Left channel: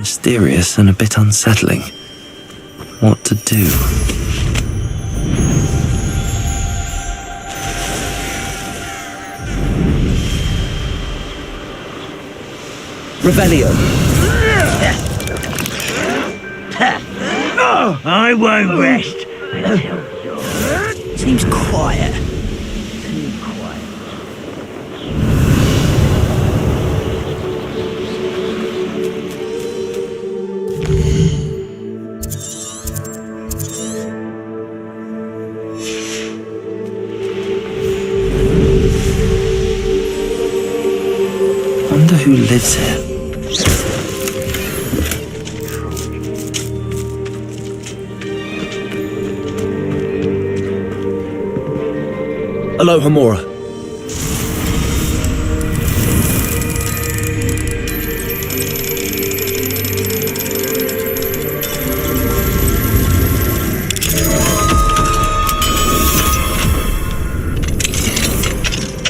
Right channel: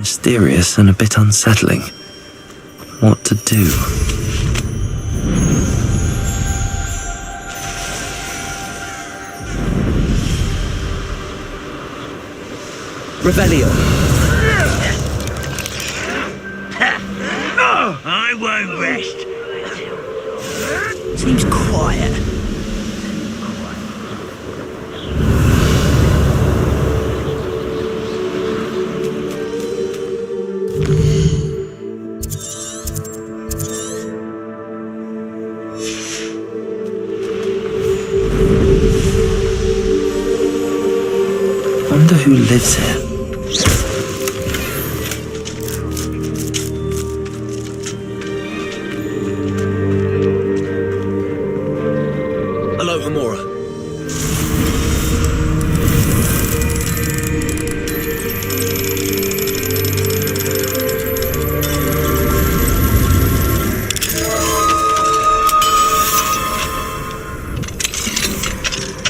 Mysterious and a bit unsettling. What to do? Revelio. I won't rest until... Seems quiet. Too quiet. Wonder who lives here. Aloha Mora.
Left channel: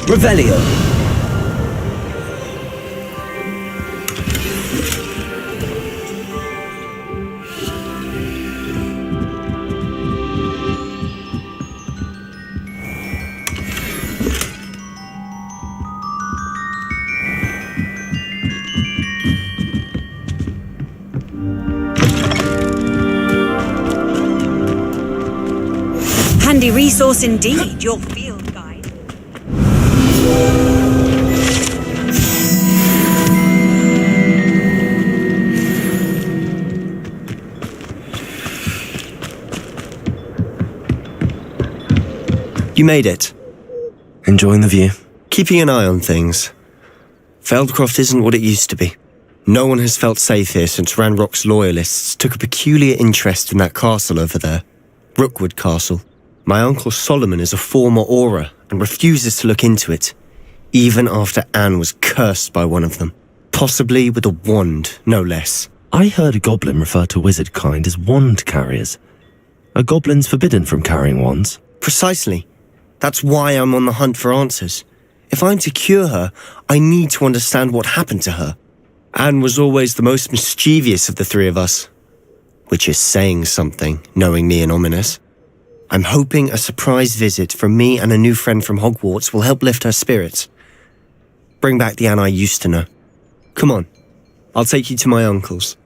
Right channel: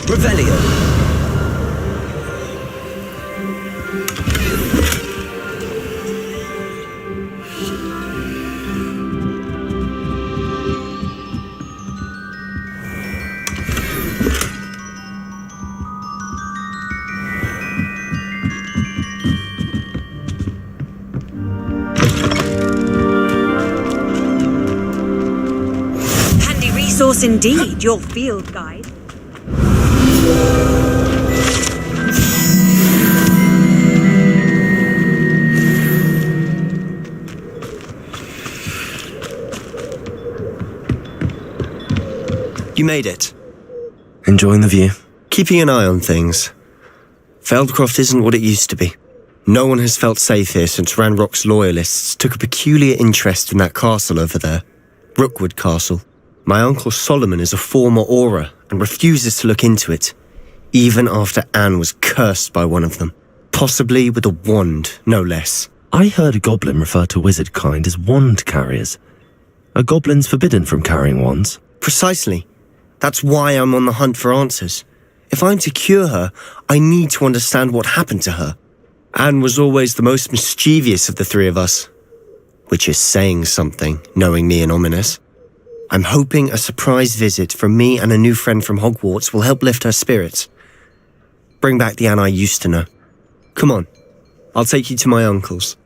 Revelio. Handy resource indeed, your field guide. You made it. Enjoying the view? Keeping an eye on things. Feldcroft isn't what it used to be. No one has felt safe here since Ranrock's loyalists took a peculiar interest in that castle over there. Rookwood Castle. My uncle Solomon is a former Auror and refuses to look into it, even after Anne was cursed by one of them. Possibly with a wand, no less. I heard a goblin refer to wizard kind as wand carriers. Are goblins forbidden from carrying wands? Precisely. That's why I'm on the hunt for answers. If I'm to cure her, I need to understand what happened to her. Anne was always the most mischievous of the three of us. Which is saying something, knowing me and ominous. I'm hoping a surprise visit from me and a new friend from Hogwarts will help lift her spirits. Bring back the Anne I used to know. Come on, I'll take you to my uncle's.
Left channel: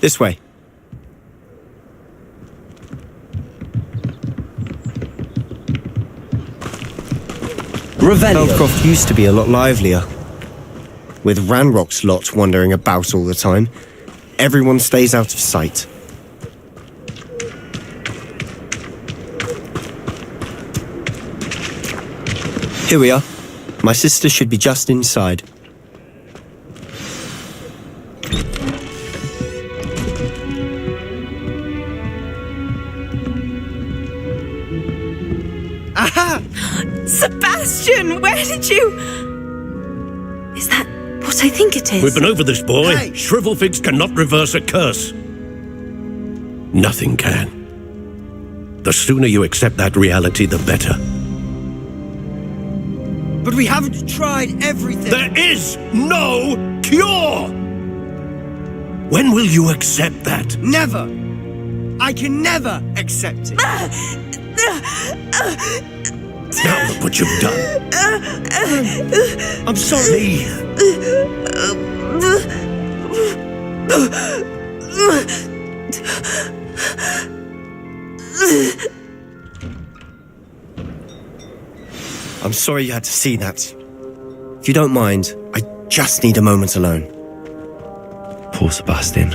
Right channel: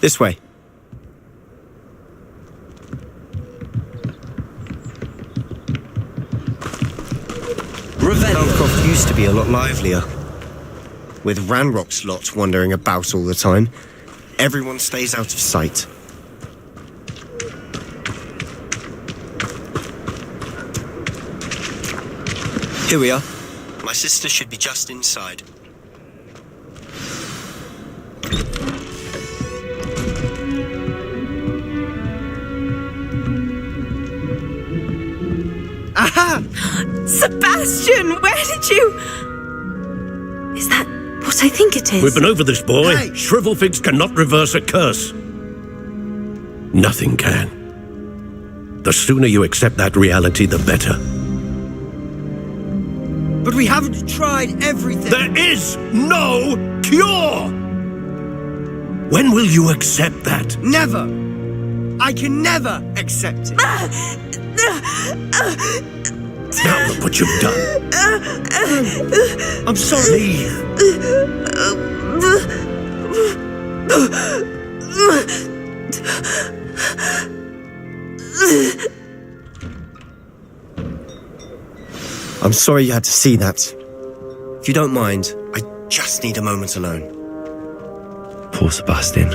This way. Revelio. Feldcroft used to be a lot livelier. With Ranrock's lot wandering about all the time, everyone stays out of sight. Here we are. My sister should be just inside. Aha! Sebastian, where did you... Is that what I think it is? We've been over this, boy. Hey! Shrivelfigs cannot reverse a curse. Nothing can. The sooner you accept that reality, the better. But we haven't tried everything. There is no cure! When will you accept that? Never. I can never accept it. Now look what you've done. I'm sorry. Leave. I'm sorry you had to see that. If you don't mind, I just need a moment alone. Poor Sebastian.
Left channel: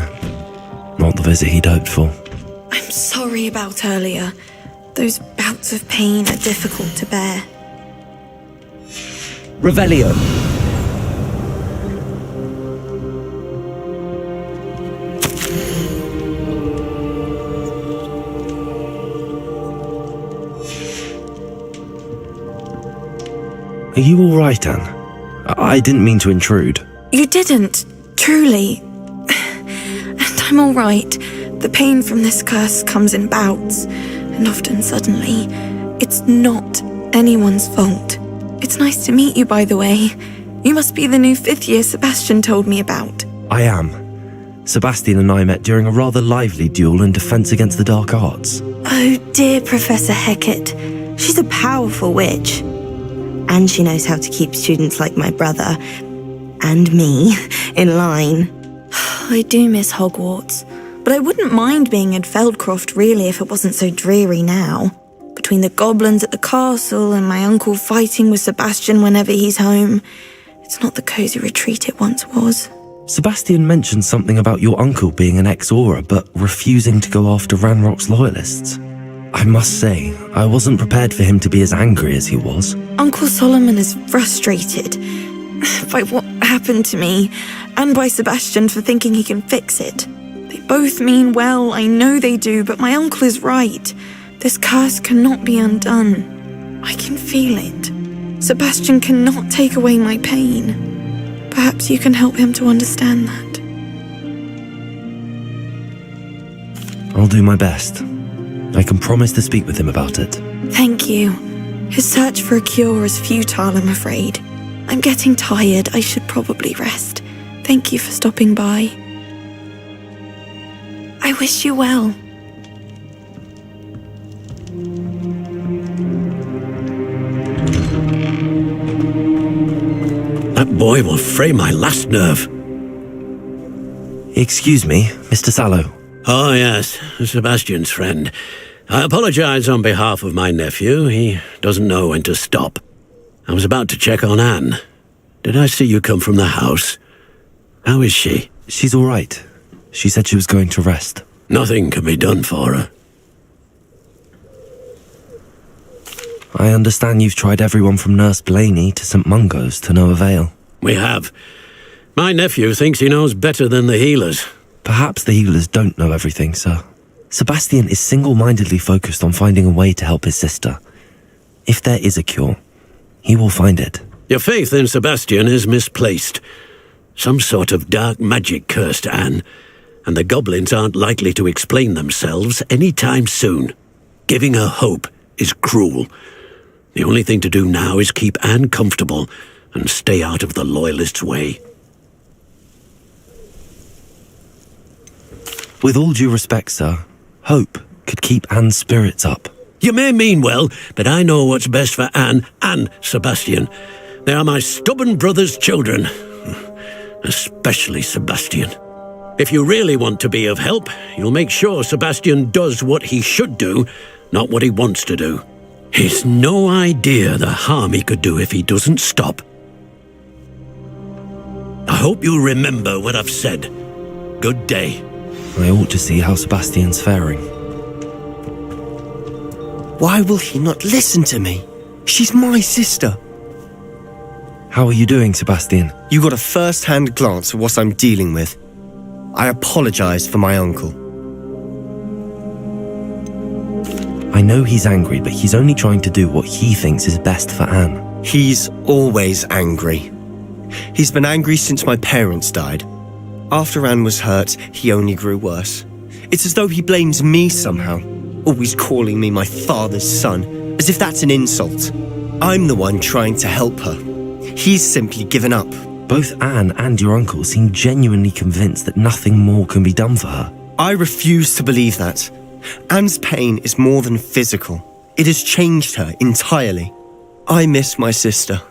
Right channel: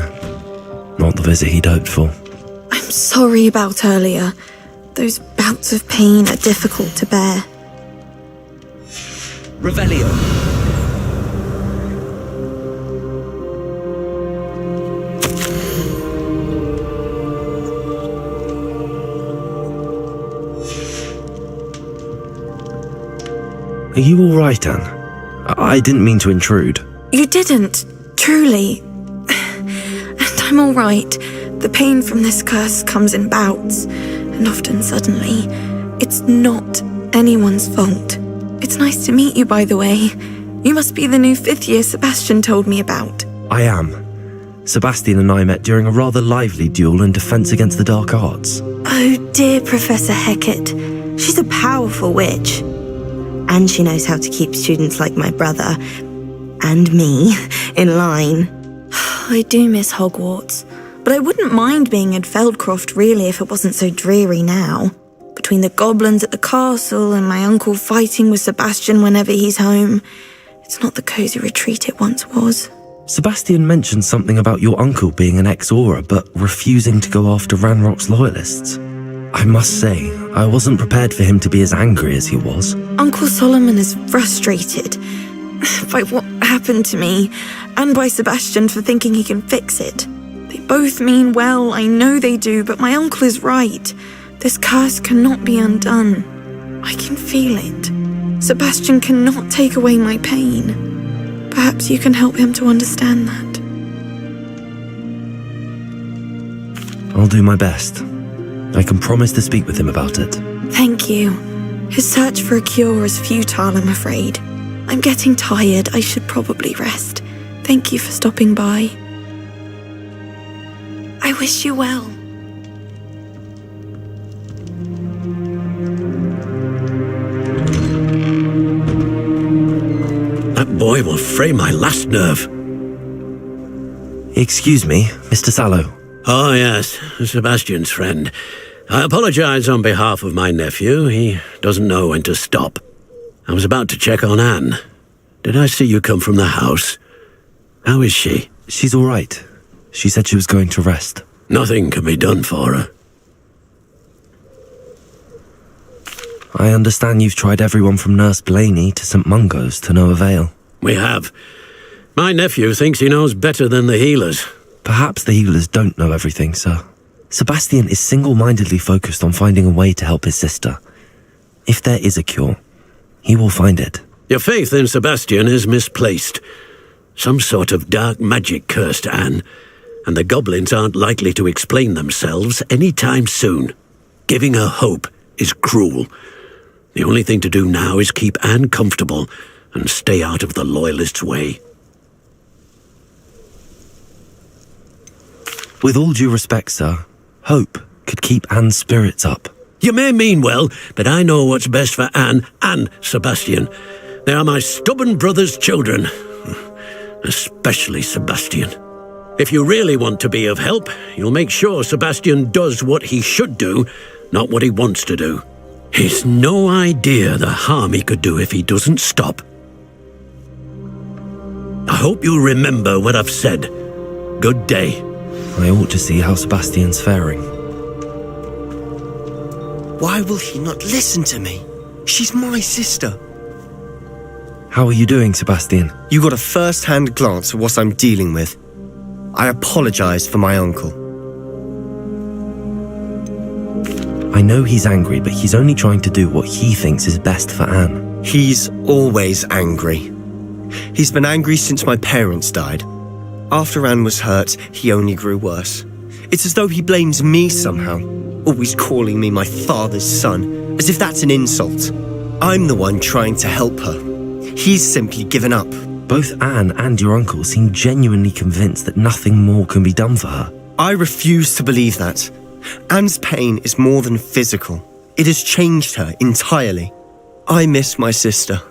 Not the visit he'd hoped for. I'm sorry about earlier. Those bouts of pain are difficult to bear. Revelio. Are you all right, Anne? I didn't mean to intrude. You didn't, truly. And I'm all right. The pain from this curse comes in bouts, and often suddenly. It's not anyone's fault. It's nice to meet you, by the way. You must be the new 5th year Sebastian told me about. I am. Sebastian and I met during a rather lively duel in defense against the dark arts. Oh dear, Professor Hecat. She's a powerful witch. And she knows how to keep students like my brother, and me, in line. I do miss Hogwarts, but I wouldn't mind being in Feldcroft really if it wasn't so dreary now. Between the goblins at the castle and my uncle fighting with Sebastian whenever he's home, it's not the cosy retreat it once was. Sebastian mentioned something about your uncle being an ex-Auror, but refusing to go after Ranrock's loyalists. I must say, I wasn't prepared for him to be as angry as he was. Uncle Solomon is frustrated by what happened to me, and by Sebastian for thinking he can fix it. They both mean well, I know they do, but my uncle is right. This curse cannot be undone. I can feel it. Sebastian cannot take away my pain. Perhaps you can help him to understand that. I'll do my best. I can promise to speak with him about it. Thank you. His search for a cure is futile, I'm afraid. I'm getting tired. I should probably rest. Thank you for stopping by. I wish you well. That boy will fray my last nerve. Excuse me, Mr. Sallow. Oh, yes, Sebastian's friend. I apologize on behalf of my nephew. He doesn't know when to stop. I was about to check on Anne. Did I see you come from the house? How is she? She's all right. She said she was going to rest. Nothing can be done for her. I understand you've tried everyone from Nurse Blaney to St. Mungo's to no avail. We have. My nephew thinks he knows better than the healers. Perhaps the healers don't know everything, sir. Sebastian is single-mindedly focused on finding a way to help his sister. If there is a cure, he will find it. Your faith in Sebastian is misplaced. Some sort of dark magic cursed Anne, and the goblins aren't likely to explain themselves any time soon. Giving her hope is cruel. The only thing to do now is keep Anne comfortable and stay out of the Loyalists' way. With all due respect, sir, hope could keep Anne's spirits up. You may mean well, but I know what's best for Anne and Sebastian. They are my stubborn brother's children. Especially Sebastian. If you really want to be of help, you'll make sure Sebastian does what he should do, not what he wants to do. He's no idea the harm he could do if he doesn't stop. I hope you'll remember what I've said. Good day. I ought to see how Sebastian's faring. Why will he not listen to me? She's my sister. How are you doing, Sebastian? You got a first-hand glance at what I'm dealing with. I apologize for my uncle. I know he's angry, but he's only trying to do what he thinks is best for Anne. He's always angry. He's been angry since my parents died. After Anne was hurt, he only grew worse. It's as though he blames me somehow, always calling me my father's son, as if that's an insult. I'm the one trying to help her. He's simply given up. Both Anne and your uncle seem genuinely convinced that nothing more can be done for her. I refuse to believe that. Anne's pain is more than physical. It has changed her entirely. I miss my sister.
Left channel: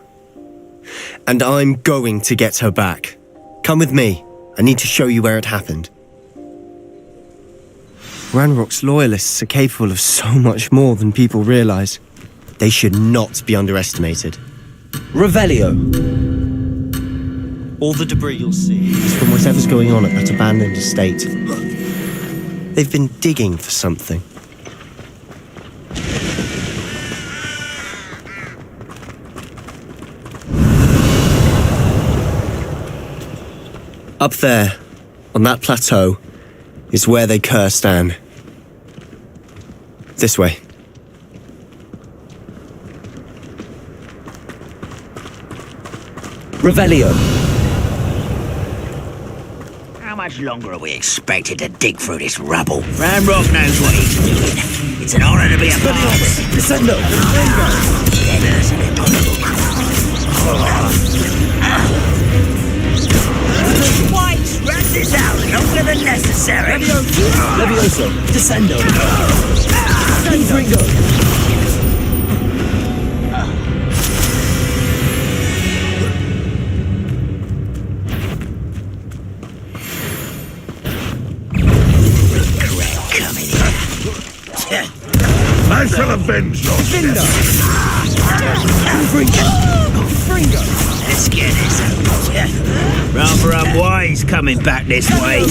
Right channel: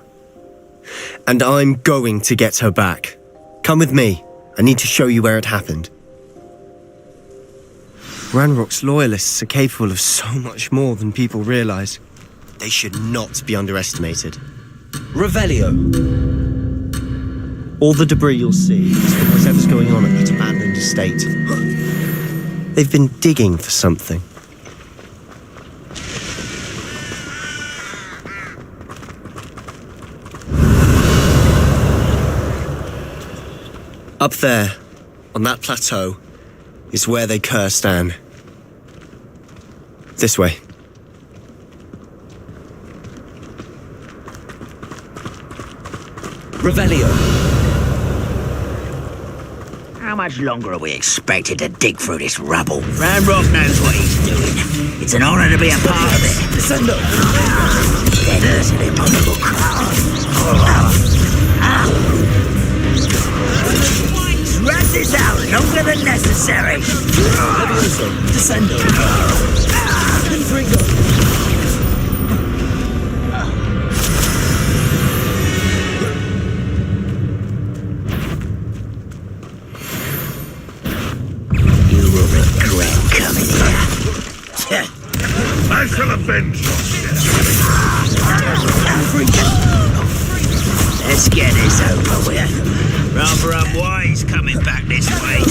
And I'm going to get her back. Come with me. I need to show you where it happened. Ranrock's loyalists are capable of so much more than people realize. They should not be underestimated. Revelio. All the debris you'll see is from whatever's going on at that abandoned estate. They've been digging for something. Up there, on that plateau, is where they cursed Anne. This way. Revelio. How much longer are we expected to dig through this rubble? Ranrock knows what he's doing. It's an honor to be a part of it. Descendo. Then is an impossible. this out longer than necessary. Levioso. Descendo. Confringo. You will regret coming here. Let's get this over with. Rather unwise coming back this way.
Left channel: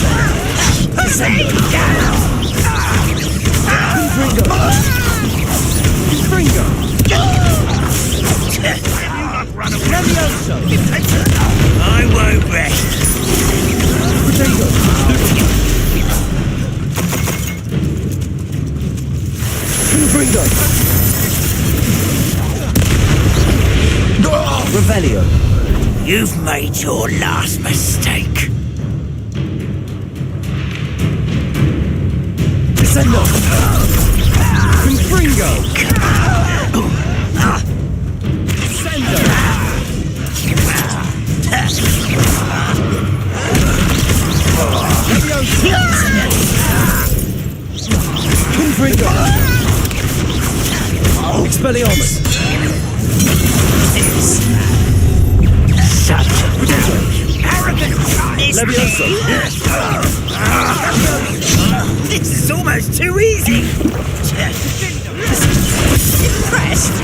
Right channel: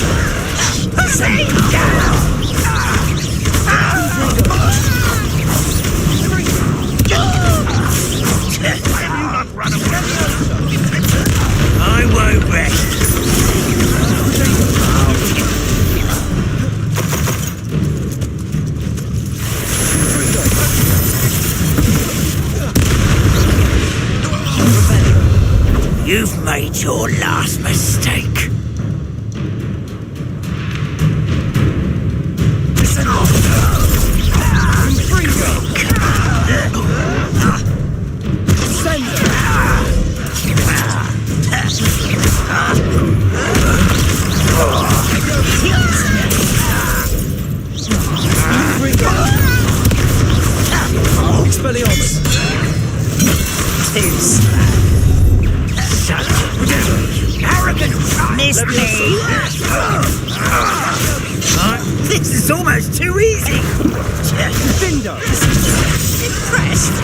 I won't rest. Revelio. You've made your last mistake. Expelliarmus. Arrogant Levioso. This is almost too easy. Impressed?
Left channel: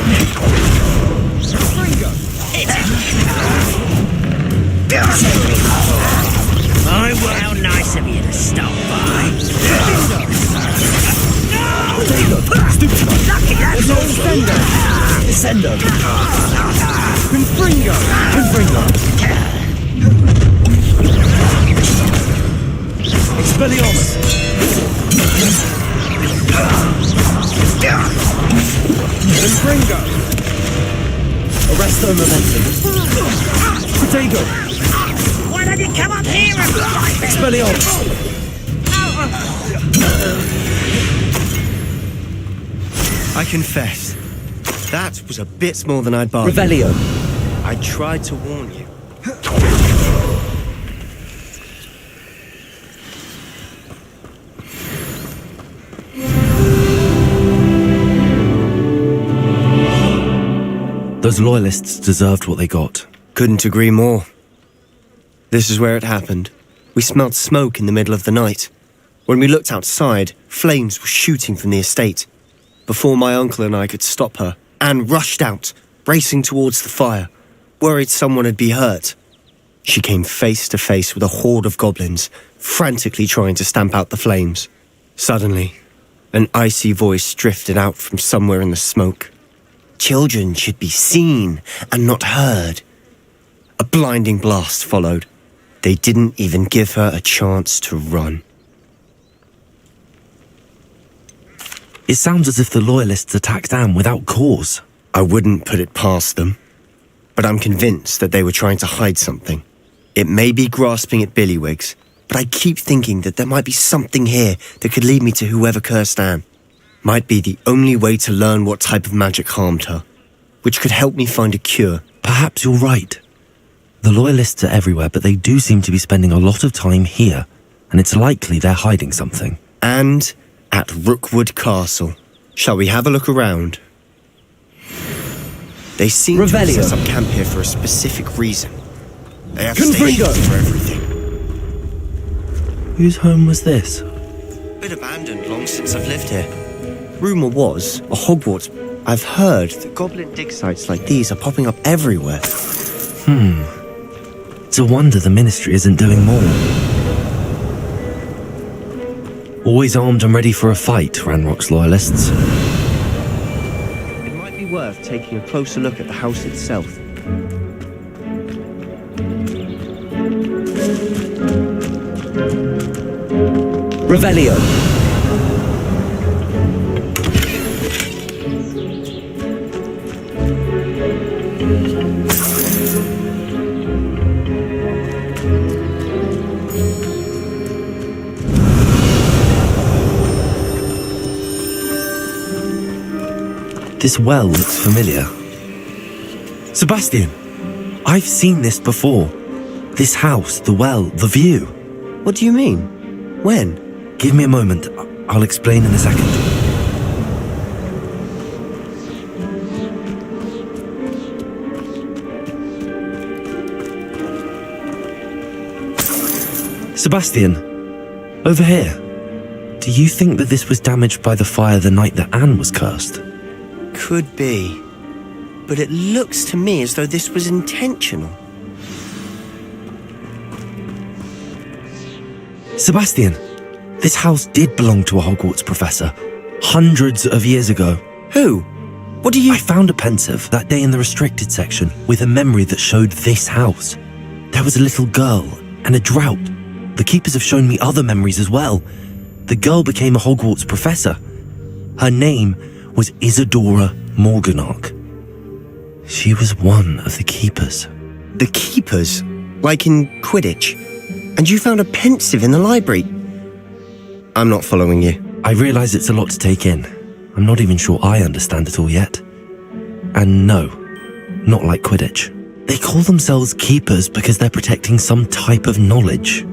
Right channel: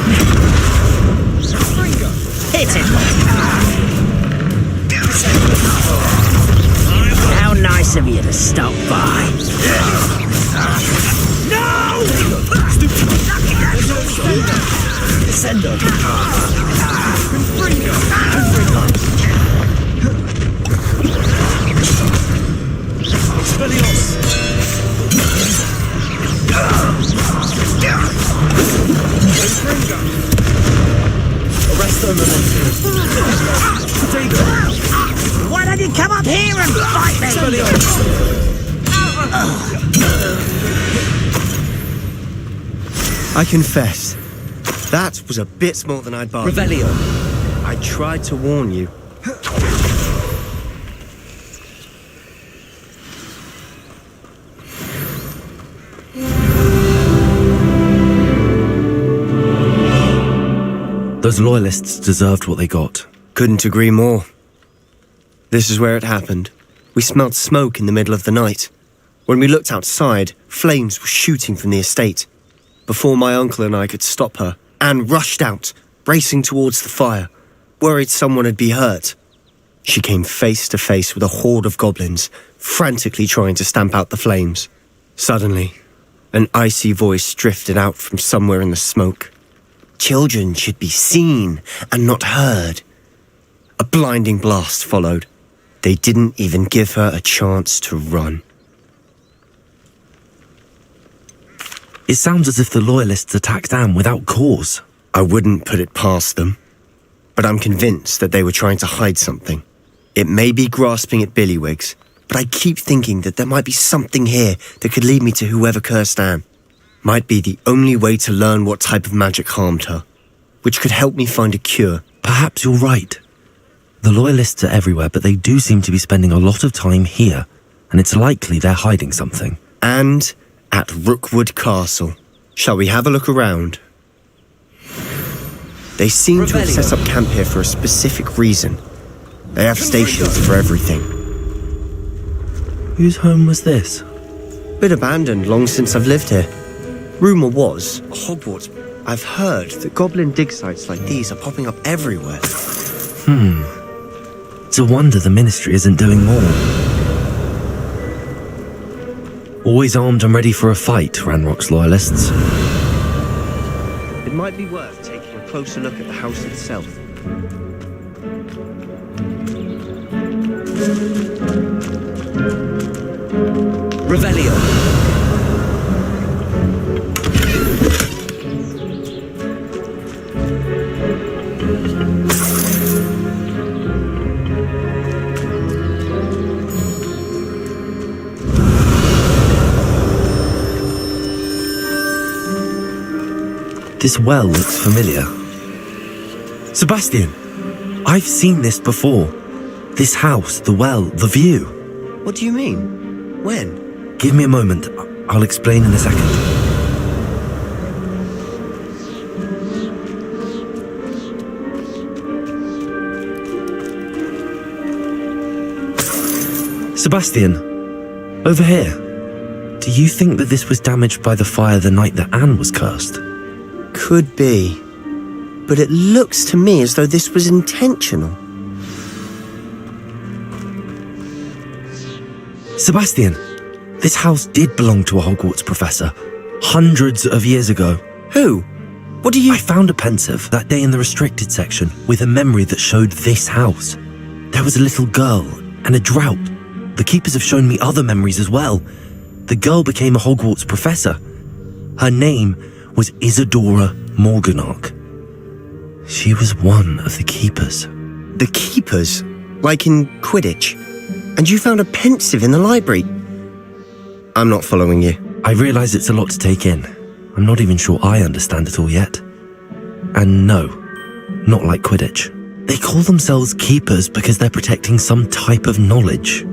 Hit him. How nice of you to stop by. No! Lucky that's Descendo. Expelliarmus. Arresto momentum. Protego. Why don't you come up here? Expelliarmus. I confess, that was a bit more than I'd bargained. Revelio. I tried to warn you. Those loyalists deserved what they got. Couldn't agree more. This is where it happened. We smelled smoke in the middle of the night. When we looked outside, flames were shooting from the estate. Before my uncle and I could stop her, Anne rushed out, racing towards the fire, worried someone had been hurt. She came face to face with a horde of goblins, frantically trying to stamp out the flames. Suddenly, an icy voice drifted out from somewhere in the smoke. Children should be seen and not heard. A blinding blast followed. They didn't even give her a chance to run. It sounds as if the loyalists attacked Anne without cause. I wouldn't put it past them, but I'm convinced that they were trying to hide something. It may be grasping at Billywigs, but I keep thinking that there might be something here that could lead me to whoever cursed Anne. Might be the only way to learn what type of magic harmed her, which could help me find a cure. Perhaps you're right. The loyalists are everywhere, but they do seem to be spending a lot of time here, and it's likely they're hiding something. And at Rookwood Castle. Shall we have a look around? They seem to have set up camp here for a specific reason. They have stations for everything. Whose home was this? Been abandoned long since I've lived here. Rumour was, a Hogwarts. I've heard that goblin dig sites like these are popping up everywhere. It's a wonder the Ministry isn't doing more. Always armed and ready for a fight, Ranrock's loyalists. It might be worth taking a closer look at the house itself. Revelio. This well looks familiar. Sebastian, I've seen this before. This house, the well, the view. What do you mean? When? Give me a moment. I'll explain in a second. Sebastian, over here. Do you think that this was damaged by the fire the night that Anne was cursed? Could be. But it looks to me as though this was intentional. Sebastian, this house did belong to a Hogwarts professor, hundreds of years ago. Who? What do you... I found a pensive that day in the restricted section with a memory that showed this house. There was a little girl and a drought. The keepers have shown me other memories as well. The girl became a Hogwarts professor. Her name was Isadora Morganach. She was one of the keepers. The keepers? Like in Quidditch? And you found a pensive in the library? I'm not following you. I realise it's a lot to take in. I'm not even sure I understand it all yet. And no, not like Quidditch. They call themselves keepers because they're protecting some type of knowledge.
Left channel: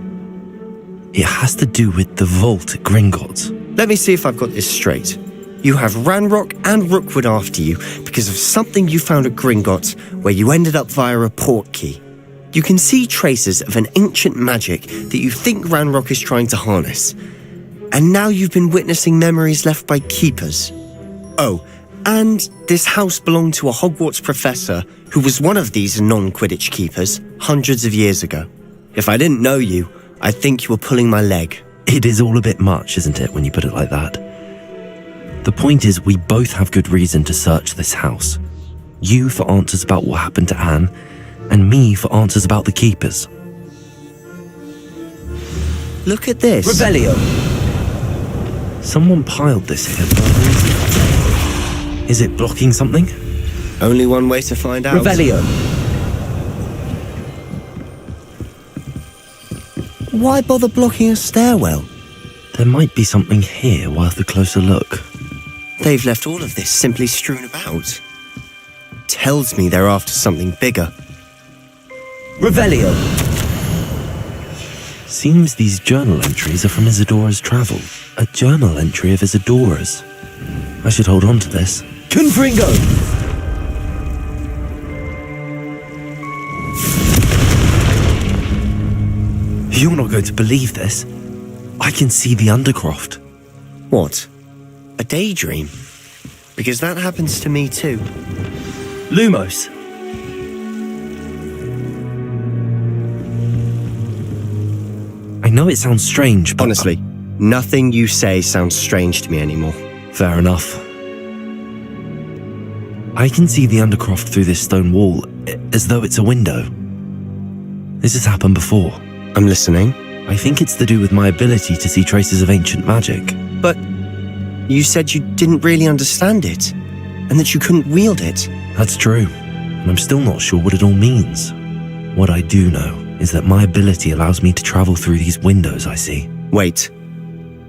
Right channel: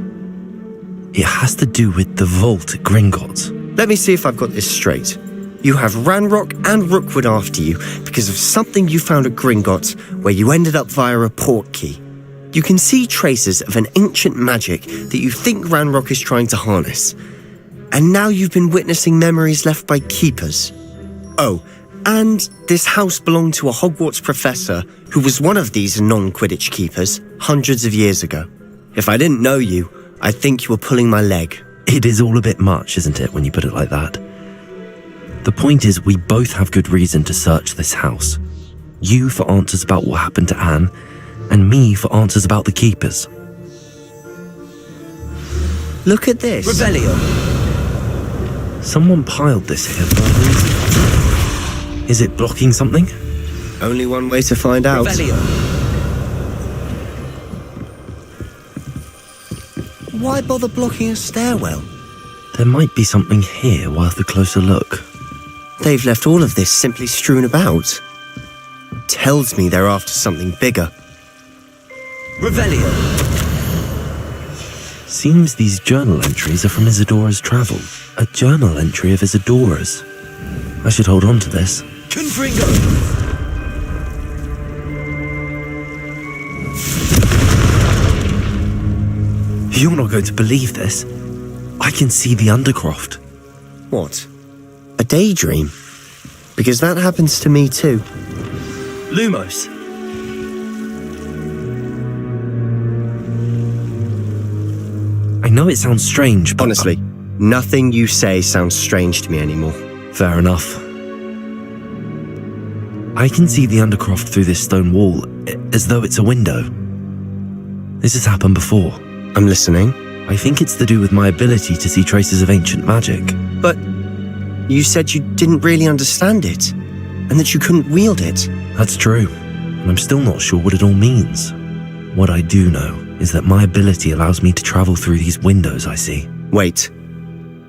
It has to do with the vault at Gringotts. Let me see if I've got this straight. You have Ranrock and Rookwood after you because of something you found at Gringotts where you ended up via a portkey. You can see traces of an ancient magic that you think Ranrock is trying to harness. And now you've been witnessing memories left by keepers. Oh, and this house belonged to a Hogwarts professor who was one of these non-Quidditch keepers hundreds of years ago. If I didn't know you, I'd think you were pulling my leg. It is all a bit much, isn't it, when you put it like that? The point is, we both have good reason to search this house. You for answers about what happened to Anne, and me for answers about the keepers. Look at this. Revelio. Someone piled this here for a reason. Is it blocking something? Only one way to find out. Revelio. Why bother blocking a stairwell? There might be something here worth a closer look. They've left all of this simply strewn about. Tells me they're after something bigger. Revelio. Seems these journal entries are from Isadora's travel. A journal entry of Isadora's. I should hold on to this. Confringo. You're not going to believe this. I can see the Undercroft. What? A daydream? Because that happens to me too. Lumos. I know it sounds strange, but... Honestly, nothing you say sounds strange to me anymore. Fair enough. I can see the Undercroft through this stone wall, as though it's a window. This has happened before. I'm listening. I think it's to do with my ability to see traces of ancient magic. But you said you didn't really understand it, and that you couldn't wield it. That's true, and I'm still not sure what it all means. What I do know is that my ability allows me to travel through these windows I see. Wait.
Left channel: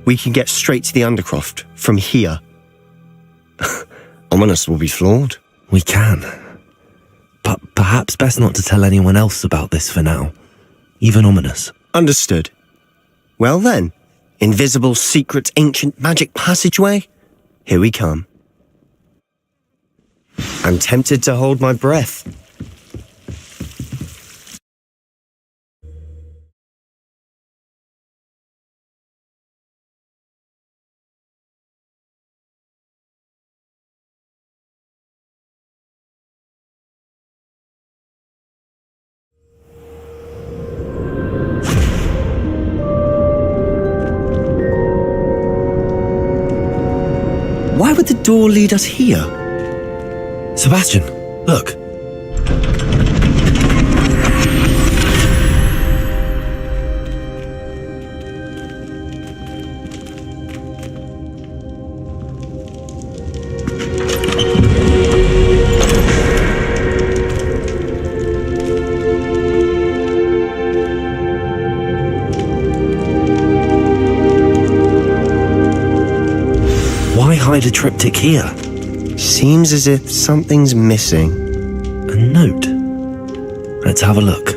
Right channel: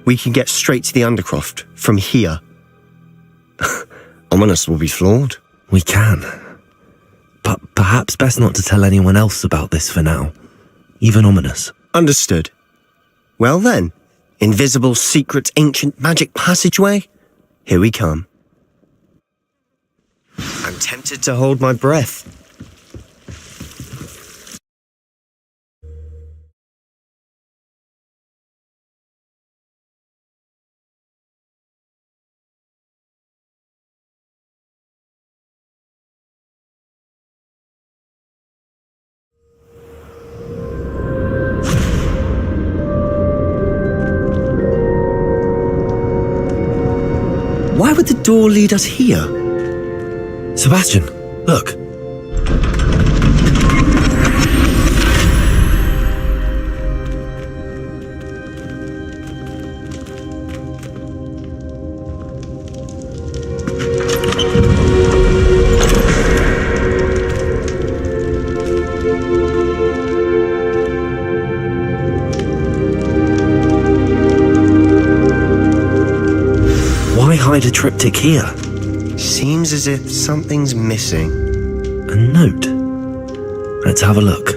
We can get straight to the Undercroft from here. Ominous will be flawed. We can. But perhaps best not to tell anyone else about this for now. Even Ominous. Understood. Well then, invisible, secret, ancient magic passageway? Here we come. I'm tempted to hold my breath. Why would the door lead us here? Sebastian, look. Why hide a triptych here? Seems as if something's missing. A note. Let's have a look.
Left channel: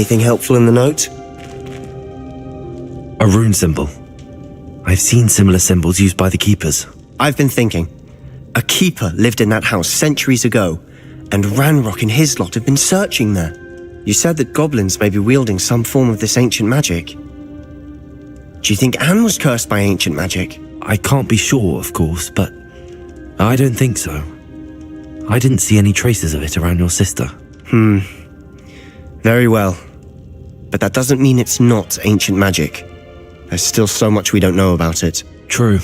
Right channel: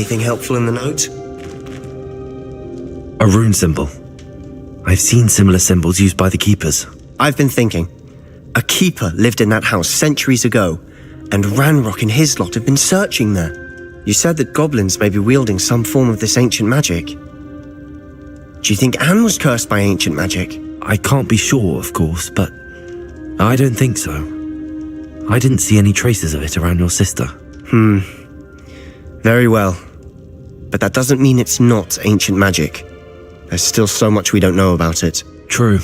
Anything helpful in the note? A rune symbol. I've seen similar symbols used by the keepers. I've been thinking. A keeper lived in that house centuries ago, and Ranrock and his lot have been searching there. You said that goblins may be wielding some form of this ancient magic. Do you think Anne was cursed by ancient magic? I can't be sure, of course, but I don't think so. I didn't see any traces of it around your sister. Very well. But that doesn't mean it's not ancient magic. There's still so much we don't know about it. True.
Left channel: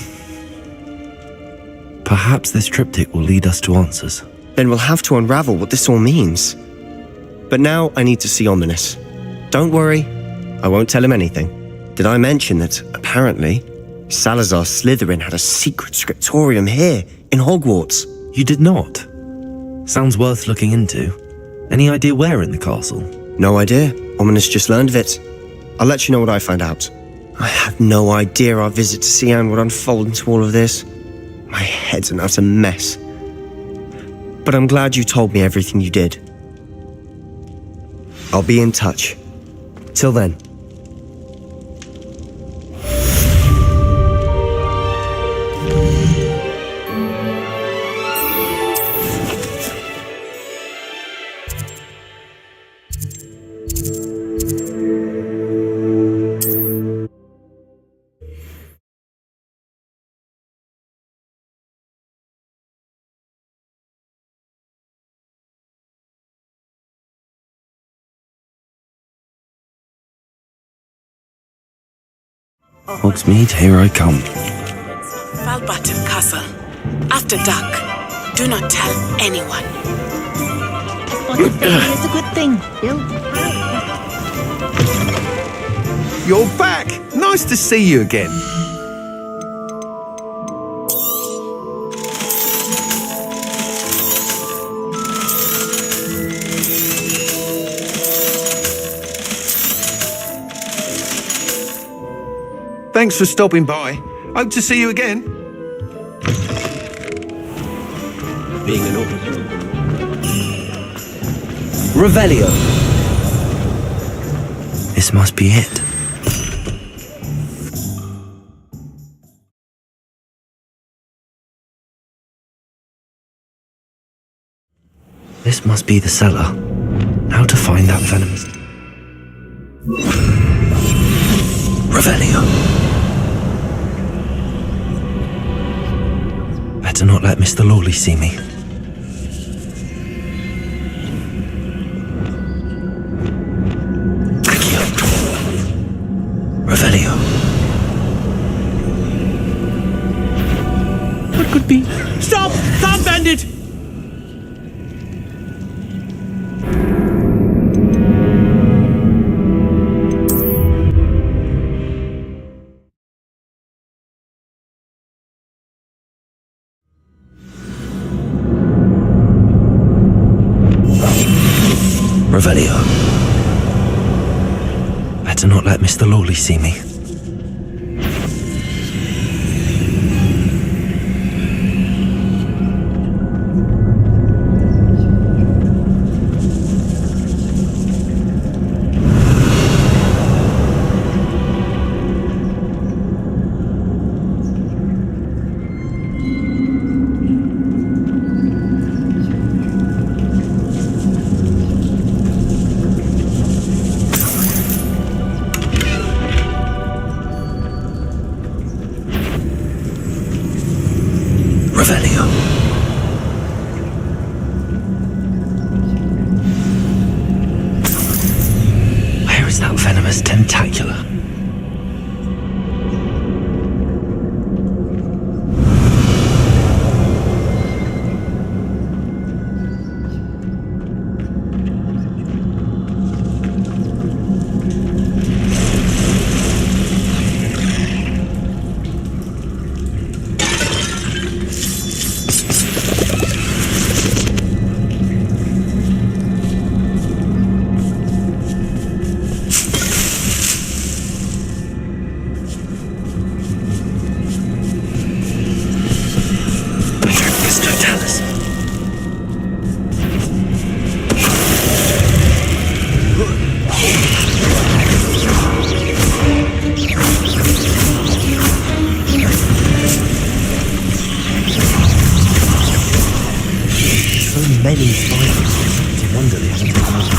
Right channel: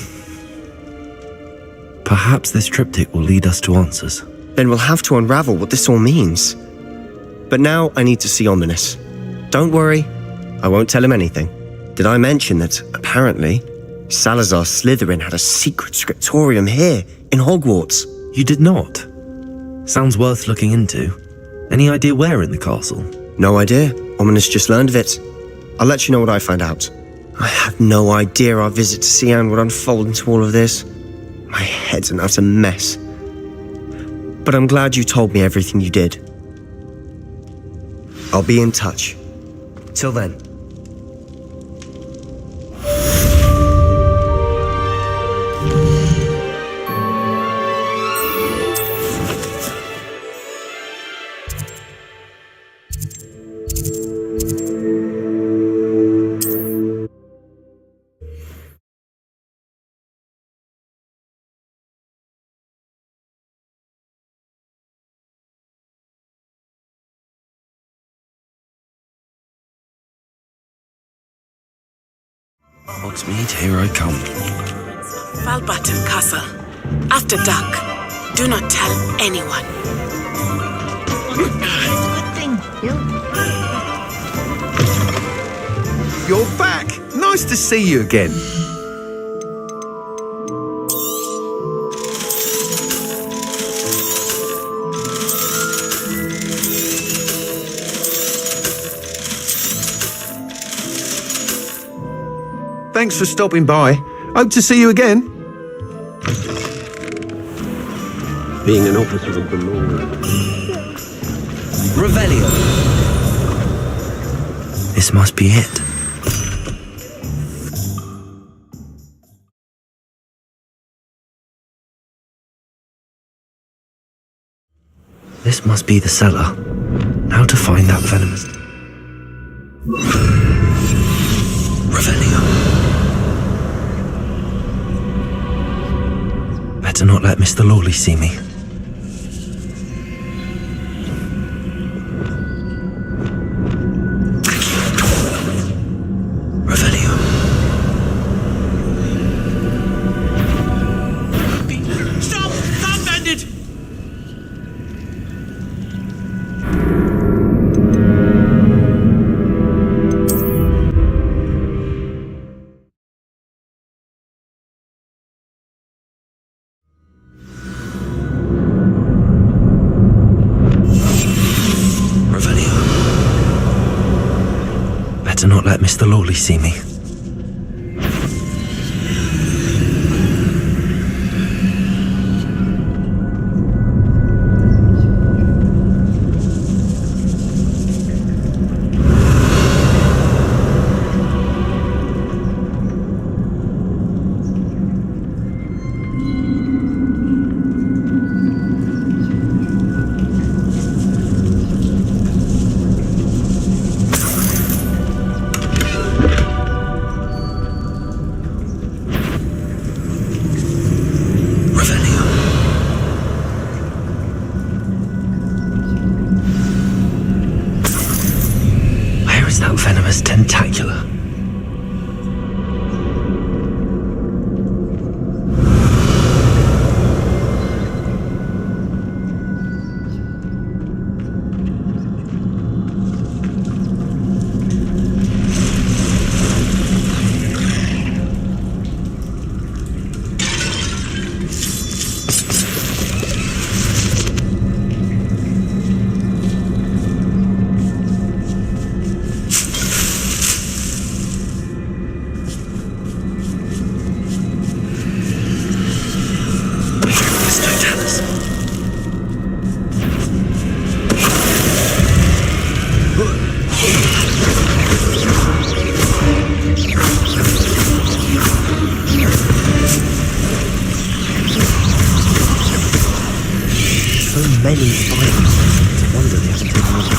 Perhaps this triptych will lead us to answers. Then we'll have to unravel what this all means. But now I need to see Ominous. Don't worry, I won't tell him anything. Did I mention that, apparently, Salazar Slytherin had a secret scriptorium here, in Hogwarts? You did not? Sounds worth looking into. Any idea where in the castle? No idea. Ominous just learned of it. I'll let you know what I find out. I had no idea our visit to Cian would unfold into all of this. My head's an utter mess. But I'm glad you told me everything you did. I'll be in touch. Till then. Hogsmeade, here I come. Falbutton Castle. After dark. Do not tell anyone. It's a good thing. You're back! Nice to see you again. Thanks for stopping by. Hope to see you again. Being an officer of the law. Revelio. This must be it. This must be the cellar. How to find that venomous... Revelio. Better not let Mr. Lawley see me. Revelio. What could be? Stop! Stop, bandit! Revelio. Better not let Mr. Lawley see me. Revelio. Where is that venomous tentacula? many spiders. It's a wonder they haven't taken all the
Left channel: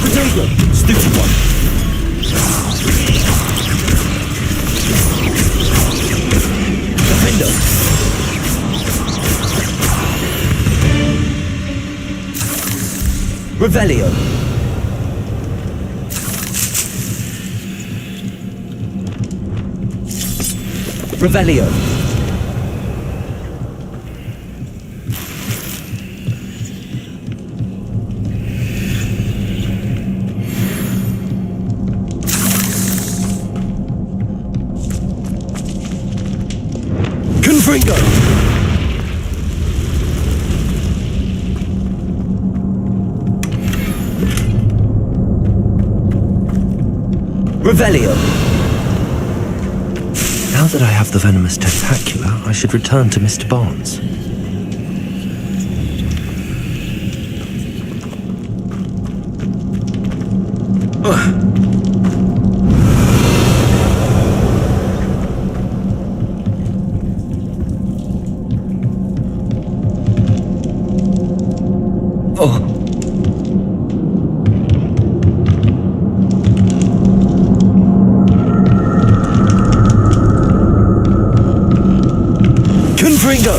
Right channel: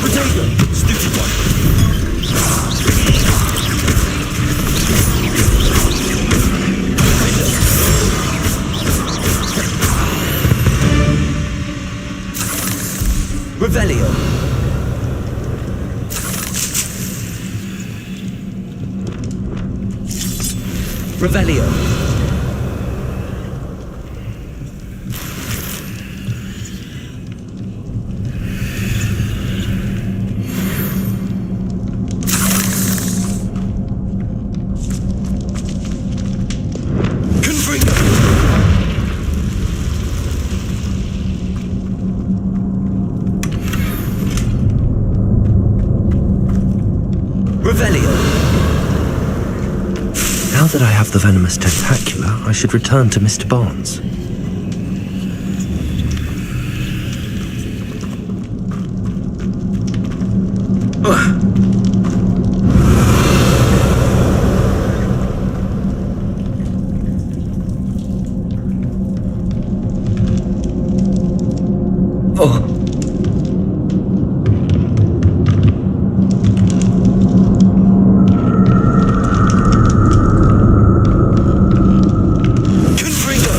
Potato! Stupid one! Defender! Revelio. Revelio. Confringo! Revelio. Now that I have the venomous tentacula, I should return to Mr. Barnes. Confringo!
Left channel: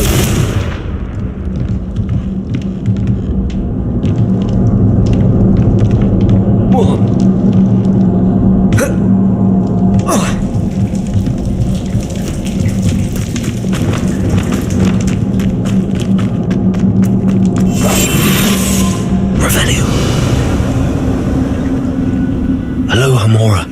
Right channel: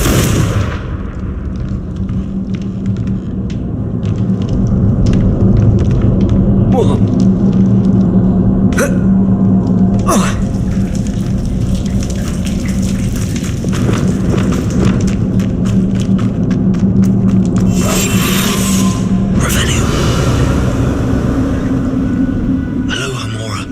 Revelio. Aloha Mora.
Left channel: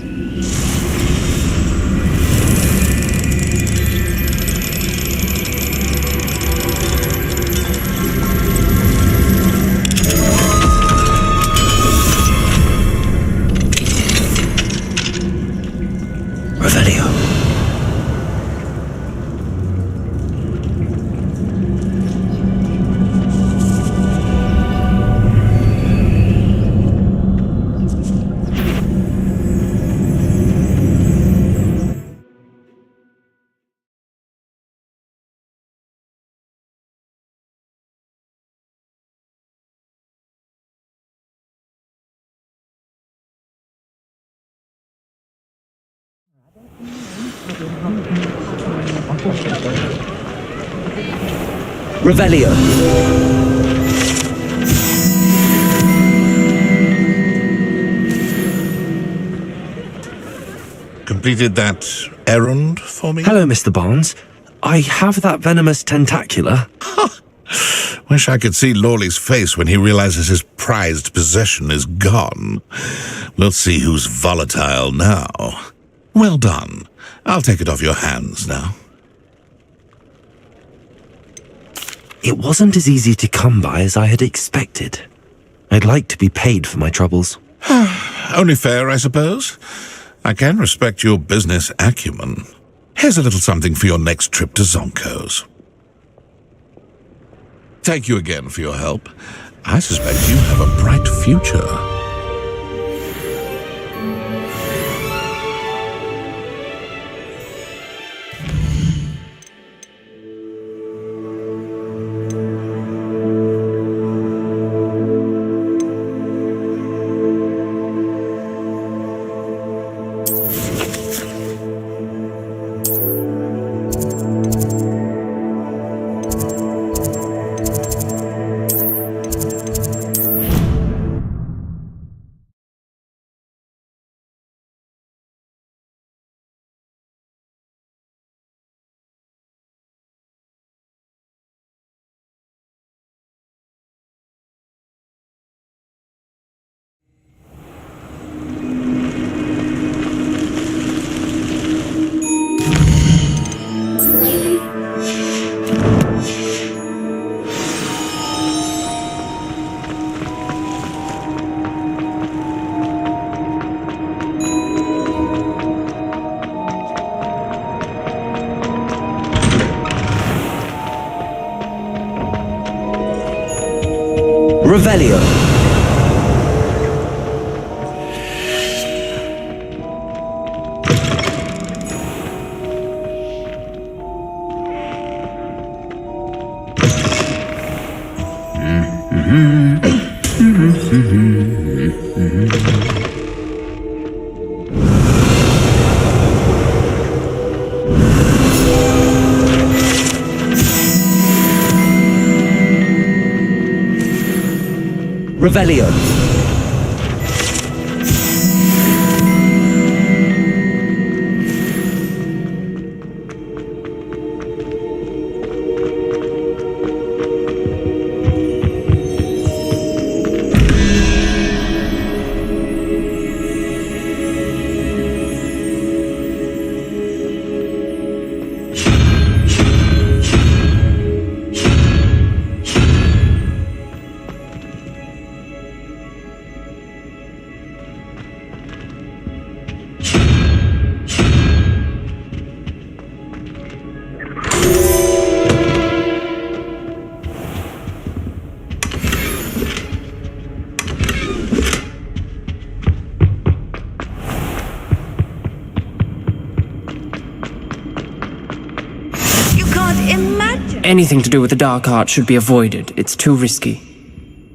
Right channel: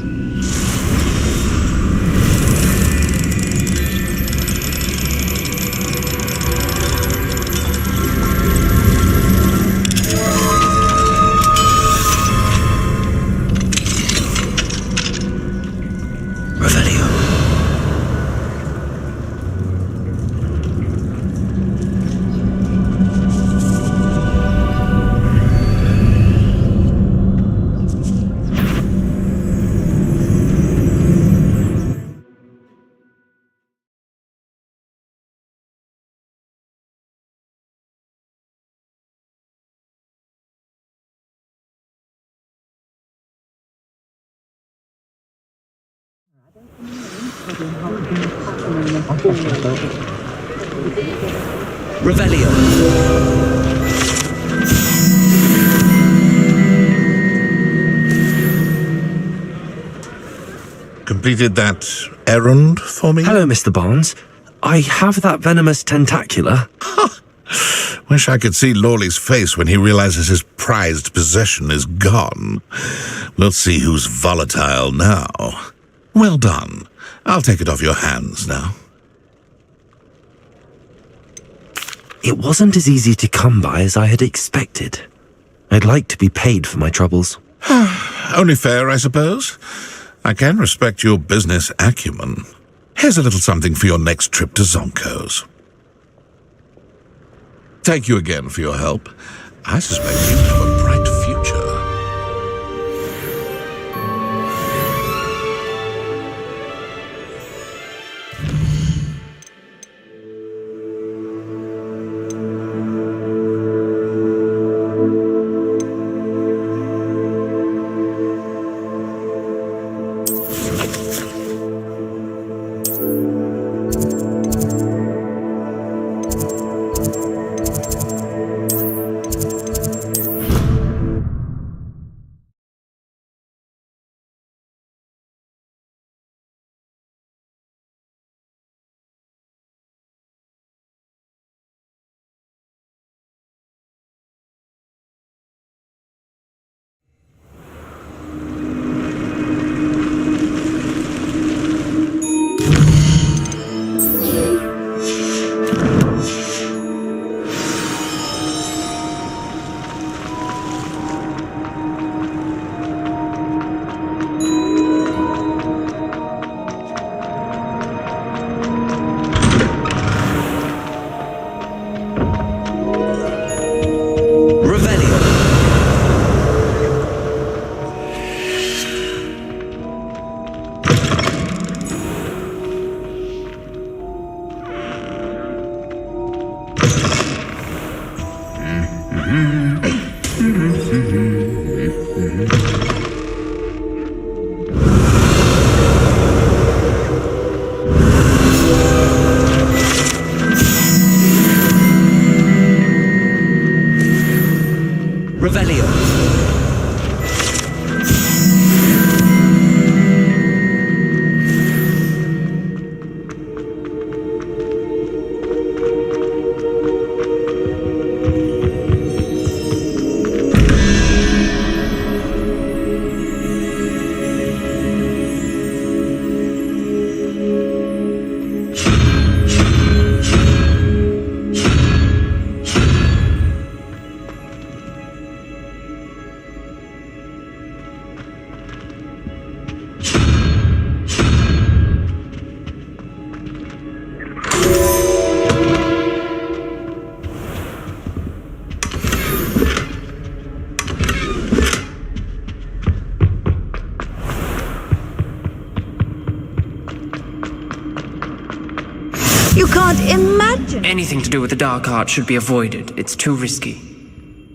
Revelio. Revelio. Completed that errand for me? Hello, Mr. Barnes. I have that venomous tentacula. Wish I could see Lawley's face when he realizes his prized possession is gone. We'll see who's volatile now. Well done. I'll take it off your hands now. It wasn't as easy to come by as I had expected. I'd like to be paid for my troubles. Only fair, I suppose. I can respect your business acumen. Here's a little something for your next trip to Zonko's. Thank you again for your help. I suspect you have a bright future. Revelio. Revelio. Anything to do with the dark art should be avoided. It's too risky.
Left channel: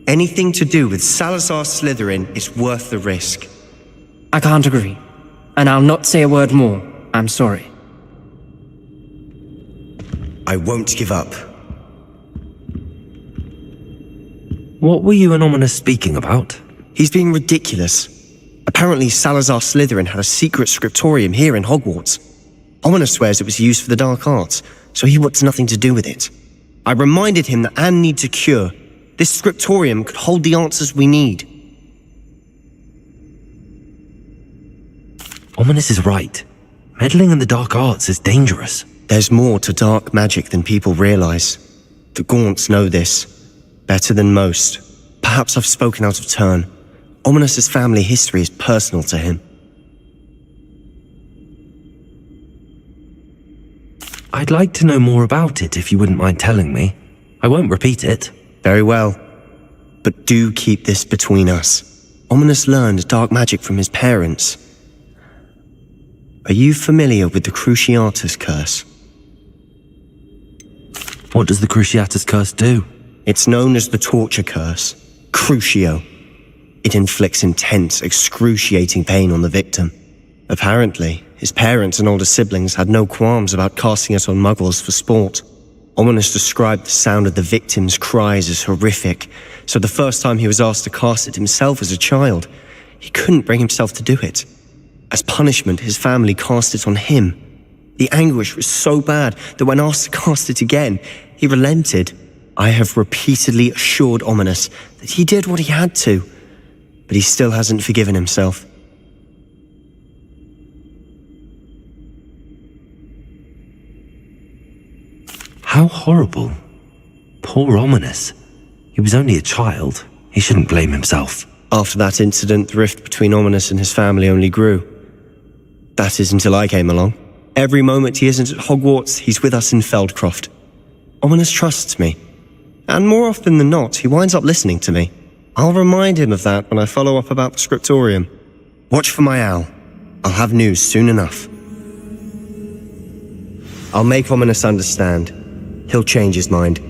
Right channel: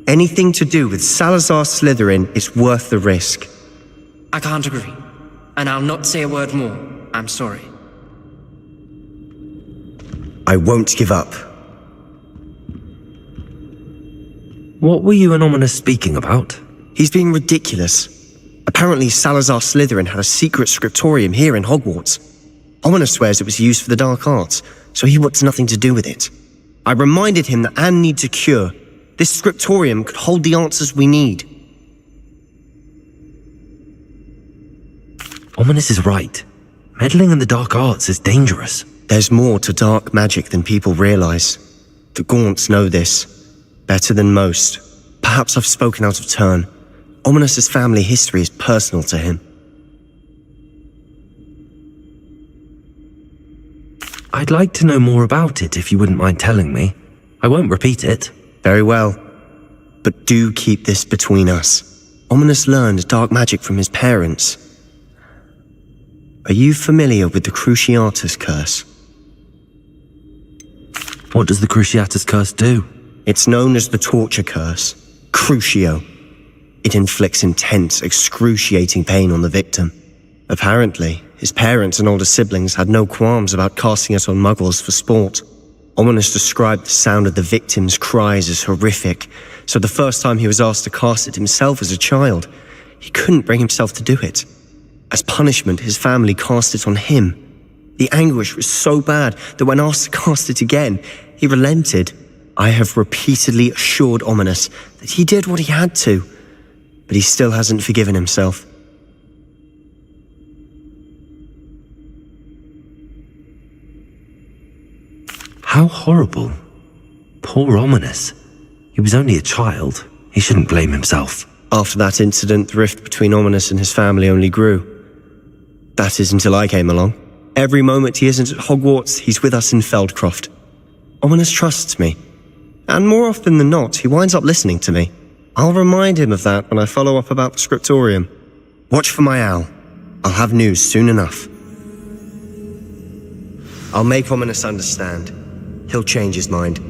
Anything to do with Salazar Slytherin is worth the risk. I can't agree. And I'll not say a word more. I'm sorry. I won't give up. What were you and Ominous speaking about? He's being ridiculous. Apparently Salazar Slytherin had a secret scriptorium here in Hogwarts. Ominous swears it was used for the dark arts, so he wants nothing to do with it. I reminded him that Anne needs a cure. This scriptorium could hold the answers we need. Ominous is right. Meddling in the dark arts is dangerous. There's more to dark magic than people realize. The Gaunts know this. Better than most. Perhaps I've spoken out of turn. Ominous's family history is personal to him. I'd like to know more about it if you wouldn't mind telling me. I won't repeat it. Very well. But do keep this between us. Ominous learned dark magic from his parents. Are you familiar with the Cruciatus Curse? What does the Cruciatus Curse do? It's known as the Torture Curse. Crucio. It inflicts intense, excruciating pain on the victim. Apparently, his parents and older siblings had no qualms about casting it on muggles for sport. Ominous described the sound of the victim's cries as horrific, so the first time he was asked to cast it himself as a child, he couldn't bring himself to do it. As punishment, his family cast it on him. The anguish was so bad that when asked to cast it again, he relented. I have repeatedly assured Ominous that he did what he had to, but he still hasn't forgiven himself. How horrible. Poor Ominous. He was only a child. He shouldn't blame himself. After that incident, the rift between Ominous and his family only grew. That is until I came along. Every moment he isn't at Hogwarts, he's with us in Feldcroft. Ominous trusts me. And more often than not, he winds up listening to me. I'll remind him of that when I follow up about the scriptorium. Watch for my owl. I'll have news soon enough. I'll make Ominous understand. He'll change his mind.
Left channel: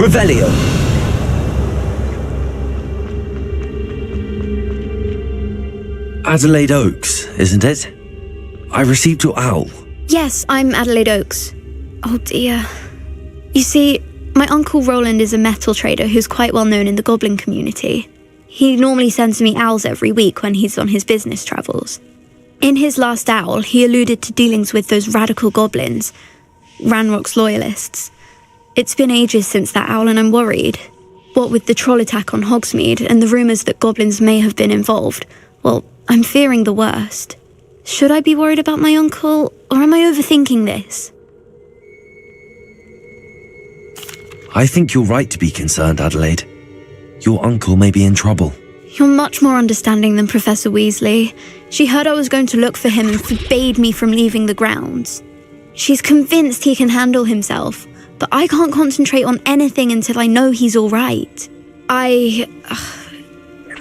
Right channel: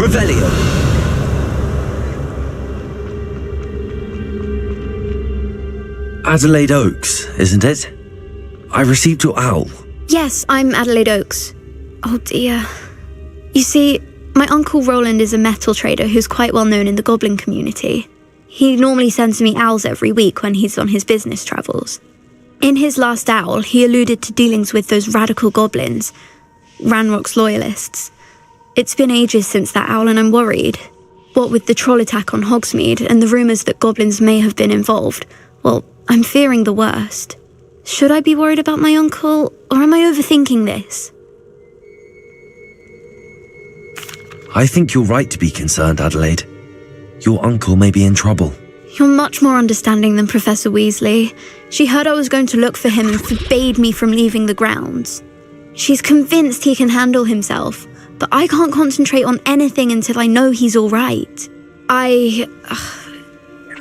Revelio. Adelaide Oaks, isn't it? I received your owl. Yes, I'm Adelaide Oaks. Oh dear. You see, my uncle Roland is a metal trader who's quite well known in the goblin community. He normally sends me owls every week when he's on his business travels. In his last owl, he alluded to dealings with those radical goblins, Ranrock's loyalists. It's been ages since that owl and I'm worried. What with the troll attack on Hogsmeade and the rumours that goblins may have been involved, well, I'm fearing the worst. Should I be worried about my uncle, or am I overthinking this? I think you're right to be concerned, Adelaide. Your uncle may be in trouble. You're much more understanding than Professor Weasley. She heard I was going to look for him and forbade me from leaving the grounds. She's convinced he can handle himself, but I can't concentrate on anything until I know he's all right.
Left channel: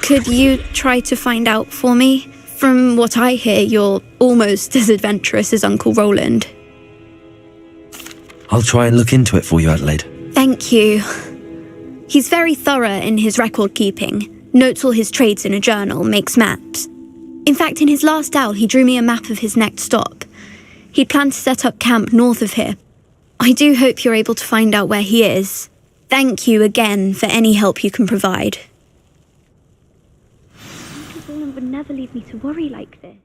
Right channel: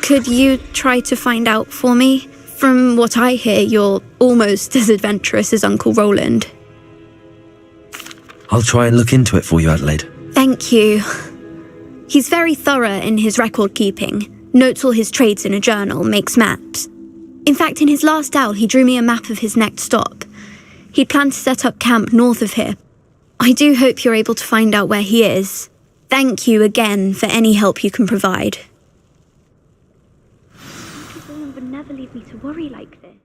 Could you try to find out for me? From what I hear, you're almost as adventurous as Uncle Roland. I'll try and look into it for you, Adelaide. Thank you. He's very thorough in his record keeping, notes all his trades in a journal, makes maps. In fact, in his last owl, he drew me a map of his next stop. He'd planned to set up camp north of here. I do hope you're able to find out where he is. Thank you again for any help you can provide. Uncle Roland would never leave me to worry like this.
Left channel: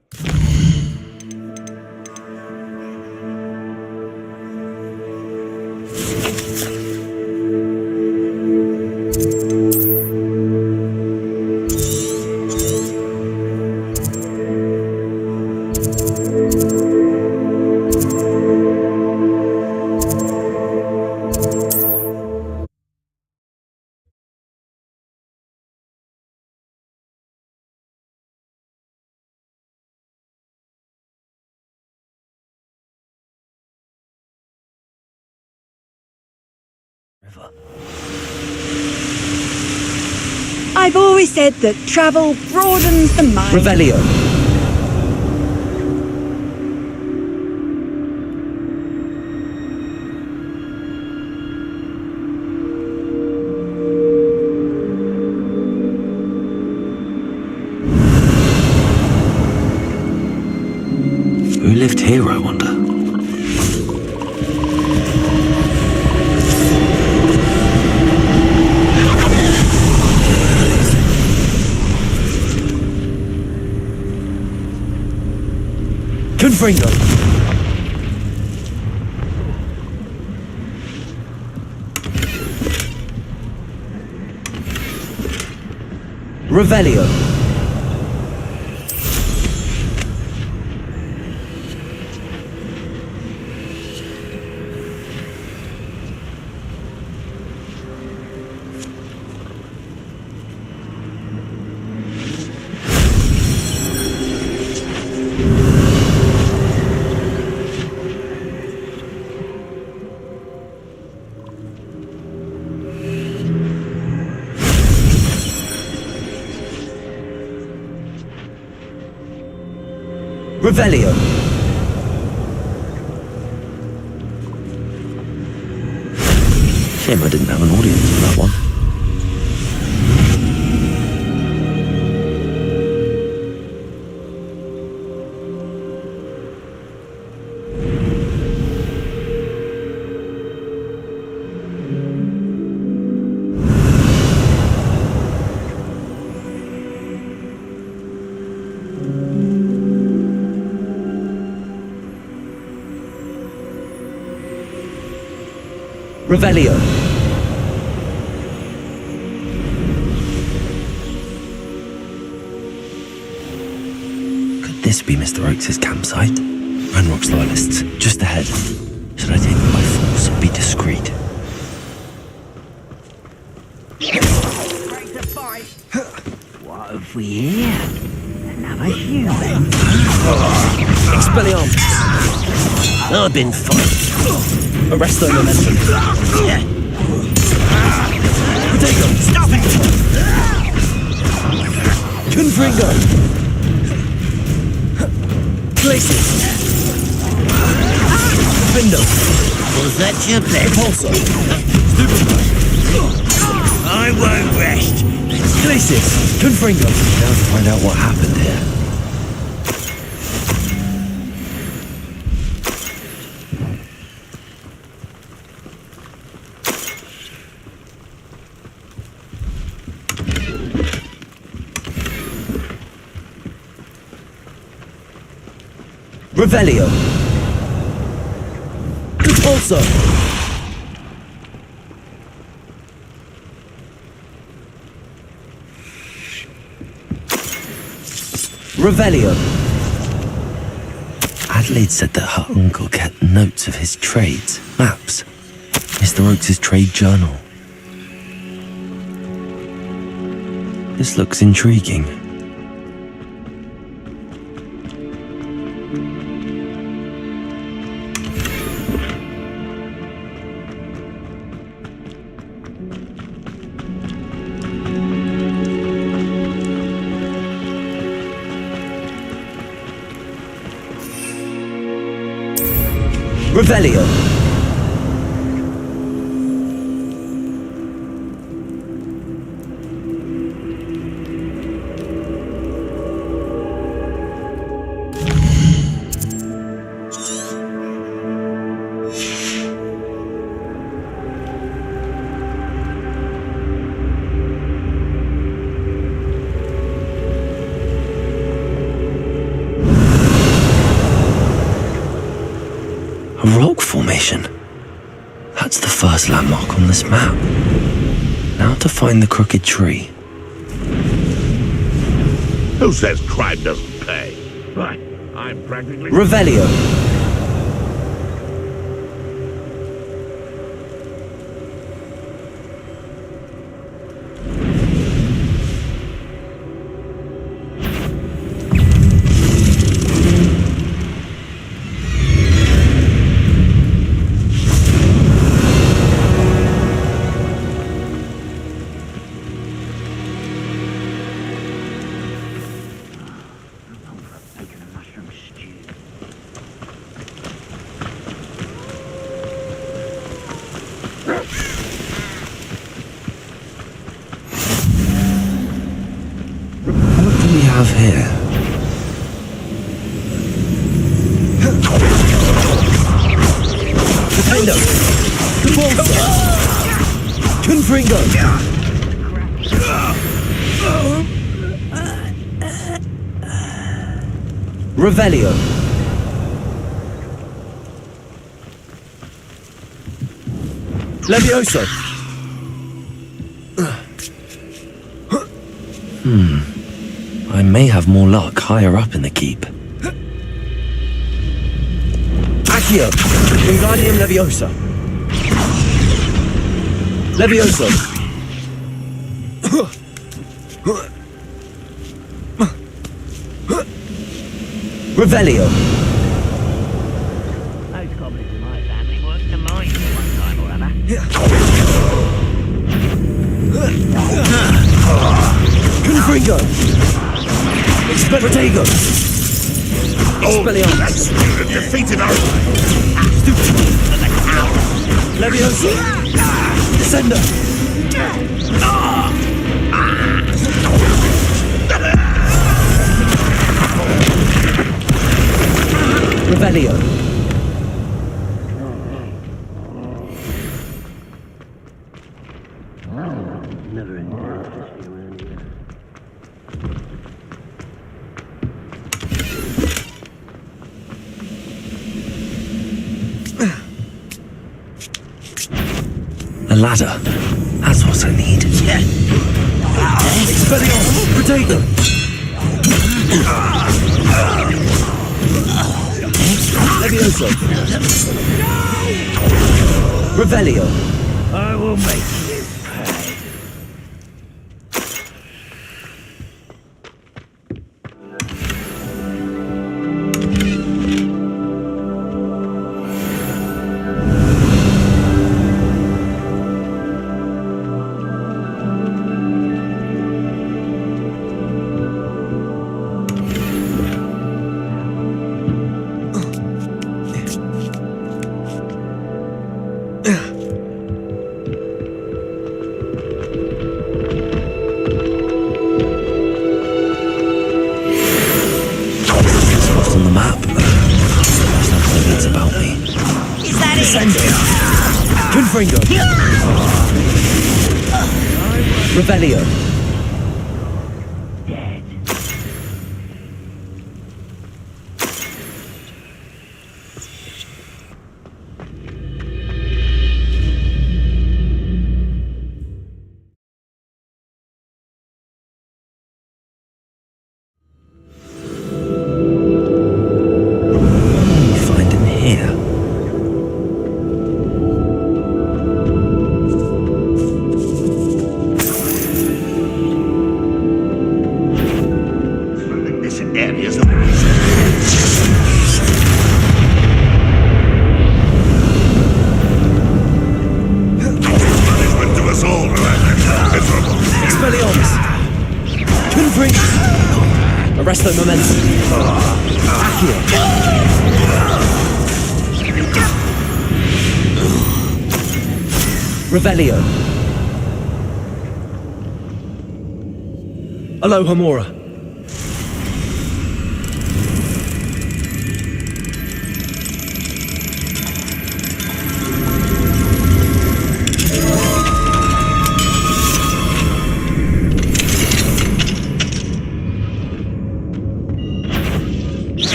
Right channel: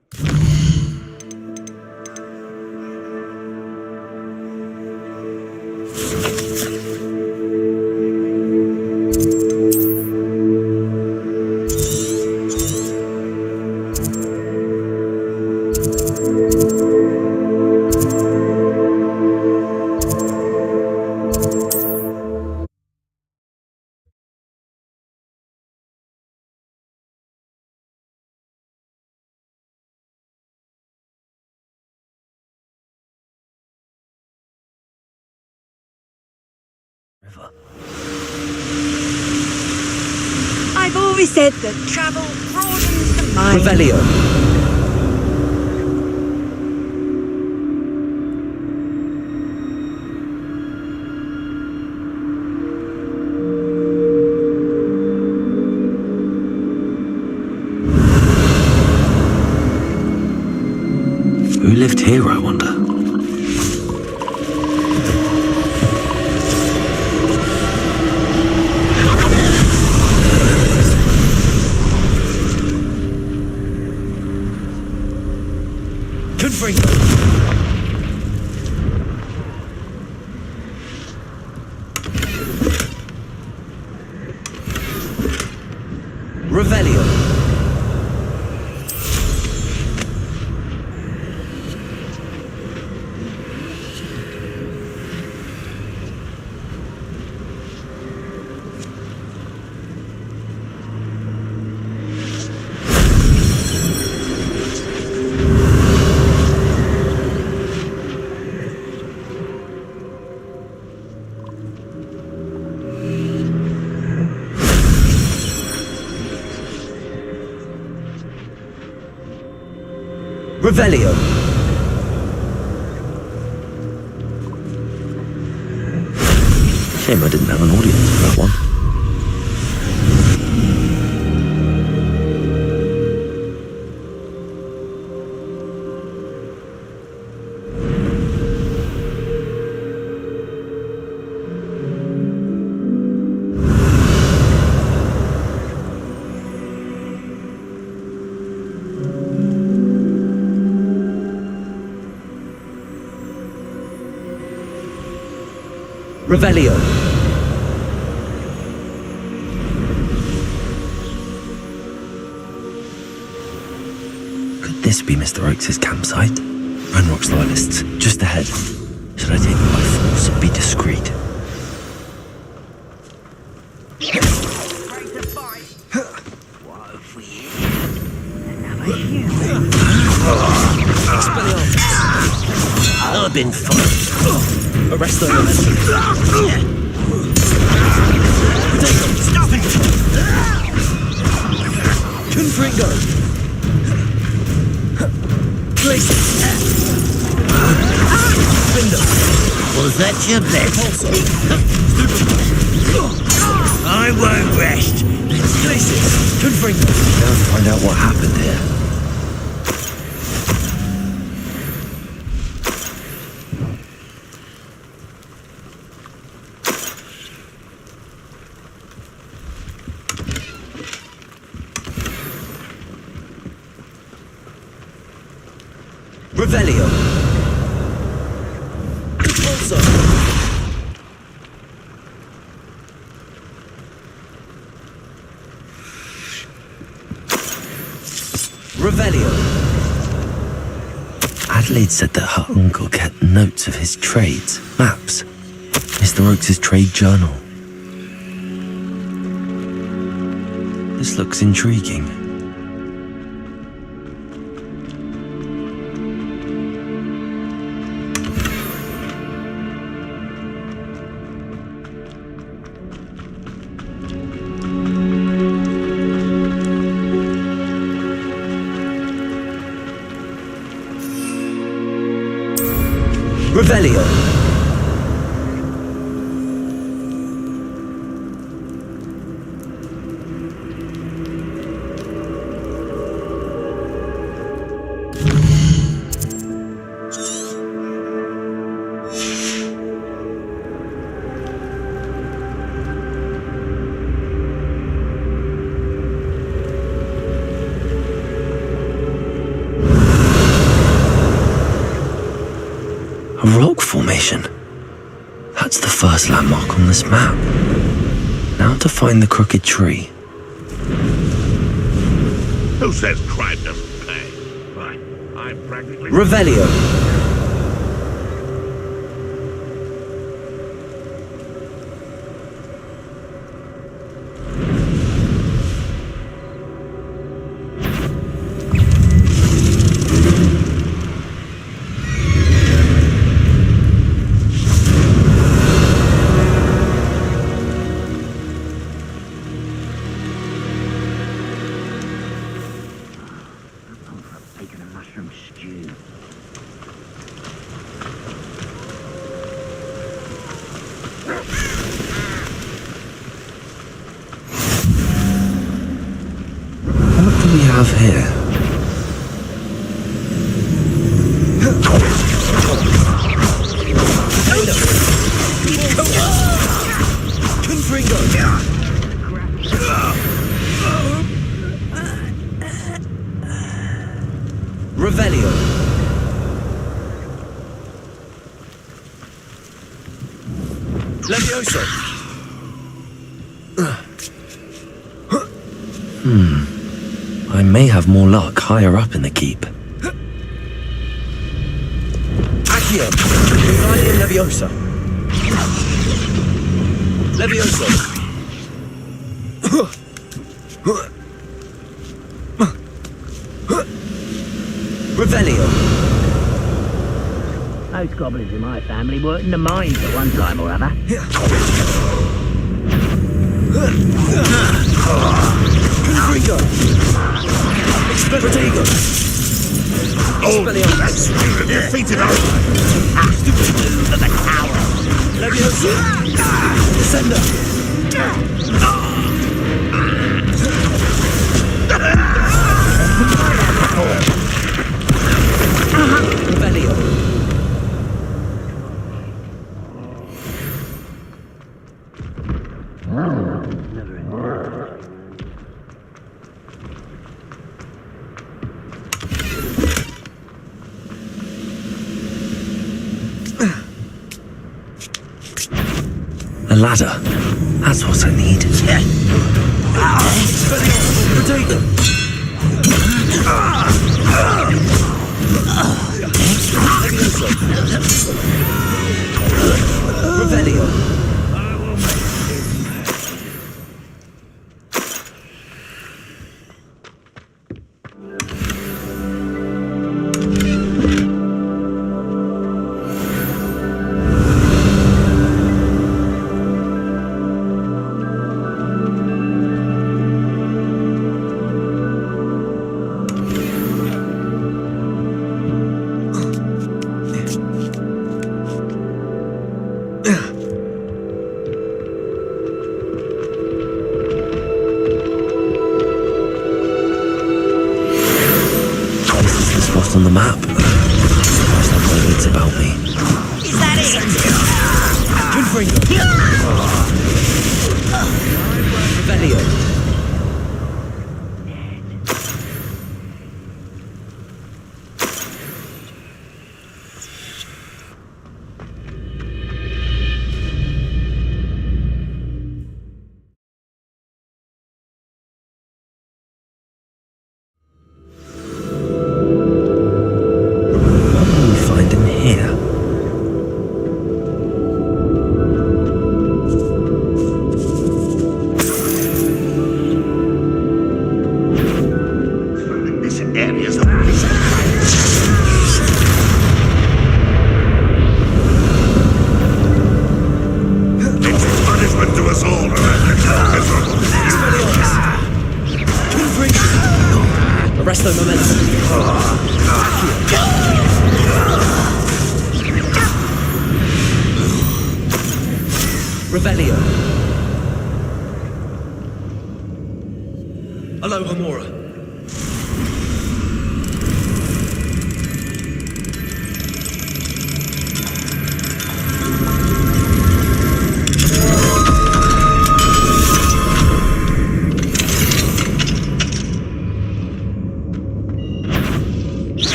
I've always said that travel broadens the mind. Revelio. Who lived here, I wonder? Confringo. Revelio. Revelio. Shame I didn't have an audience for that one. Revelio. Could this be Mr. Oakes' campsite? Ranrock's loyalists, just ahead. Should I take them by force or be discreet? What have we here? Another human. Expelliarmus. I've been fine. Arresto momentum. Potato. Stop it! Confringo. Places. Window. Was that your bet? Repulsor. I won't rest. Places. Confringo. Now to find out what happened here. Revelio. Repulsor. Revelio. Adelaide said that her uncle kept notes of his trades, maps. Mr. Oakes' trade journal. This looks intriguing. Revelio. A rock formation. That's the first landmark on this map. Now to find the crooked tree. Who says crime doesn't pay? Right. I'm practically... Revelio. Bacon and mushroom stew. What do we have here? Confringo! Revelio. Levioso. I may have more luck higher up in the keep. Accio. Wingardium Leviosa. Levioso. Revelio. Those goblins in my family worked in the mines at one time or other. Confringo. Expelliarmus. That's the defeated our... Stupid the coward. Leviosa. Descender. Revelio. A ladder. That's what I need. Expelliarmus. Potato. Levioso. Revelio. I will... On the map. Must have words about me. Is that it? Confringo. Revelio. Dead. What will we find in here? Arresto momentum. Accio. Revelio. Alohomora.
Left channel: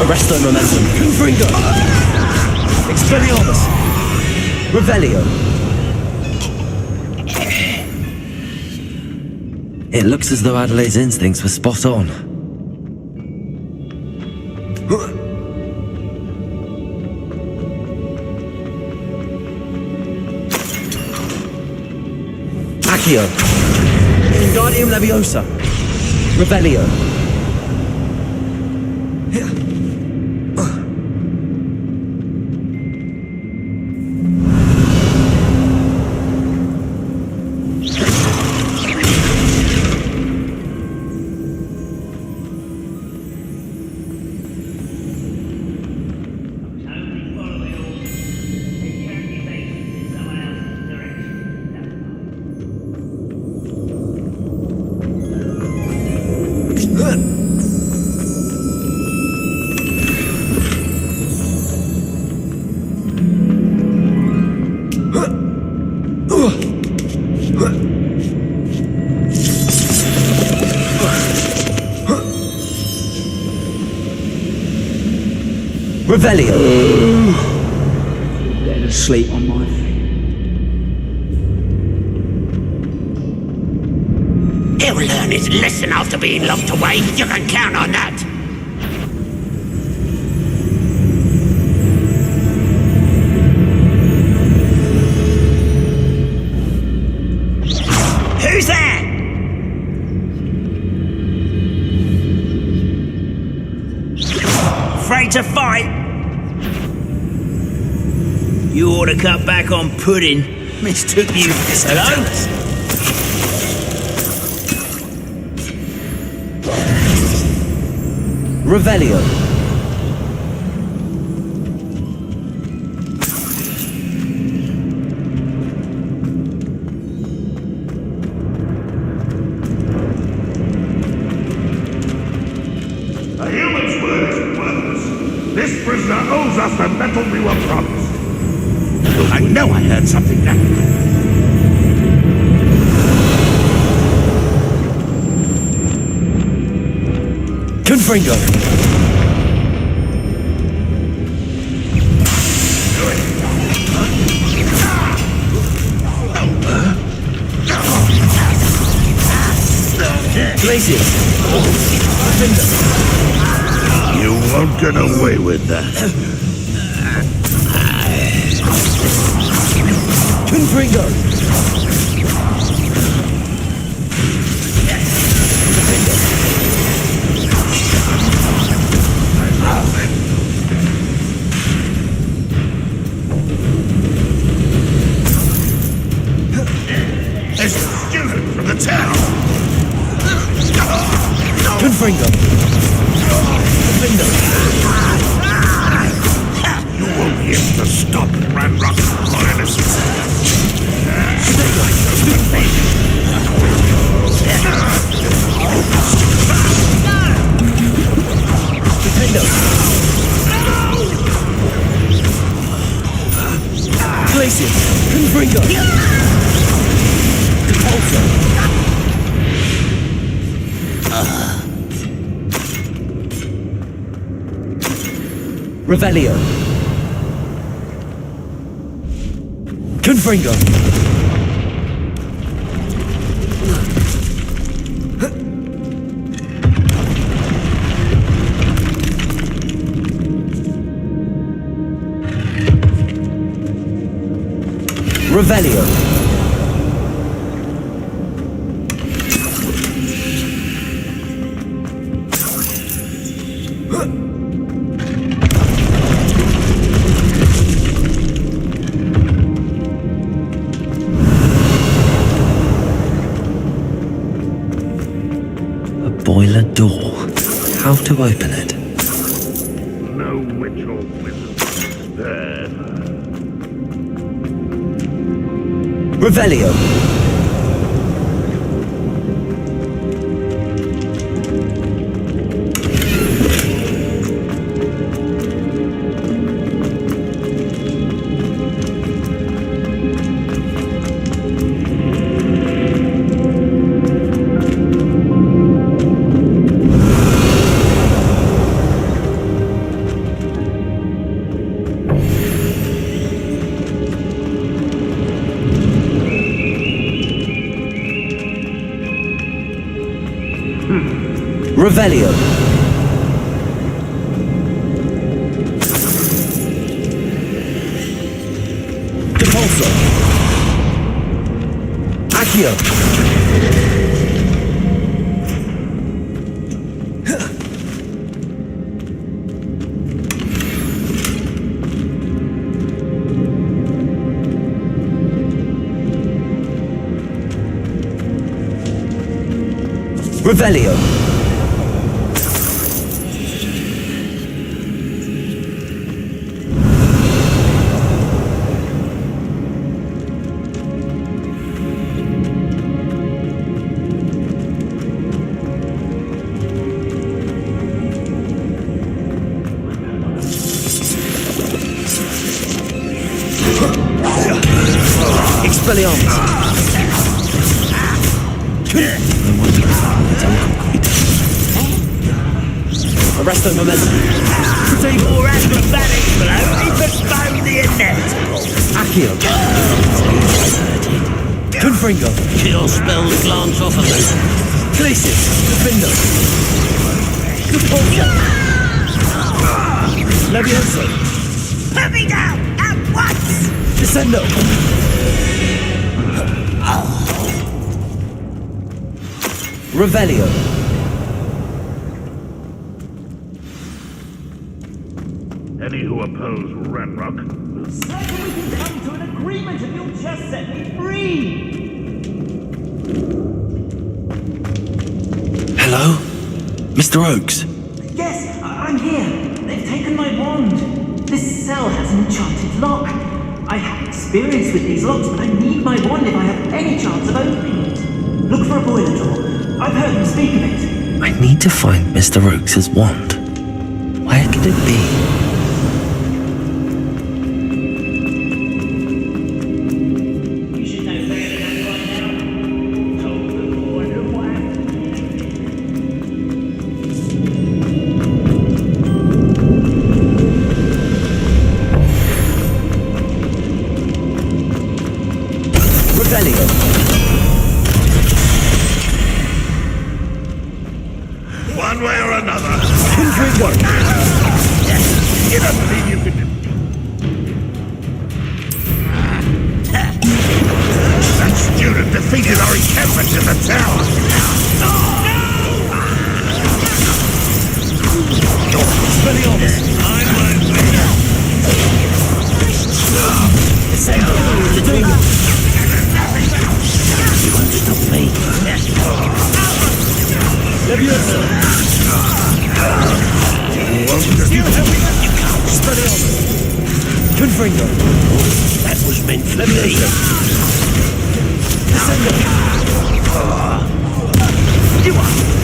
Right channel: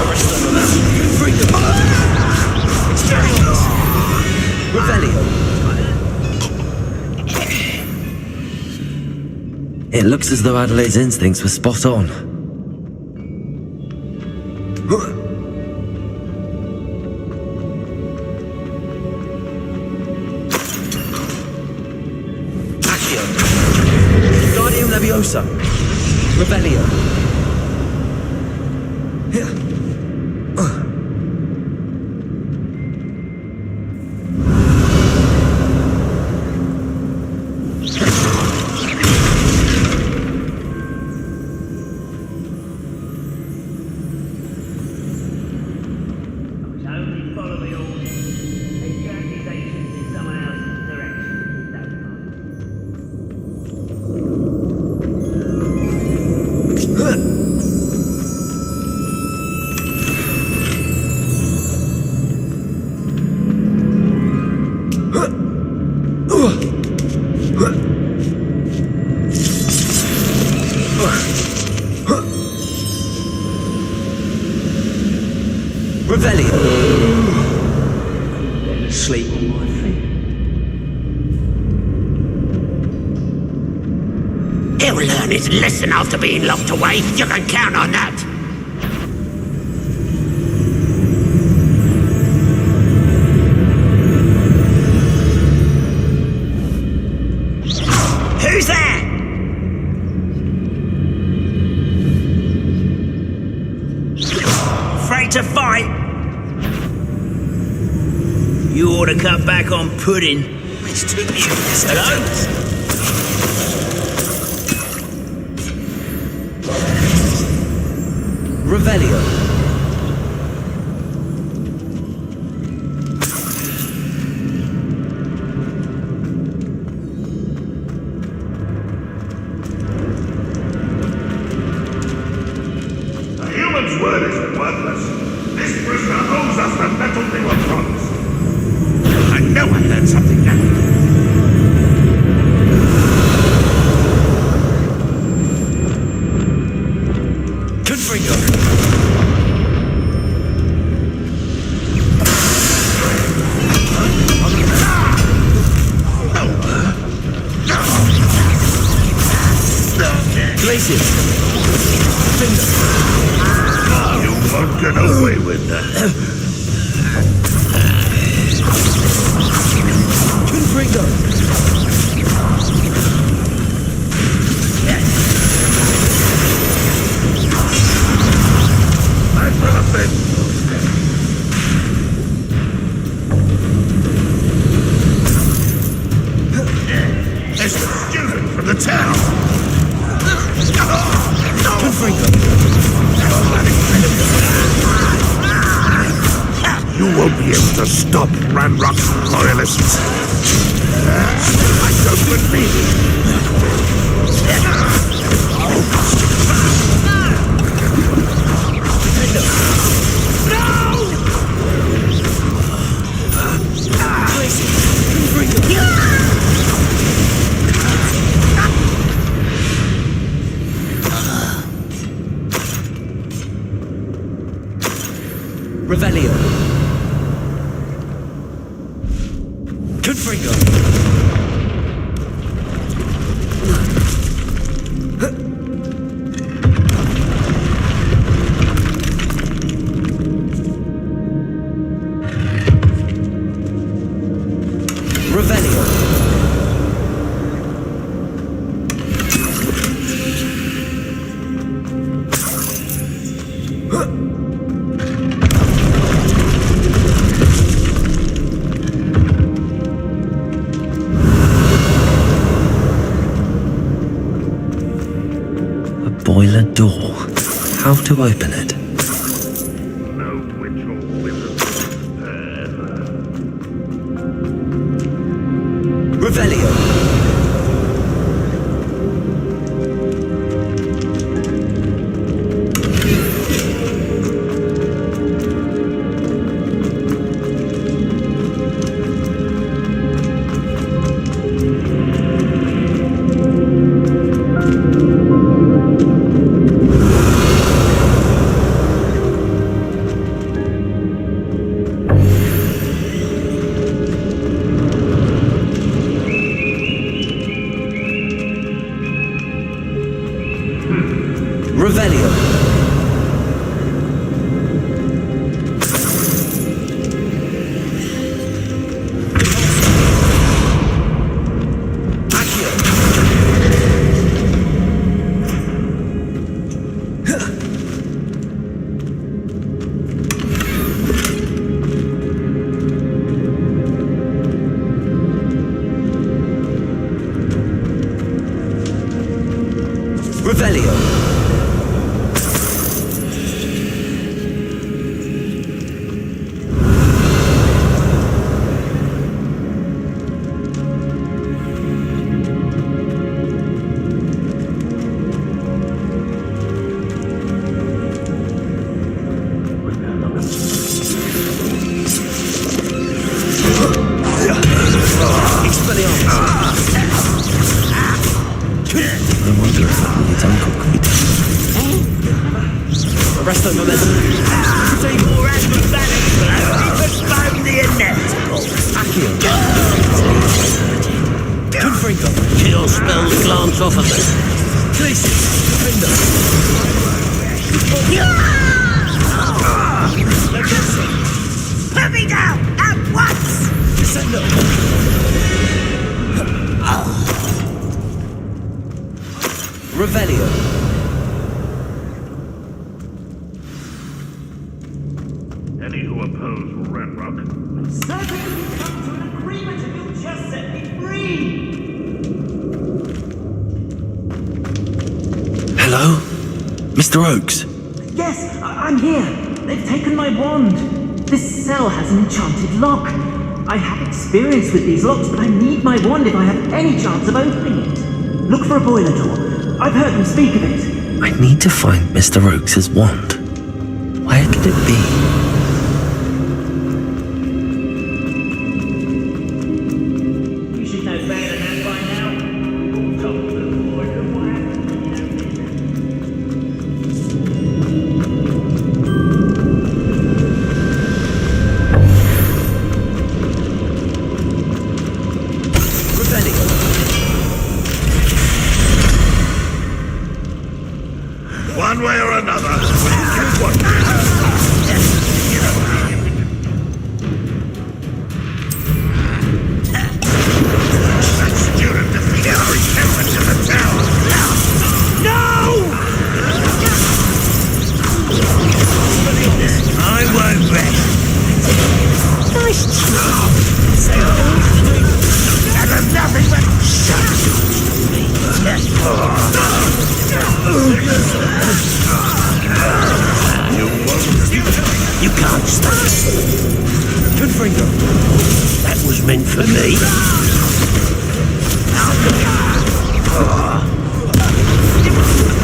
Arresto momentum. Confringo. Expelliarmus. Revelio. It looks as though Adelaide's instincts were spot on. Accio. Wingardium Leviosa. Revelio. Revelio. Sleep on my feet. He'll learn his lesson after being locked away. You can count on that. Who's that? Afraid to fight? You ought to cut back on pudding. Mistook you. Hello? Revelio. A human's word is worthless. This prisoner owes us the metal they were promised. I know I heard something like that. Confringo. Glacius. Defender. Get away with that. Confringo. There's the student from the town. Confringo. Defender. You won't be able to stop Ranrock's jealousy. Defender. Glacius. Confringo. Revelio. Confringo. Revelio. boiler door. How to open it? Revelio. Revelio. Depulso. Accio. Revelio. Expelliarmus. I wonder if that with its uncle could be done. Arresto momentum. Take more acrobatics, but only postpone the inevitable. Accio. Confringo. Kill spell the glance off of them. Clesis. Defender. Levioso. Put me down at once! Descendo. Revelio. Any who oppose Ranrock. An agreement and you'll just set me free! Hello? Mr. Oakes? Yes, I'm here. They've taken my wand. This cell has an enchanted lock. I have experience with these locks, but I need my wand if I have any chance of opening it. Look for a boiler door. I've heard them speak of it. I need to find Mr. Oakes' wand. Where could it be? You should know better than that by now. You've all told me before, and why? Revelio. One way or another. You don't think you can do that student defeated. I won't rest. Nice Stop me. You can't stop it. Confringo. That was meant for me.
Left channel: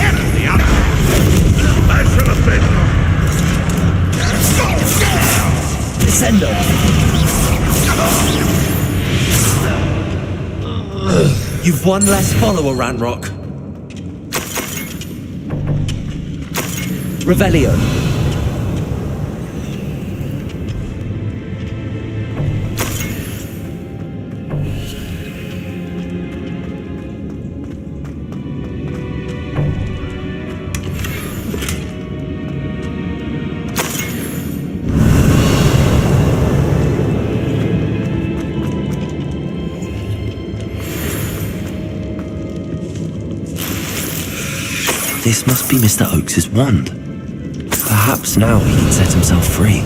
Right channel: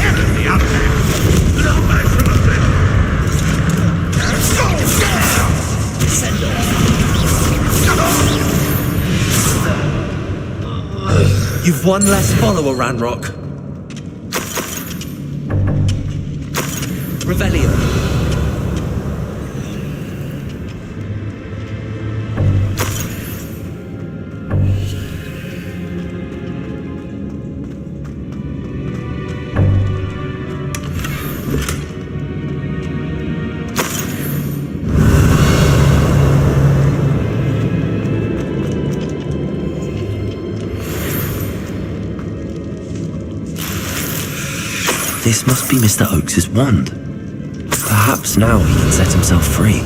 Enemy up there. I should have been. Descendo. You've one less follower, Ranrock. Revelio. This must be Mr. Oakes' wand. Perhaps now he can set himself free.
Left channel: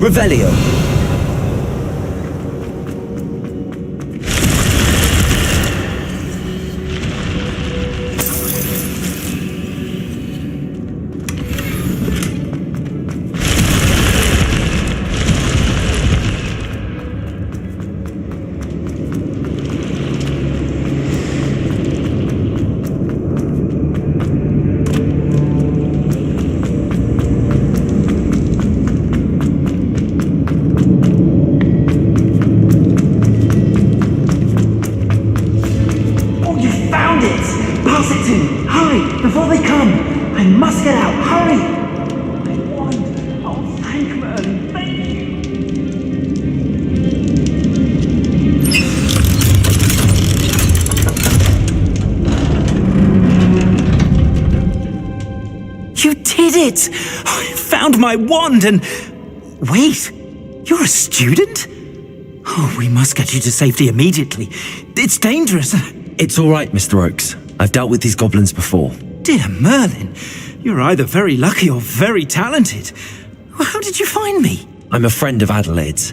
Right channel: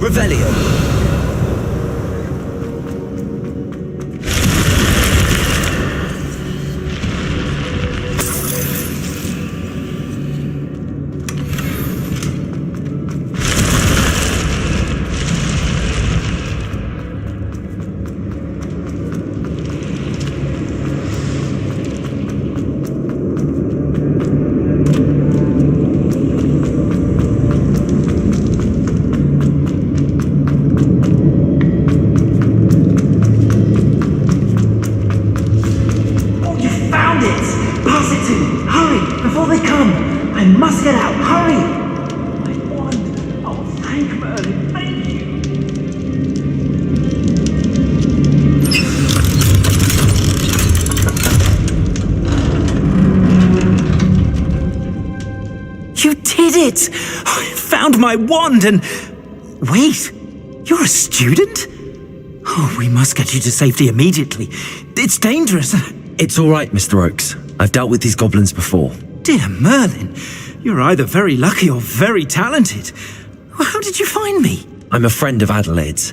Revelio. Oh, you found it! Pass it to me! Hurry! Before they come! I must get out! Hurry! My wand! Oh, thank Merlin! Thank you! You did it! I found my wand and... Wait! You're a student? Oh, we must get you to safety immediately. It's dangerous. It's all right, Mr. Oakes. I've dealt with these goblins before. Dear Merlin, you're either very lucky or very talented. Well, how did you find me? I'm a friend of Adelaide's.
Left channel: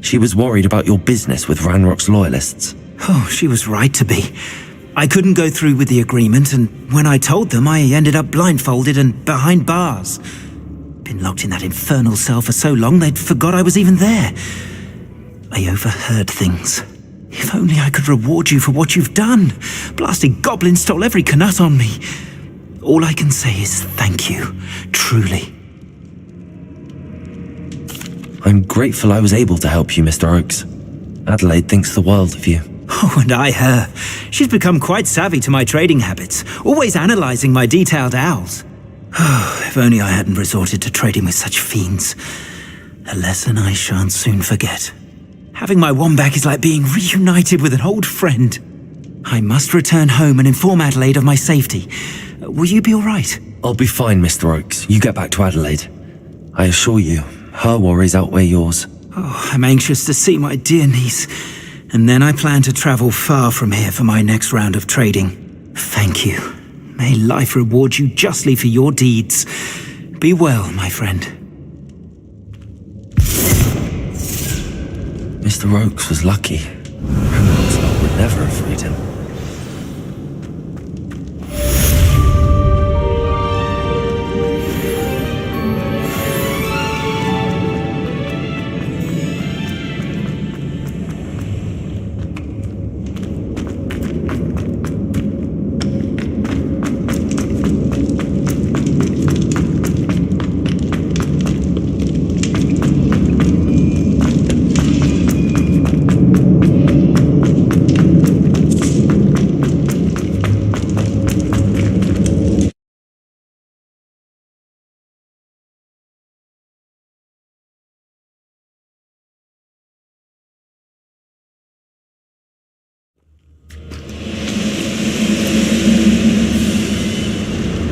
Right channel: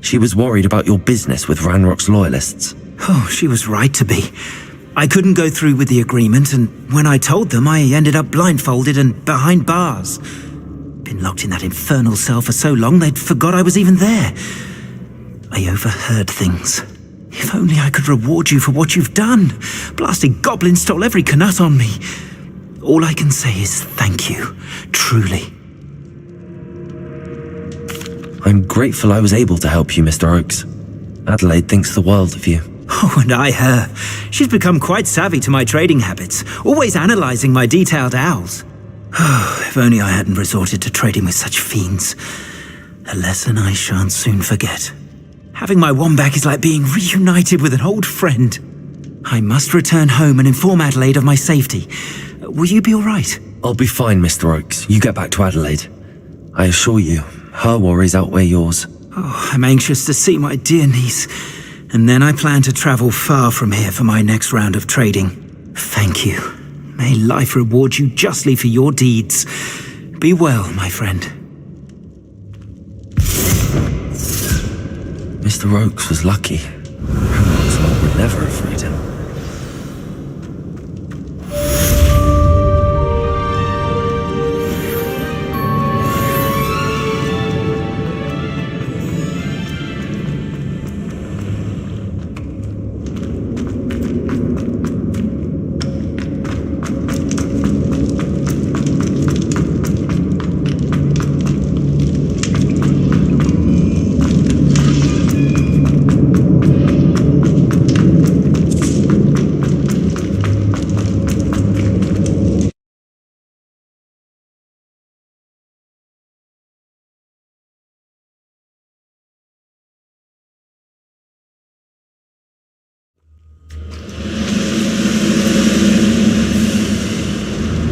She was worried about your business with Ranrock's loyalists. Oh, she was right to be. I couldn't go through with the agreement, and when I told them, I ended up blindfolded and behind bars. Been locked in that infernal cell for so long, they'd forgot I was even there. I overheard things. If only I could reward you for what you've done. Blasted goblins stole every canut on me. All I can say is thank you, truly. I'm grateful I was able to help you, Mr. Oakes. Adelaide thinks the world of you. Oh, and I her. She's become quite savvy to my trading habits, always analysing my detailed owls. Oh, if only I hadn't resorted to trading with such fiends. A lesson I shan't soon forget. Having my wand back is like being reunited with an old friend. I must return home and inform Adelaide of my safety. Will you be all right? I'll be fine, Mr. Oakes. You get back to Adelaide. I assure you, her worries outweigh yours. Oh, I'm anxious to see my dear niece. And then I plan to travel far from here for my next round of trading. Thank you. May life reward you justly for your deeds. Be well, my friend. Mr. Oakes was lucky. Ranrock's lot would never have freed him.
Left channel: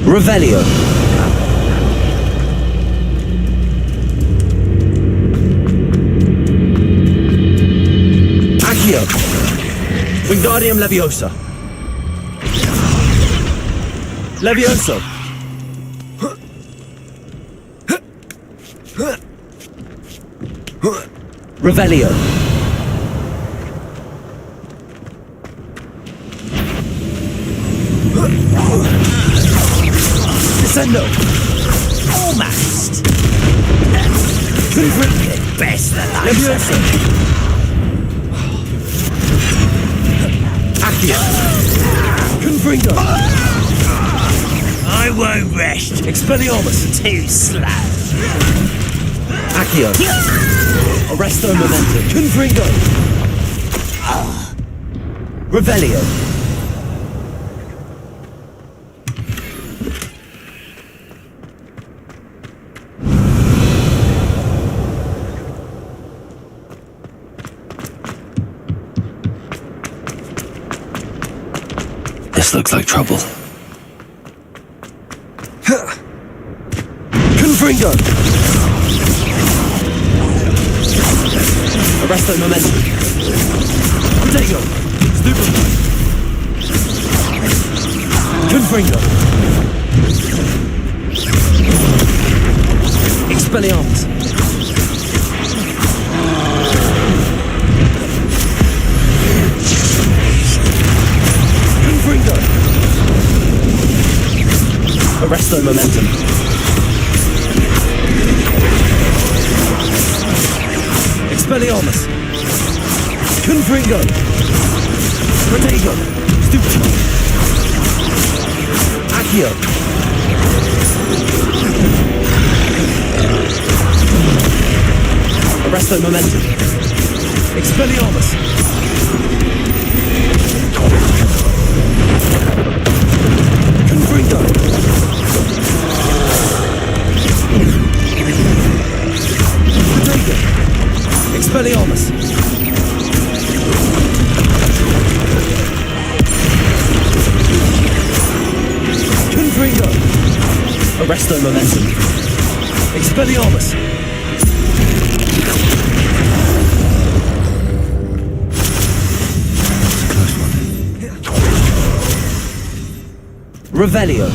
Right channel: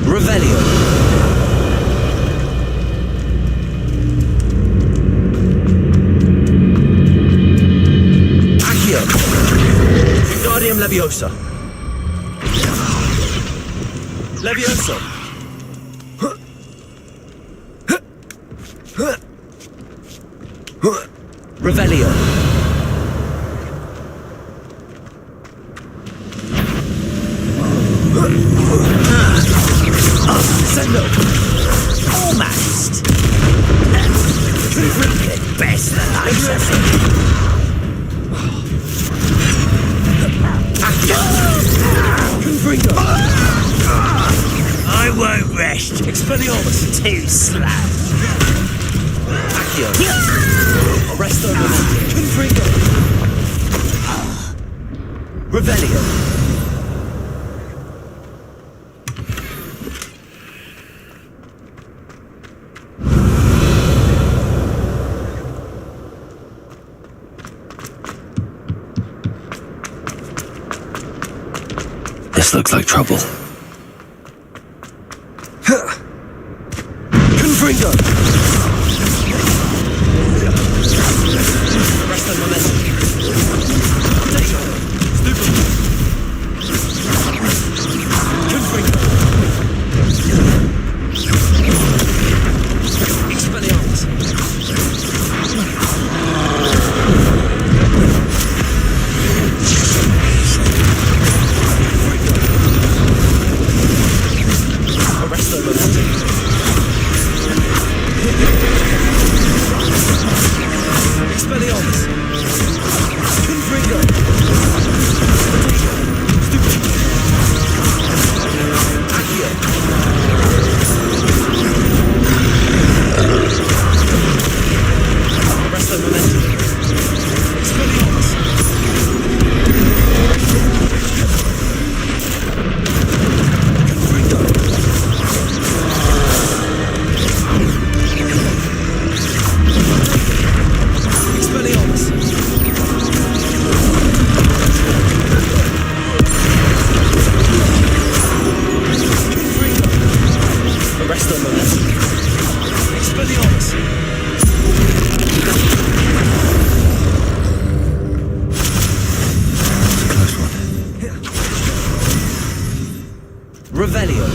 Revelio. Accio. Wingardium Leviosa. Levioso. Revelio. Descendo. Almost. Best that I Leviosa. Accio. Confringo. I won't rest. Expelliarmus. Too slow. Accio. Arresto Momentum. Confringo. Revelio. This looks like trouble. Confringo! Arresto Momentum. Protego! Stupid! Confringo! Expelliarmus! Arrest their momentum. Expelliarmus. Confringo. Protego. Stupid. Accio. Arrest their momentum. Expelliarmus. Confringo. Expelliarmus. Confringo. Arrest their momentum. Expelliarmus. That was a close one. Revelio.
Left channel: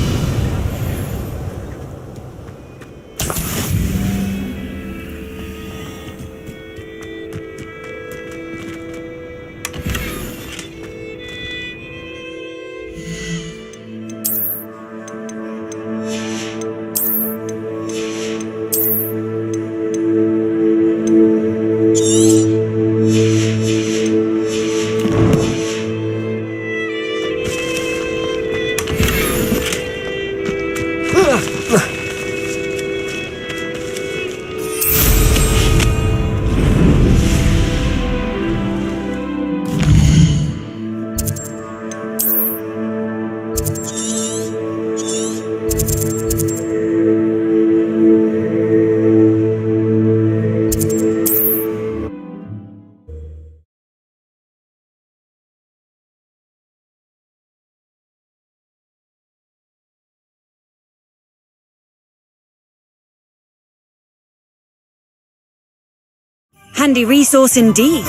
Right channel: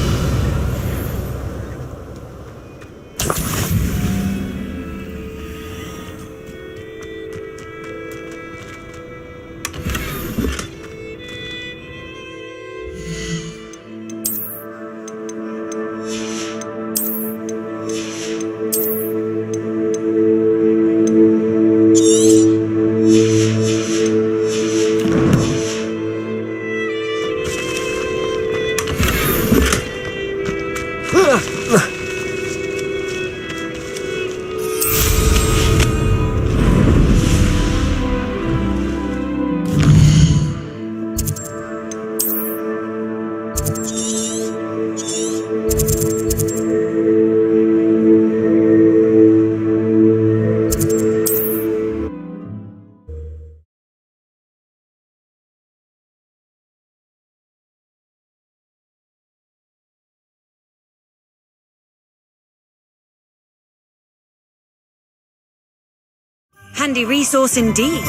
Handy resource indeed.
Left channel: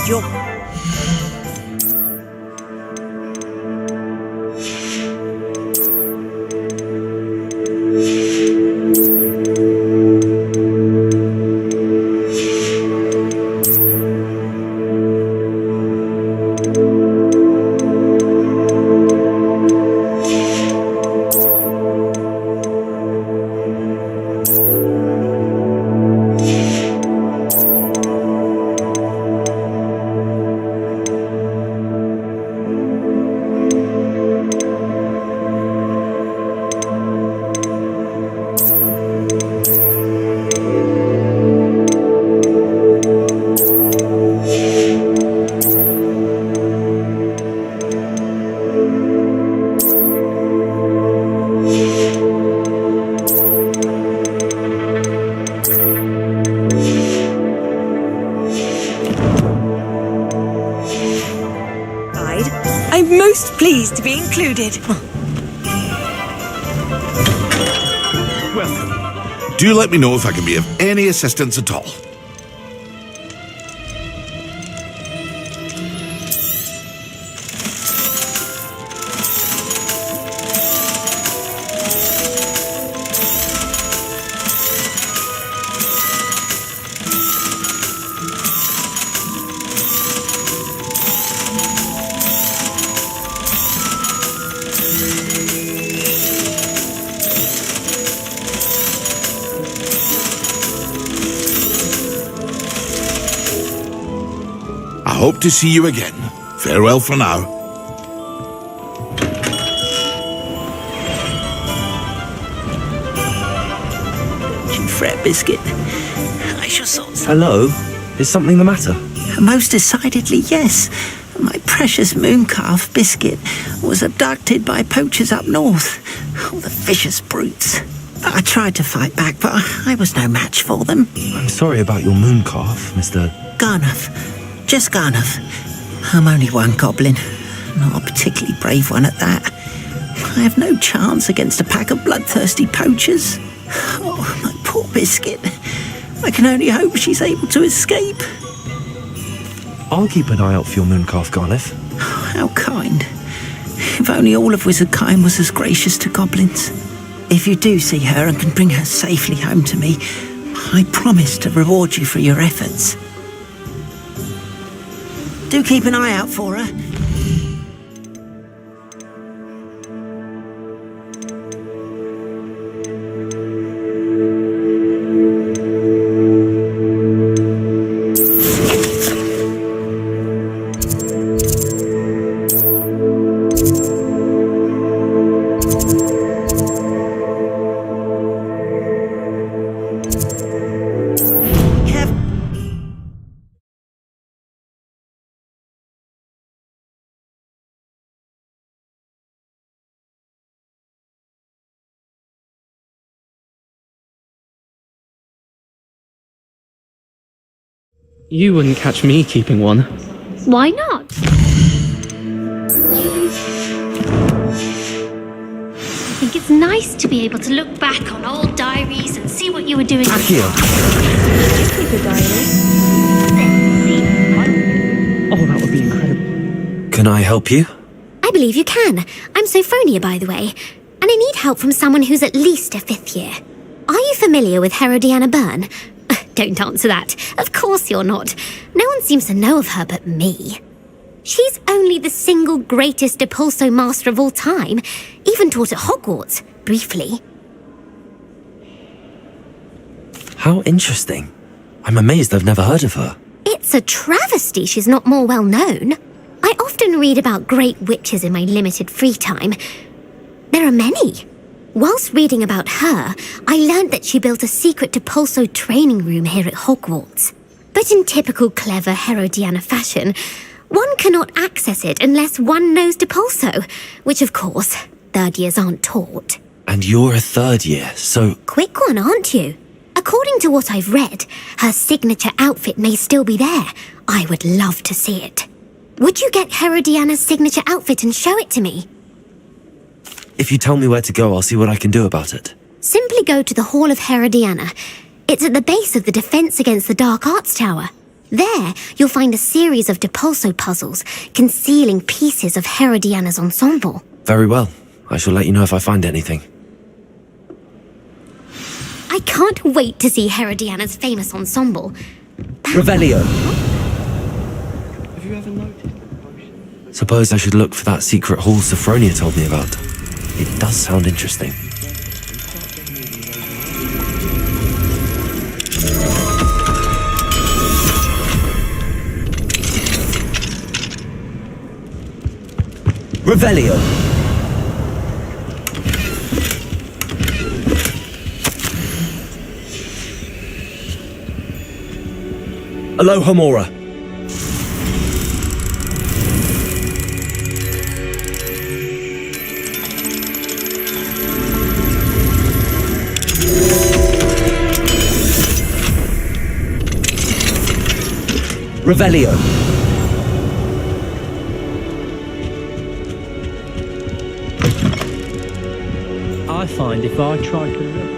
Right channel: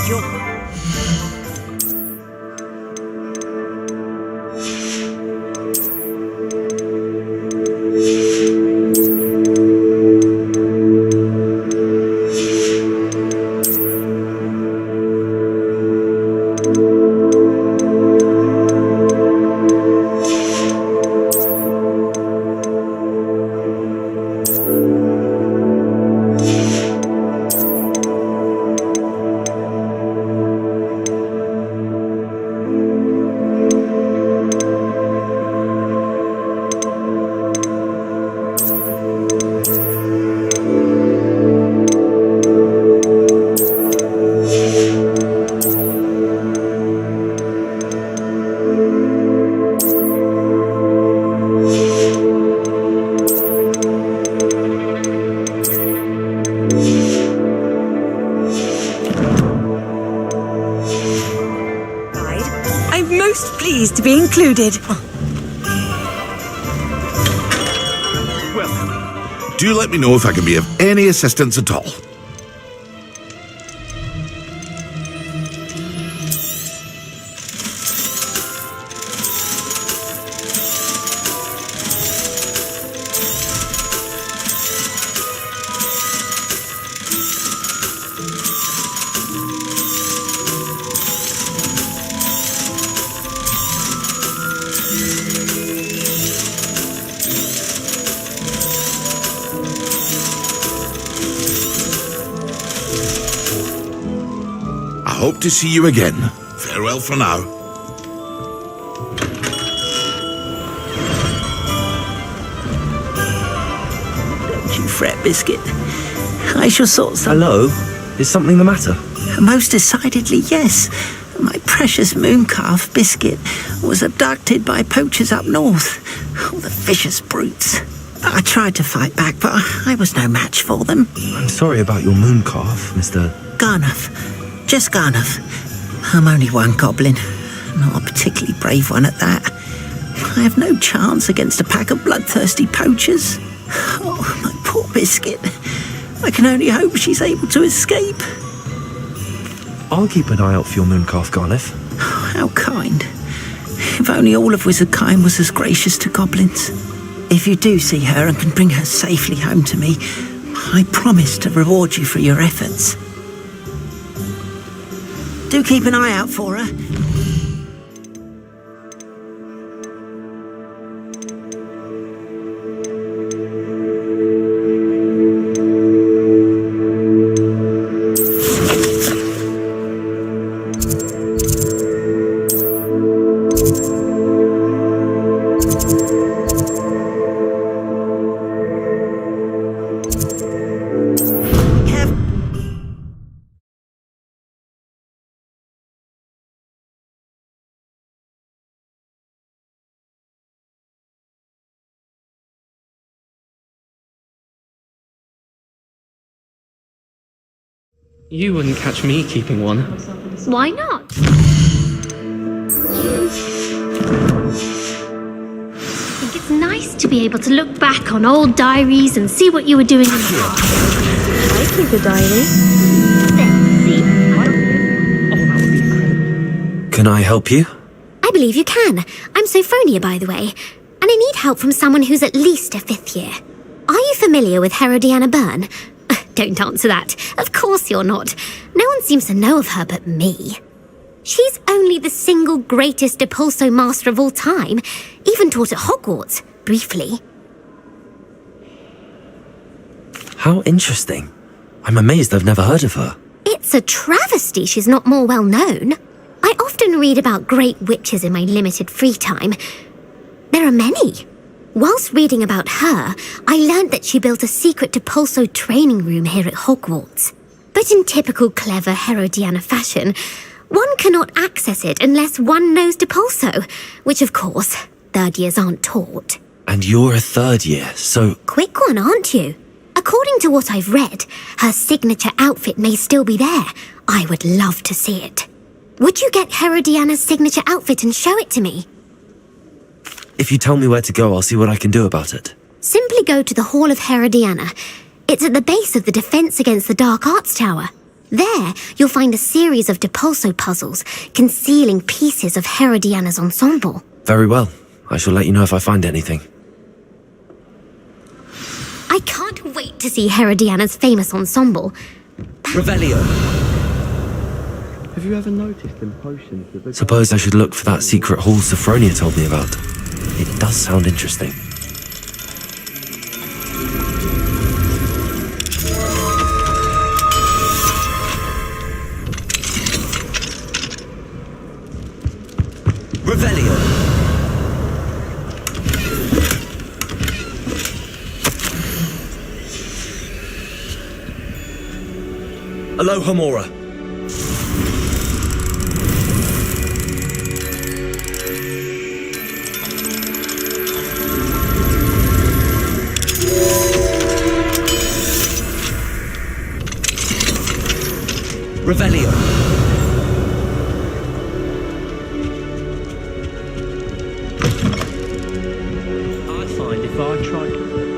I'm most pleased to be included. Welcome. Do let me know if I can be of any assistance at all. I hope to see you again. Farewell for now. Don't you fret, Biscuit. I shall sort some... Hello? Is something the matter? Most decidedly, yes. My precious moon calf, Biscuit, was abducted by poachers up north. Oh, the vicious brutes. I tried to fight back, but I was no match for them. I'm sorry about your moon calf, Mr. Garnuff. Just Garnuff. I'm only one goblin. Not a particularly brave one at that. I have no chance against a pack of bloodthirsty poachers. Oh, my poor Biscuit. I can only hope she's able to escape. I'll keep an eye out for your moon calf, Garniff. How kind. If only all of Wizardkind was as gracious to goblins. If you do see her and can bring her safely home to me, I promise to reward you for your efforts. Do keep an eye out for her. You wouldn't catch me keeping one. Why not? I think it's nice to be able to look back on old diaries and see what you were doing. Here. Can I help you? I believe you can. I'm Sophronia, by the way, and I need help from someone who's at least a 5th year. Are you familiar with Herodiana Byrne? Don't answer that. Of course you're not. No one seems to know of her but me. She's only the single greatest Depulso master of all time, even taught at Hogwarts, briefly. How interesting. I'm amazed I've never heard of her. It's a travesty she's not more well known. I often read about great witches in my limited free time. There are many. Whilst reading about her, I learned that she built a secret Depulso training room here at Hogwarts. But in typical clever Herodiana fashion, one cannot access it unless one knows Depulso, which of course, 3rd years aren't taught. And you're a 3rd year, so... Quick one, aren't you? According to what I've read, her signature outfit may still be there. I would love to see it. Would you get Herodiana's signature outfit and show it to me? If you tell me where to go, I'll see what I can do about it. Simply go to the Hall of Herodiana. It's at the base of the Defense Against the Dark Arts Tower. There, you'll find a series of Depulso puzzles concealing pieces of Herodiana's ensemble. Very well. I shall let you know if I find anything. I can't wait to see Herodiana's famous ensemble. Revelio. Have you ever noticed them potions that Suppose I should look for that secret hall Sophronia told me about. It does sound interesting. Revelio. Aloha Mora. Revelio. I find if I try to look...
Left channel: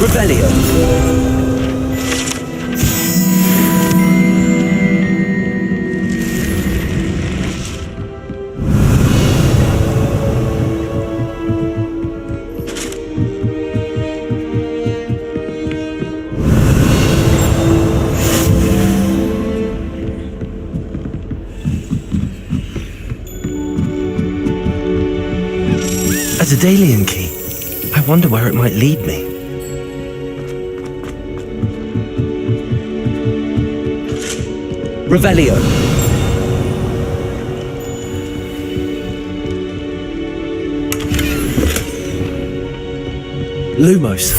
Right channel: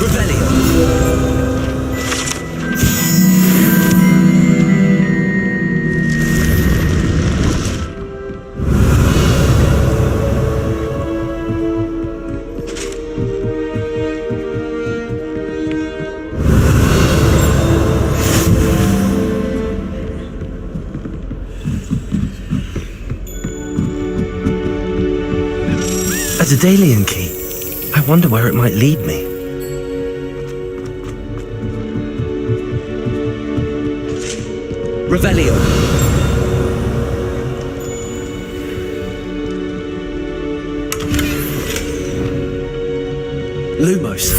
Revelio. A Daedalian key. I wonder where it might lead me. Revelio. Lumos.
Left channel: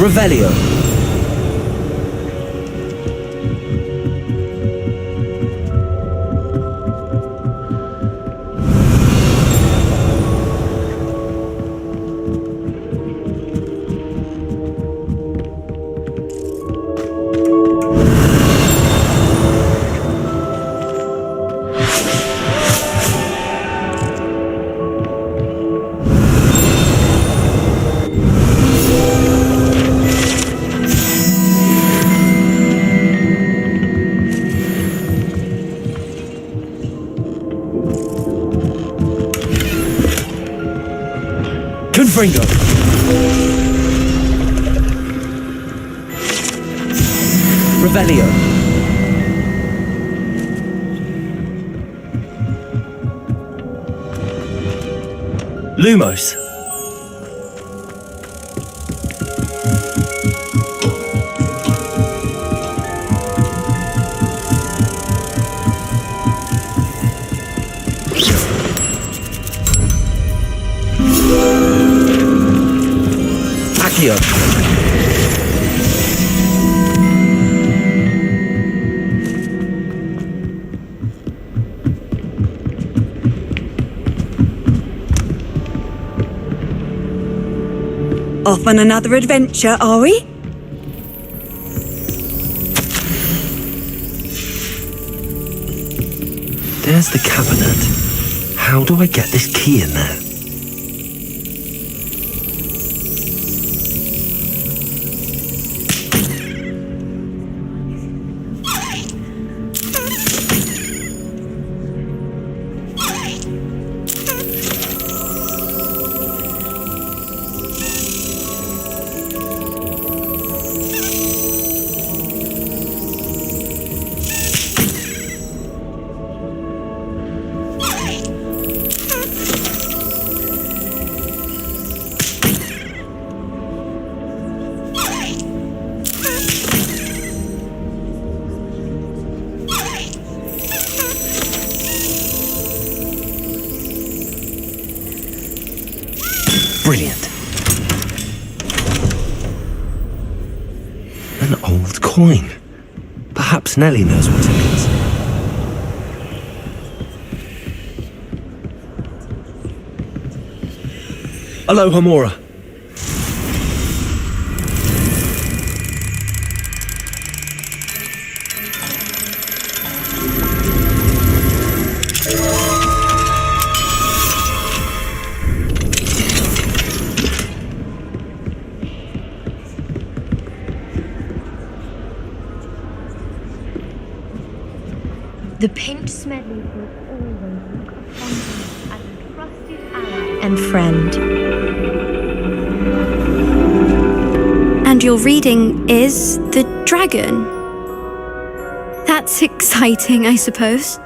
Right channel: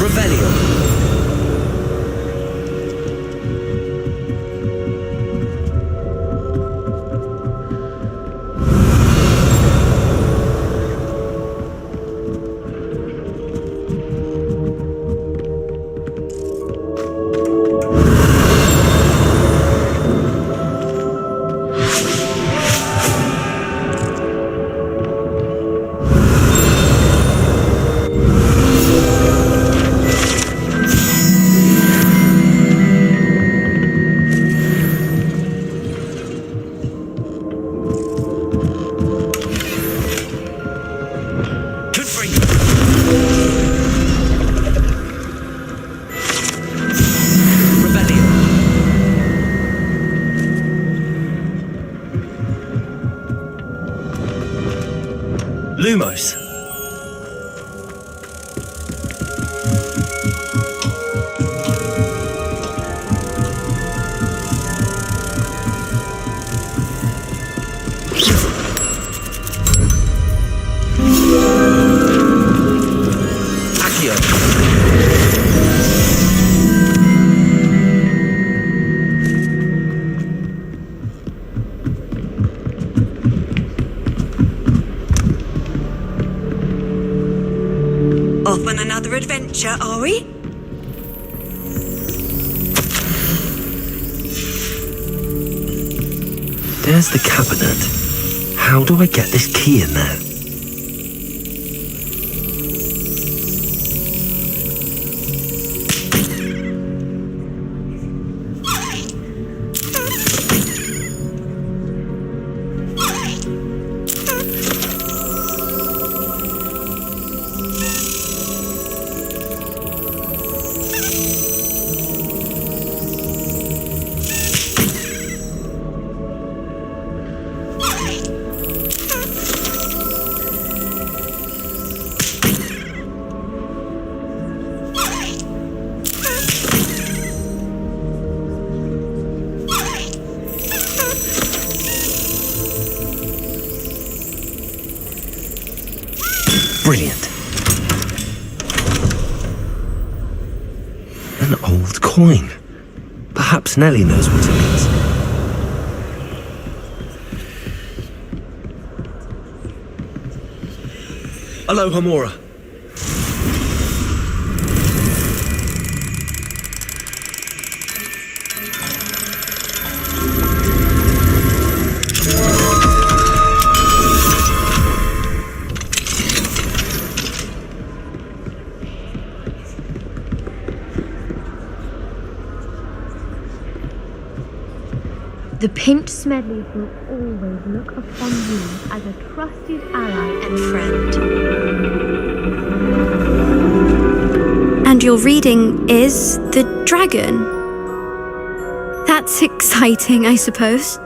Revelio. Ringo. Revelio. Lumos. Accio. Off on another adventure, are we? There's the cabinet. How do I get this key in there? Brilliant. An old coin. Perhaps Nellie knows what it means. Aloha Mora. The Pinch Smedley will always look upon you as a trusted ally and friend. And your reading is The Dragon. That's exciting, I suppose.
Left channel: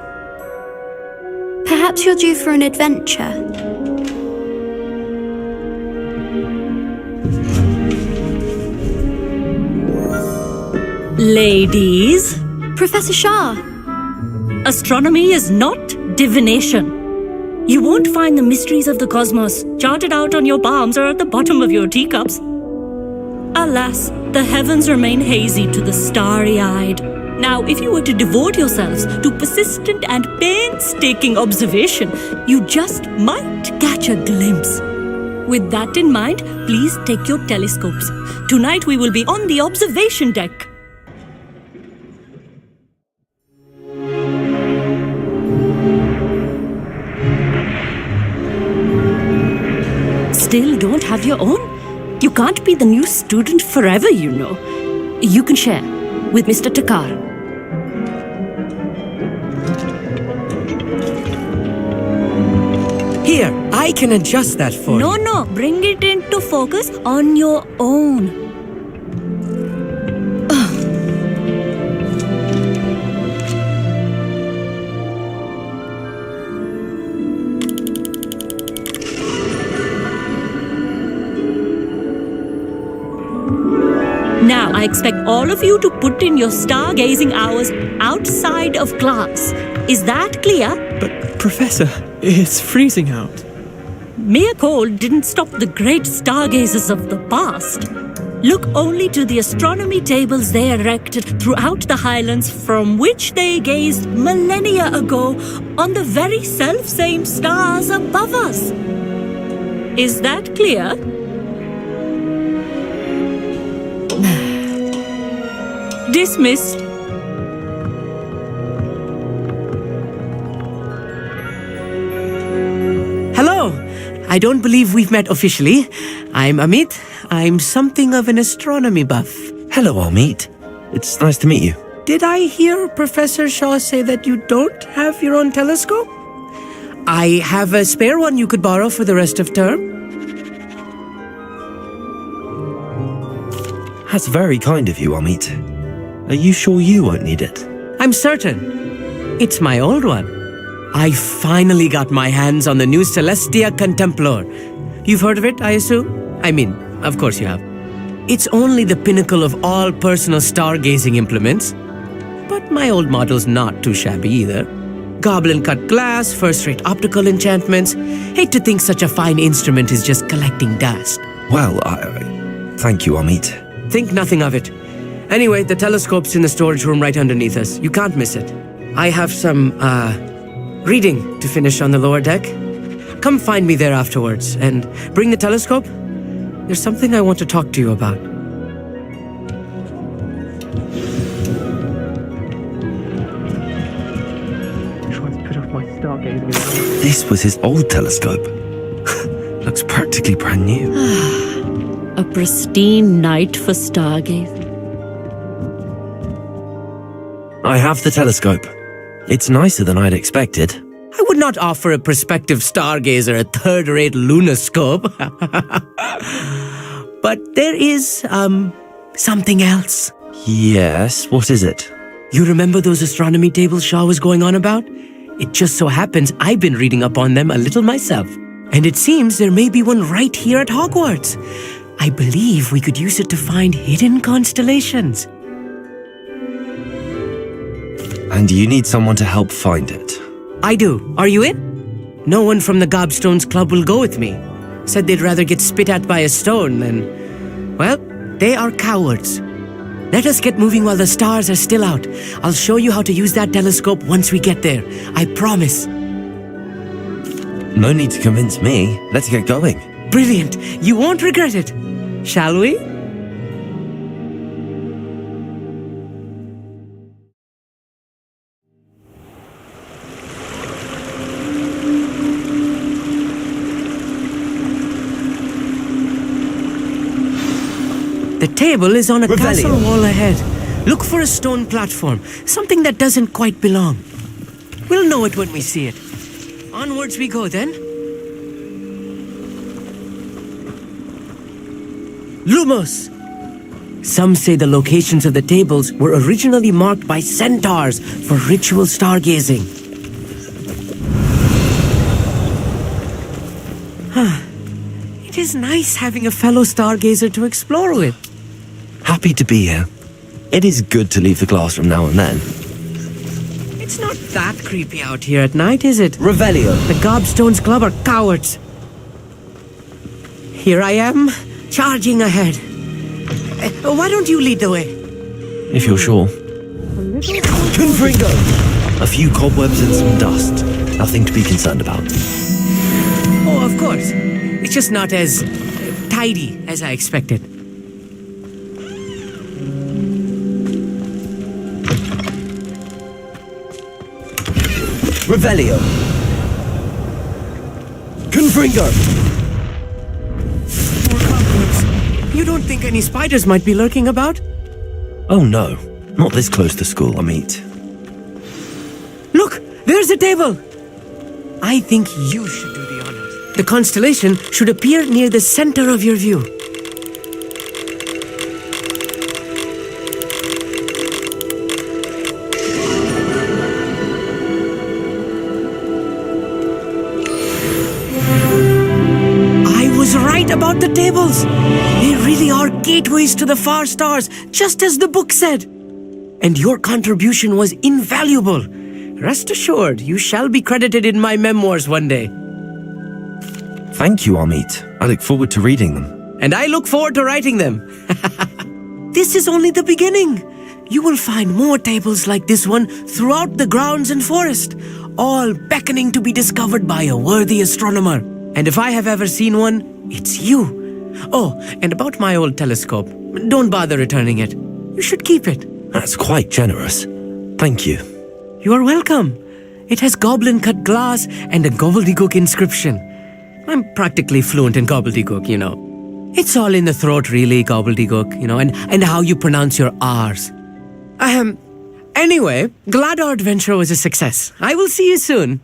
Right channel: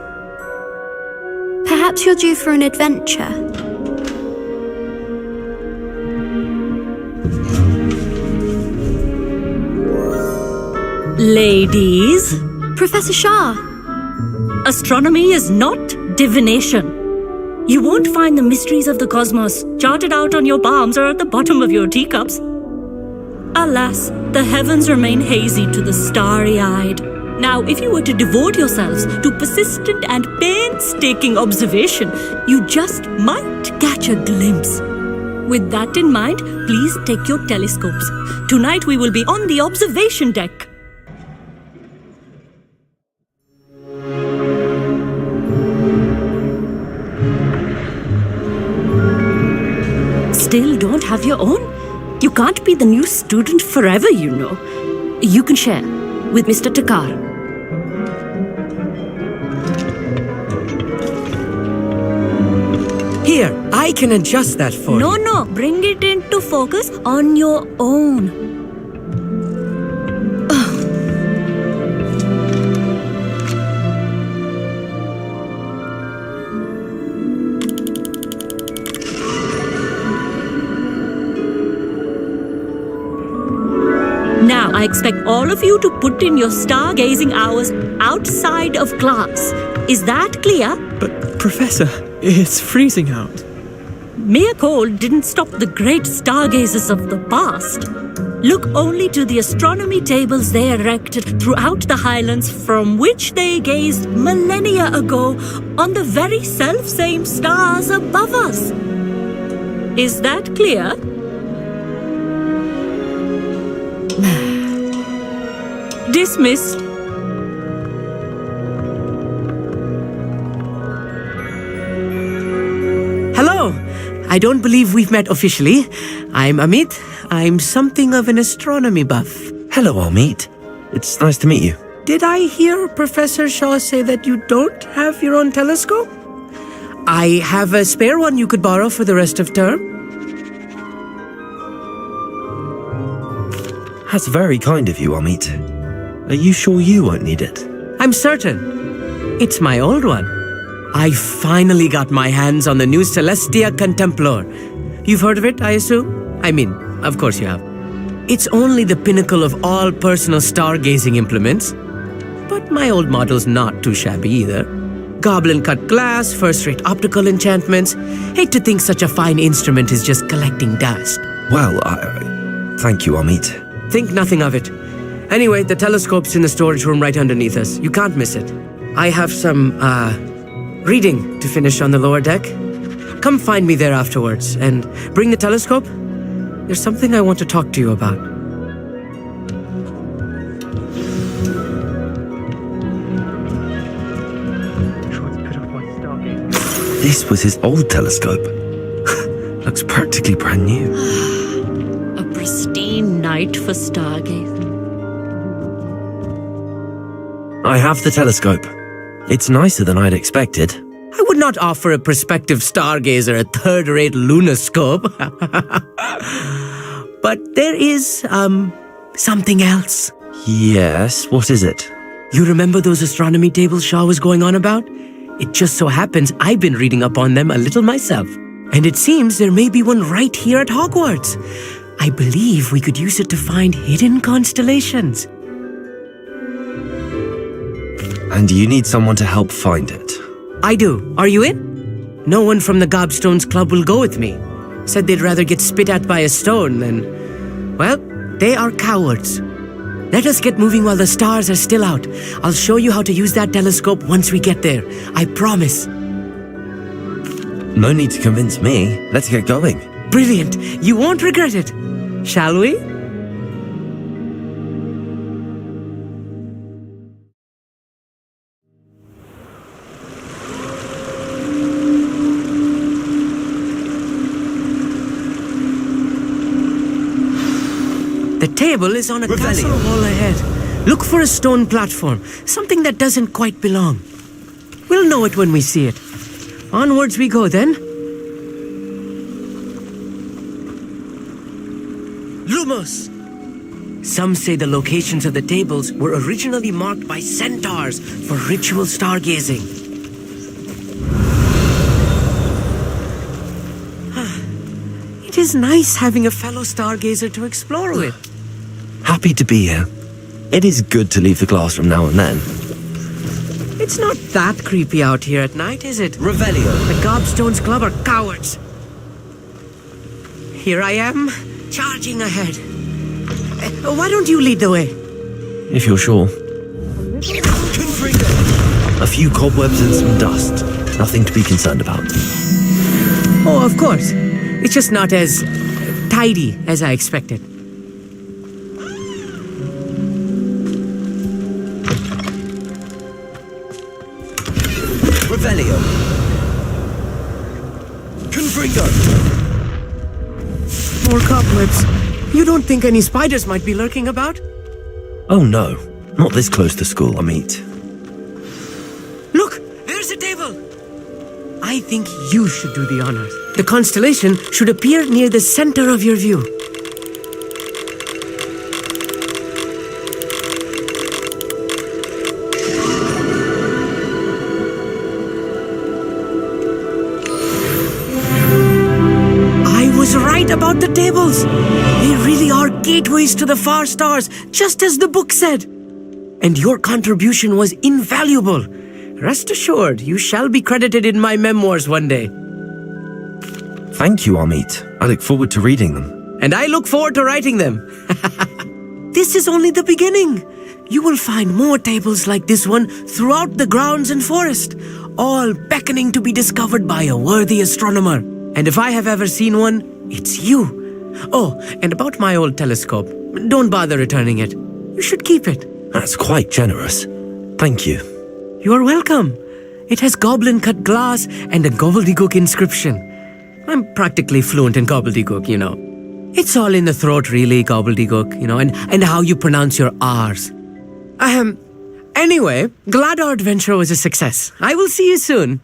Perhaps you're due for an adventure. Ladies, Professor Shah. astronomy is not divination. You won't find the mysteries of the cosmos charted out on your palms or at the bottom of your teacups. Alas, the heavens remain hazy to the starry-eyed. Now, if you were to devote yourselves to persistent and painstaking observation, you just might catch a glimpse. With that in mind, please take your telescopes. Tonight we will be on the observation deck. Still don't have your own? You can't be the new student forever, you know. You can share with Mr. Takar. Here, I can adjust that for you. No, bring it into focus on your own. Now, I expect all of you to put in your stargazing hours outside of class. Is that clear? But, Professor, it's freezing out. Mere cold didn't stop the great stargazers of the past. Look only to the astronomy tables they erected throughout the highlands from which they gazed millennia ago on the very self-same stars above us. Is that clear? Dismissed. Hello. I don't believe we've met officially. I'm Amit. I'm something of an astronomy buff. Hello, Amit. It's nice to meet you. Did I hear Professor Shaw say that you don't have your own telescope? I have a spare one you could borrow for the rest of term. That's very kind of you, Amit. Are you sure you won't need it? I'm certain. It's my old one. I finally got my hands on the new Celestia Contemplar. You've heard of it, I assume? I mean, of course you have. It's only the pinnacle of all personal stargazing implements. But my old model's not too shabby either. Goblin-cut glass, first-rate optical enchantments. Hate to think such a fine instrument is just collecting dust. Well, thank you, Amit. Think nothing of it. Anyway, the telescope's in the storage room right underneath us. You can't miss it. I have some, reading to finish on the lower deck. Come find me there afterwards, and bring the telescope. There's something I want to talk to you about. Try to put off my stargazing. This was his old telescope. Looks practically brand new. A pristine night for stargazing. I have the telescope. It's nicer than I'd expected. I would not offer a prospective stargazer a third-rate lunoscope. But there is, something else. Yes, what is it? You remember those astronomy tables Shaw was going on about? It just so happens I've been reading up on them a little myself. And it seems there may be one right here at Hogwarts. I believe we could use it to find hidden constellations. And you need someone to help find it. I do. Are you in? No one from the Gobstones Club will go with me. Said they'd rather get spit at by a stone than... Well, they are cowards. Let us get moving while the stars are still out. I'll show you how to use that telescope once we get there. I promise. No need to convince me. Let's get going. Brilliant. You won't regret it. Shall we? The table is on a castle wall ahead. Look for a stone platform, something that doesn't quite belong. We'll know it when we see it. Onwards we go then. Lumos! Some say the locations of the tables were originally marked by centaurs for ritual stargazing. It is nice having a fellow stargazer to explore with. Happy to be here. It is good to leave the classroom now and then. It's not that creepy out here at night, is it? Revelio. The Gobstones Club are cowards. Here I am, charging ahead. Why don't you lead the way? If you're sure. Confringo! A few cobwebs and some dust. Nothing to be concerned about. Oh, of course. It's just not as tidy as I expected. Revelio. Confringo. Poor cobwebs. You don't think any spiders might be lurking about? Oh no, not this close to school, Amit. Look, there's the table. I think you should do the honors. The constellation should appear near the center of your view. I was right about the tables. They really are gateways to the far stars, just as the book said. And your contribution was invaluable. Rest assured, you shall be credited in my memoirs one day. Thank you, Amit. I look forward to reading them. And I look forward to writing them. This is only the beginning. You will find more tables like this one throughout the grounds and forest, all beckoning to be discovered by a worthy astronomer. And if I have ever seen one, it's you. Oh, and about my old telescope, don't bother returning it. You should keep it. That's quite generous. Thank you. You are welcome. It has goblin-cut glass and a gobbledygook inscription. I'm practically fluent in gobbledygook, you know. It's all in the throat, really, gobbledygook, you know, and how you pronounce your R's. Anyway, glad our adventure was a success. I will see you soon.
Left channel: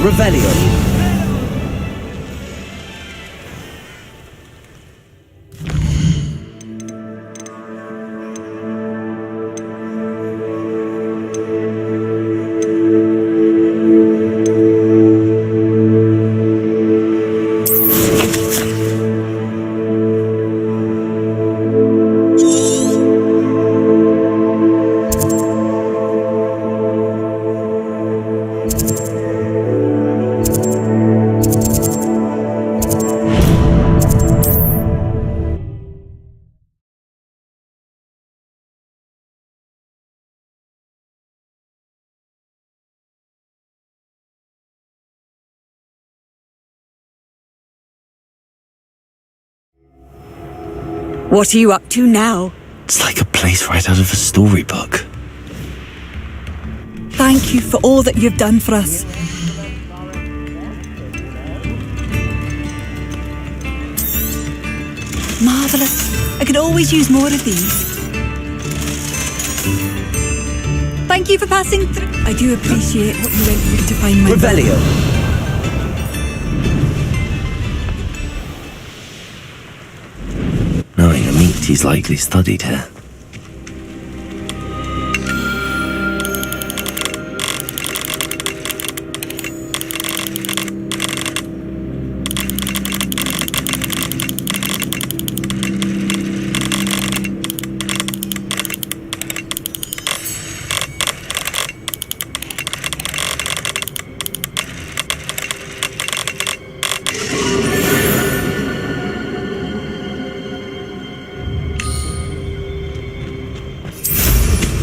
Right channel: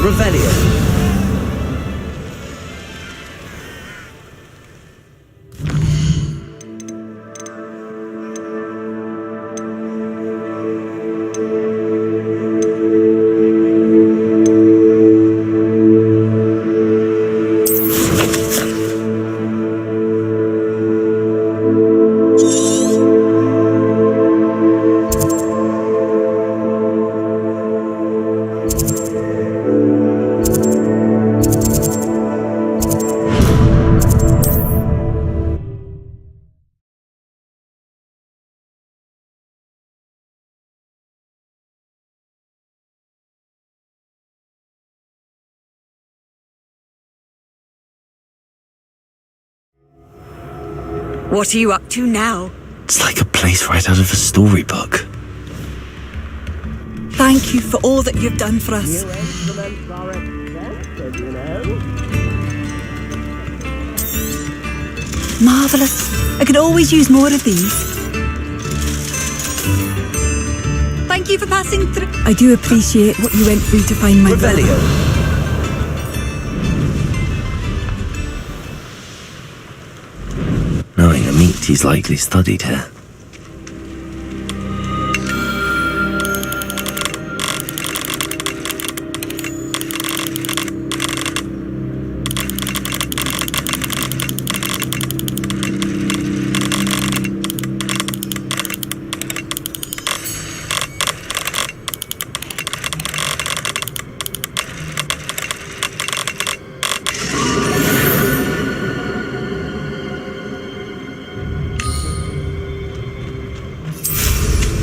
Revelio. What are you up to now? It's like a place right out of a storybook. Thank you for all that you've done for us. Marvellous. I could always use more of these. Thank you for passing through. I do appreciate what you went through to find my Revelio. Knowing Amit, he's likely studied here.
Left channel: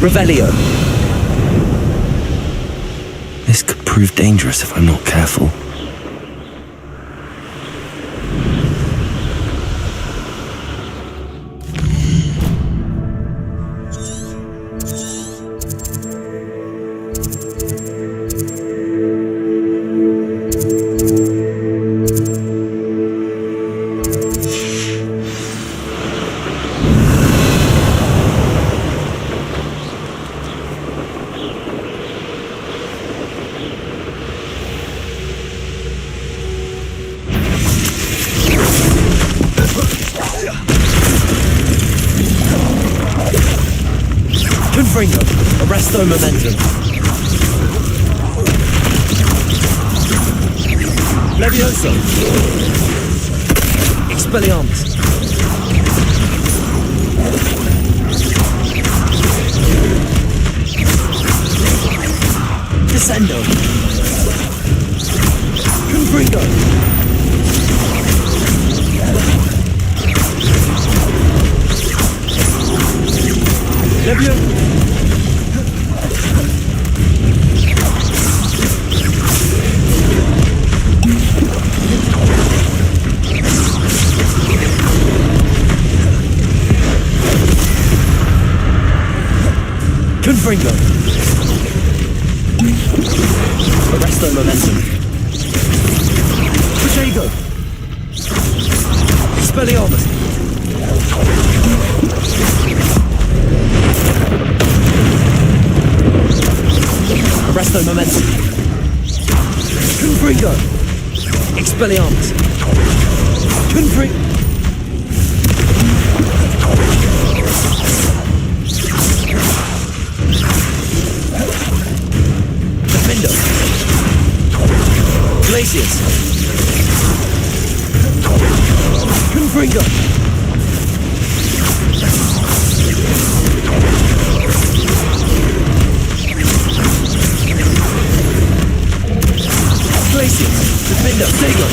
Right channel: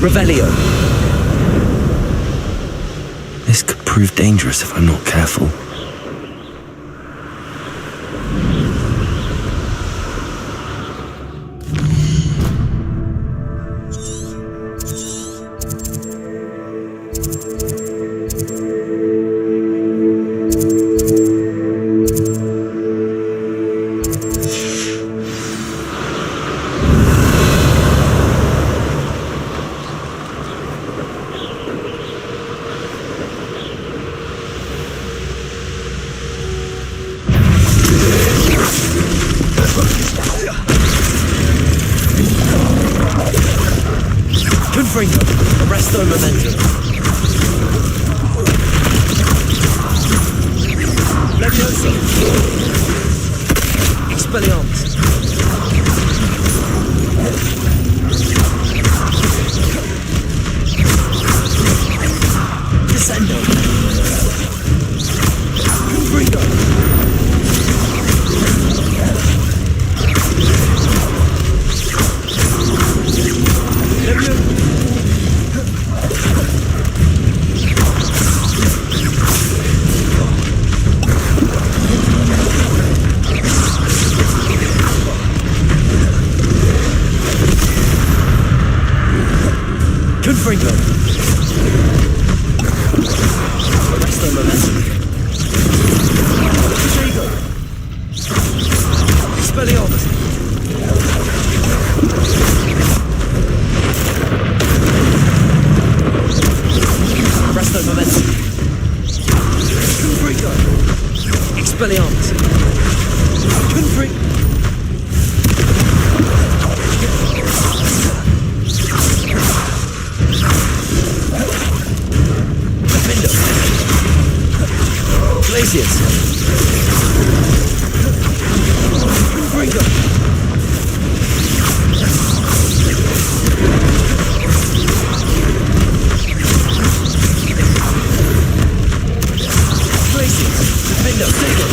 Revelio. This could prove dangerous if I'm not careful. Confringo. Arresto momentum. Levioso. Expelliarmus. Descendo. Confringo. Levioso. Confringo. Arresto momentum. Protego. Expelliarmus. Arresto momentum. Confringo. Expelliarmus. Confringo. Glacius. Confringo. Glacius. Defendo. Sego.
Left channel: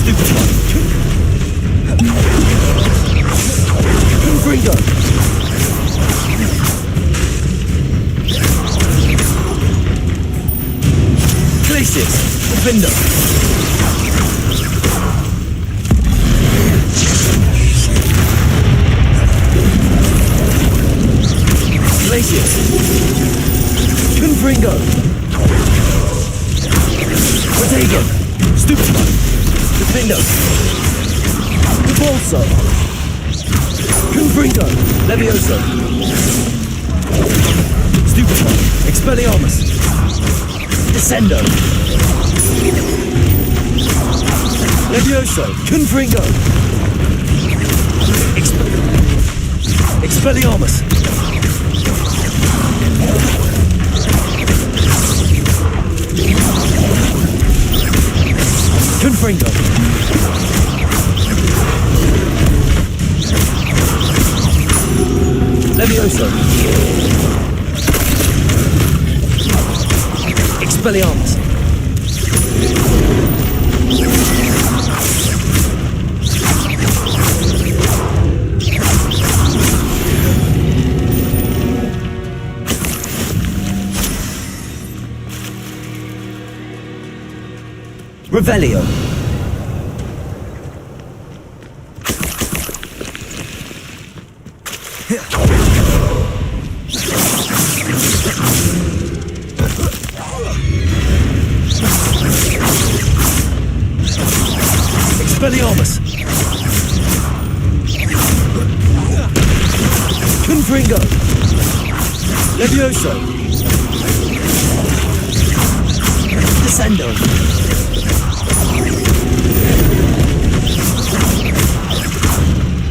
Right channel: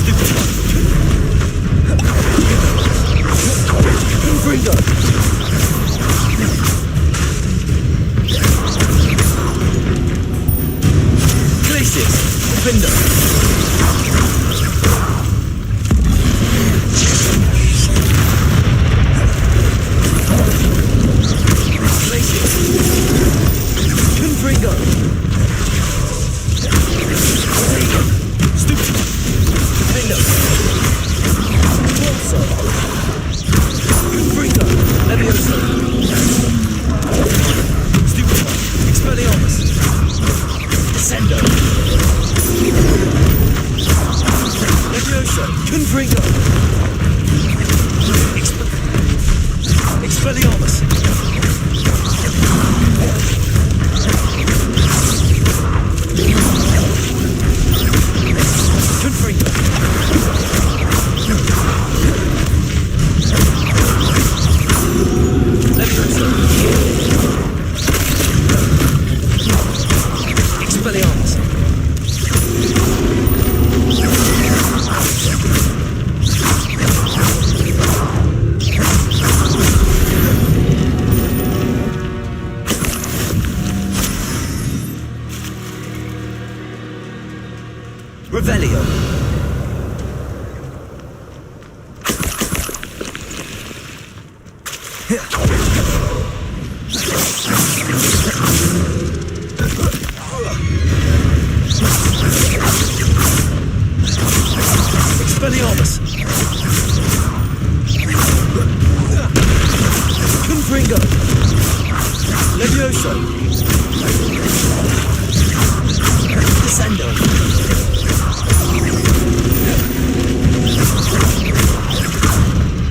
Stupefy. Confringo. Glacius. Defendo. Glacius. Confringo. Protego. Stupefy. Defendo. Bolso. Confringo. Levioso. Stupefy. Expelliarmus. Descendo. Levioso! Confringo! Expelliarmus! Confringo! Levioso! Expelliarmus! Revelio! Expelliarmus! Confringo! Levioso! Descendo!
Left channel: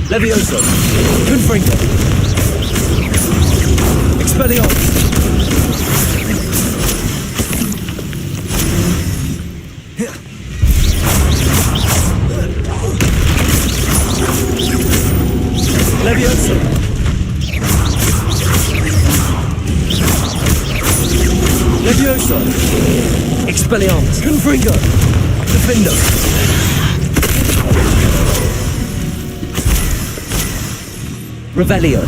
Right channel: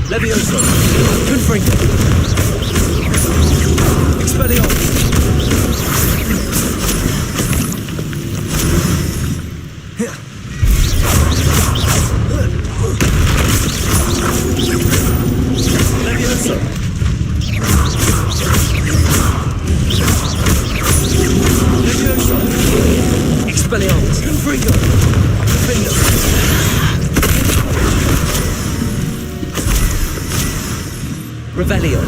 Levioso! Confringo! Expelliarmus! Levioso! Levioso! Expelliarmus! Confringo! Defendo! Revelio!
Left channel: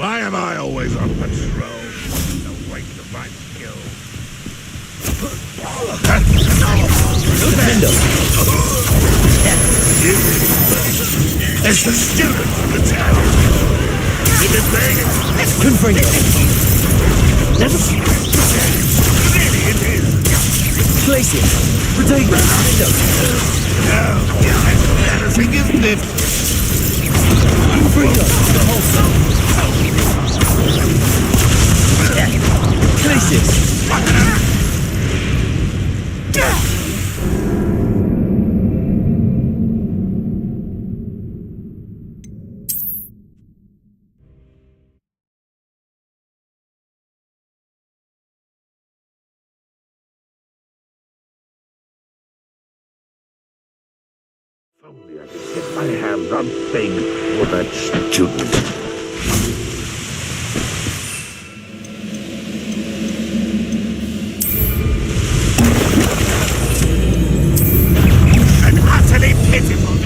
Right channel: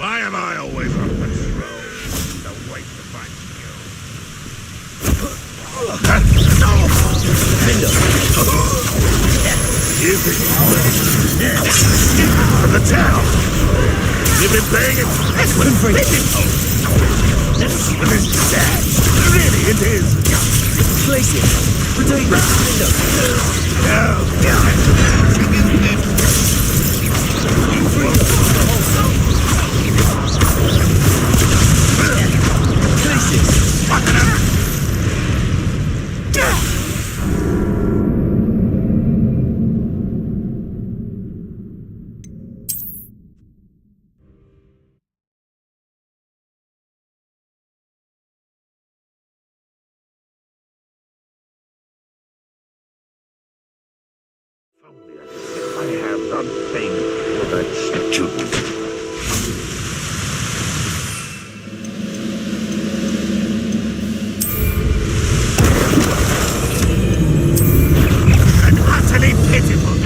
Why am I always a person? The waste of my skill. Defendo! It's the stupid part of the town. You've been playing it. Confringo! Glacius! Protego! Defendo! No, everything is lit. Confringo! Glacius! Get my hands on things that stupid. And utterly pitiful.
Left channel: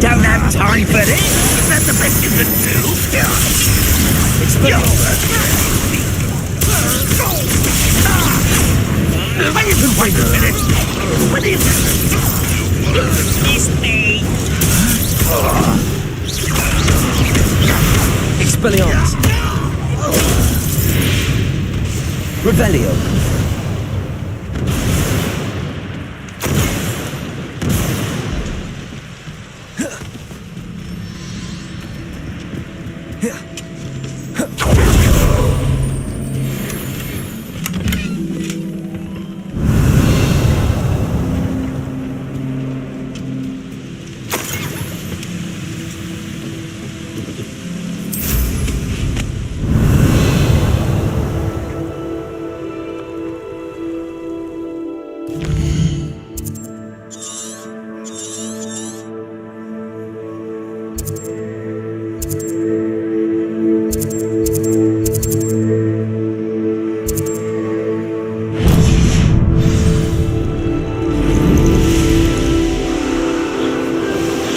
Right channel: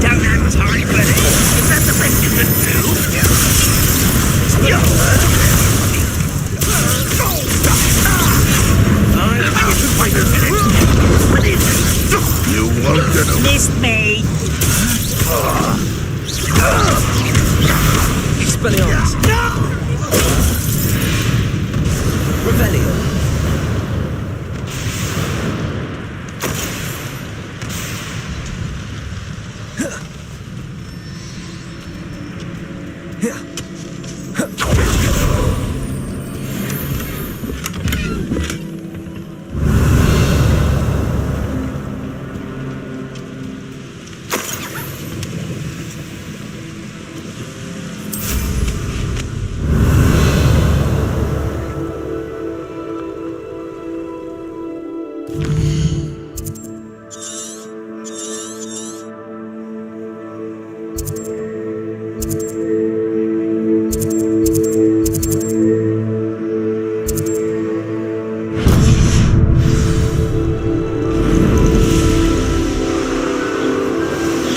Don't have time for this. Is that the best you can do? You can wait a minute. What is it? You won't It's me. Expelliarmus! Revelio!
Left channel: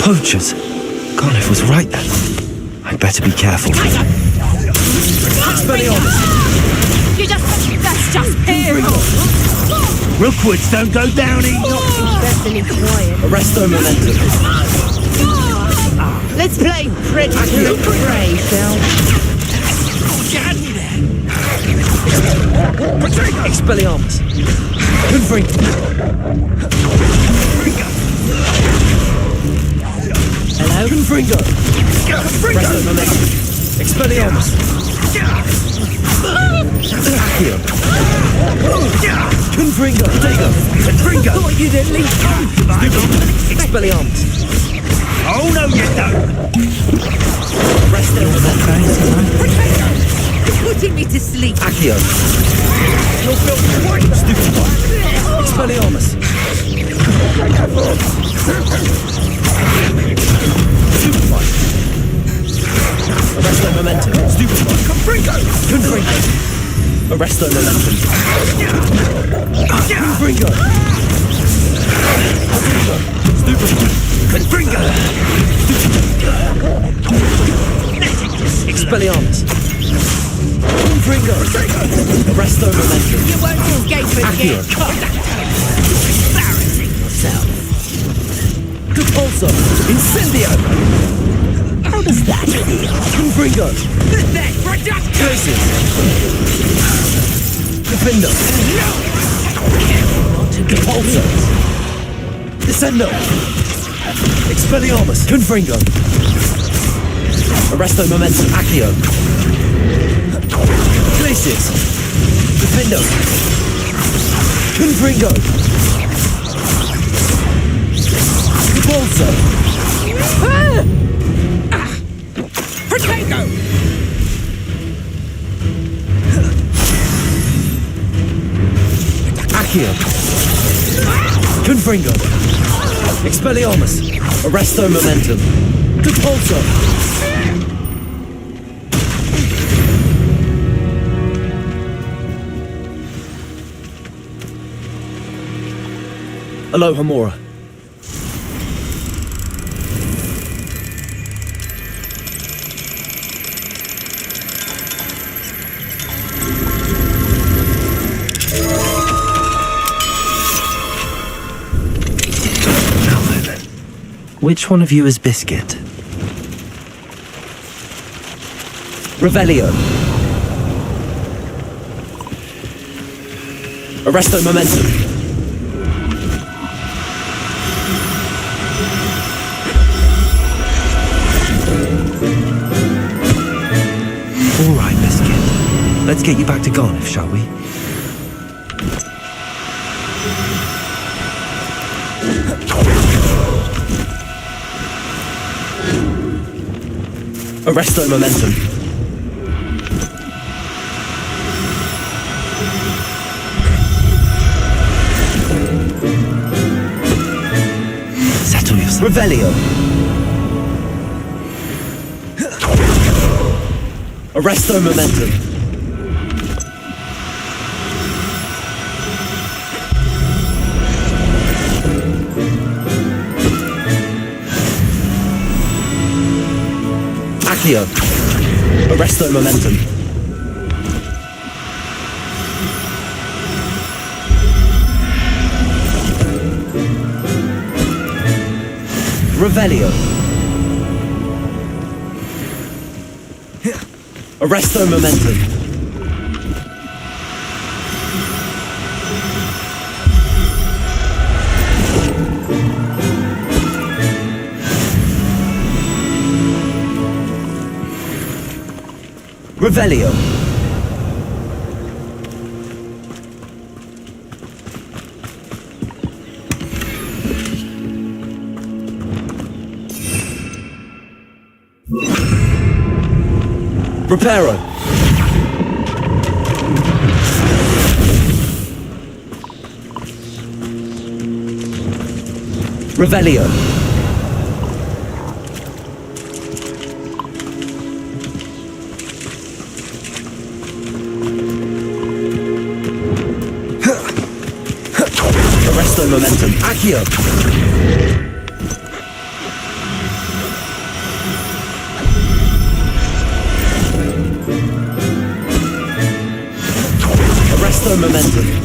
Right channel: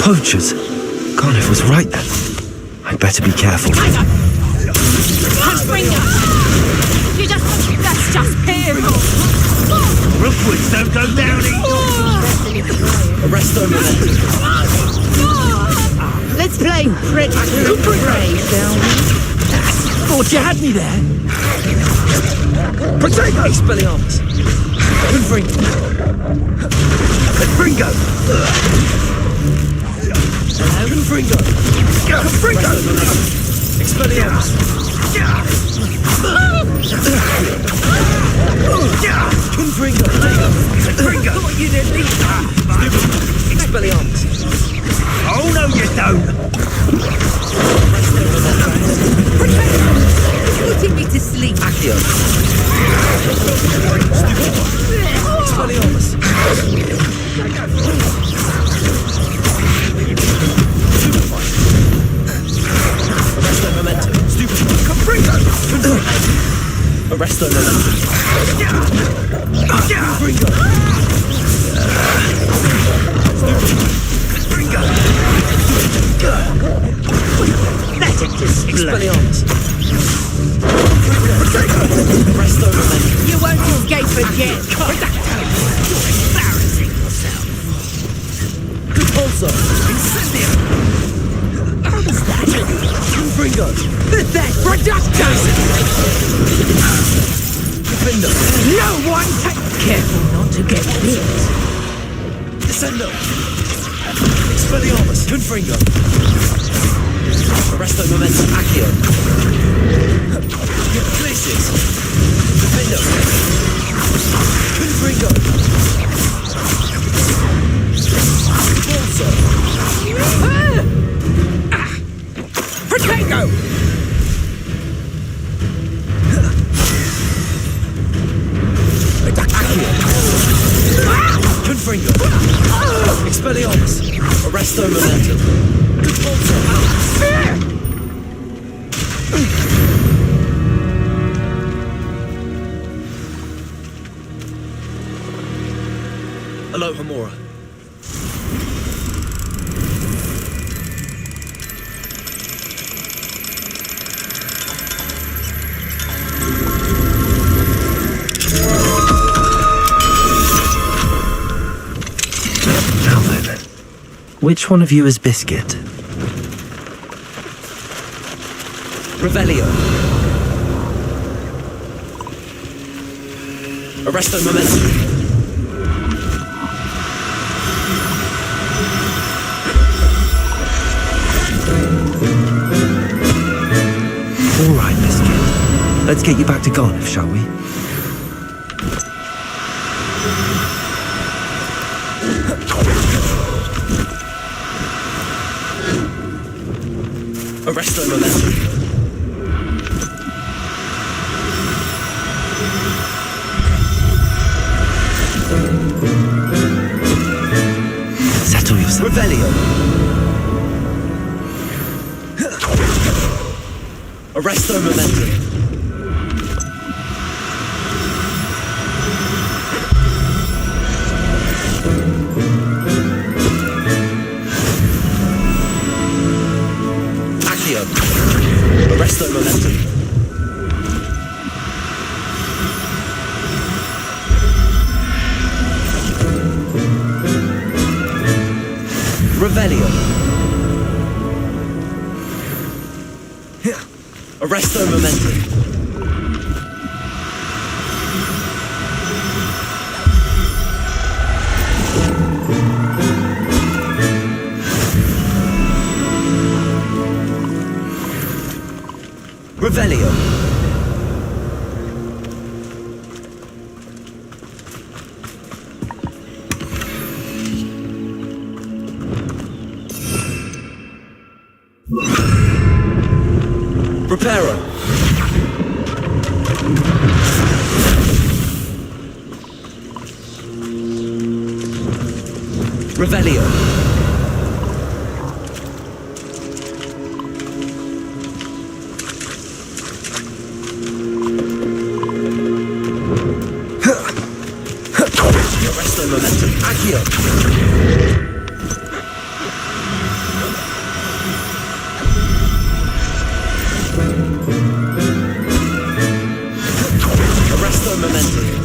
Poachers! Garniff was right then. I'd better be careful. You that's just painful. Arresto momentum. Let's play predator and prey, shall we? Thought you had me there. Expelliarmus. Confringo. Confringo. Confringo! Confringo! Expelliarmus! Confringo! Dago! Stupid! Expelliarmus! Oh, no, you don't! Resto momentum! Protego! You're putting me to sleep. Accio! Stupid one! Expelliarmus! Stupid one! Arresto momentum! Stupid one! Confringo! Confringo! Arresto momentum! Confringo! Stupid one! Confringo! Expelliarmus! Confringo! Arresto momentum! You won't escape again. You're embarrassing yourself! Repulsor! Incendio! Confringo! Glacius! Defendo! Careful not to get Repulsor! Descendo! Expelliarmus! Confringo! Arresto momentum! Accio! Glacius! Defendo! Confringo! Repulsor! Protego! Accio! Confringo! Expelliarmus! Arresto momentum! Repulsor! Aloha Mora. Now then, which one of you is Biscuit? Revelio. Arresto momentum. All right, Biscuit. Let's get you back to Garniff, shall we? Arresto momentum. Settle yourself. Revelio. Arresto momentum. Accio. Arresto momentum. Revelio. Arresto momentum. Revelio. Reparo. Revelio. Arresto momentum. Accio. Arresto momentum.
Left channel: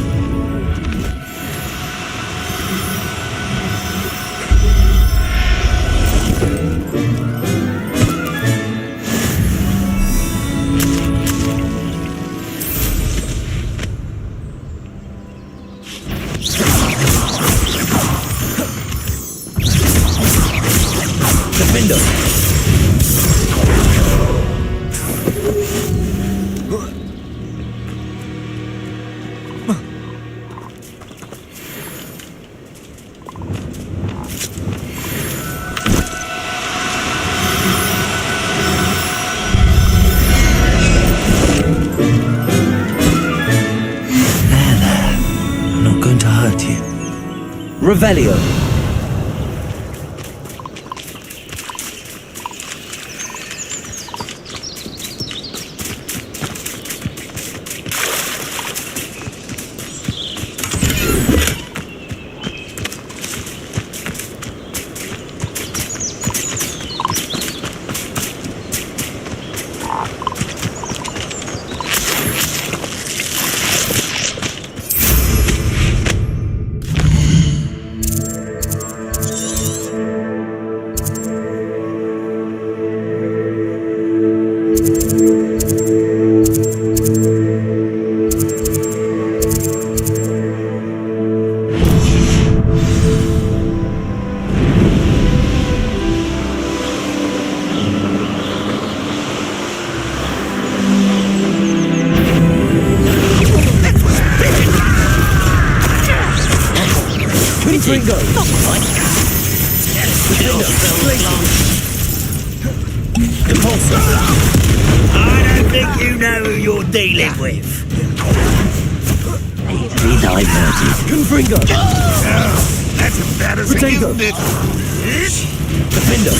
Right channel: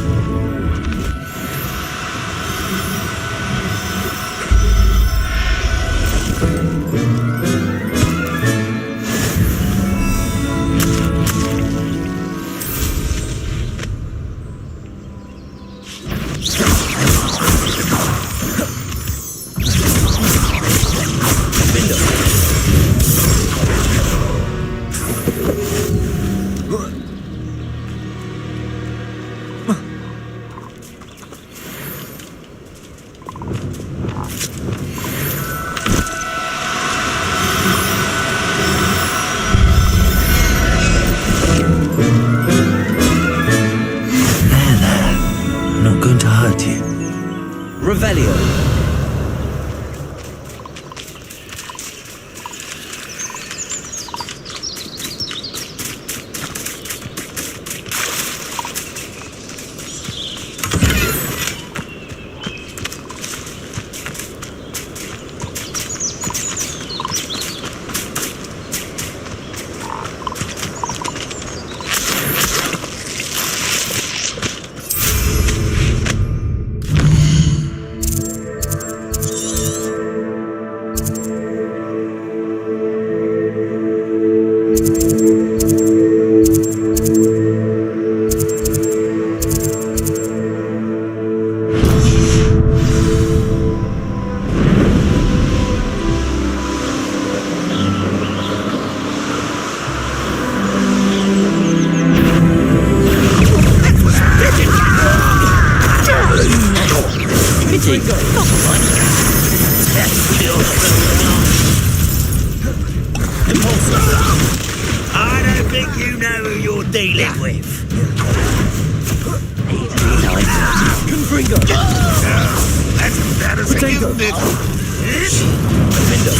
vivacity. Revelio. I don't think you know who you're dealing with. Confringo. That's embarrassing, Potato. isn't it? Defender.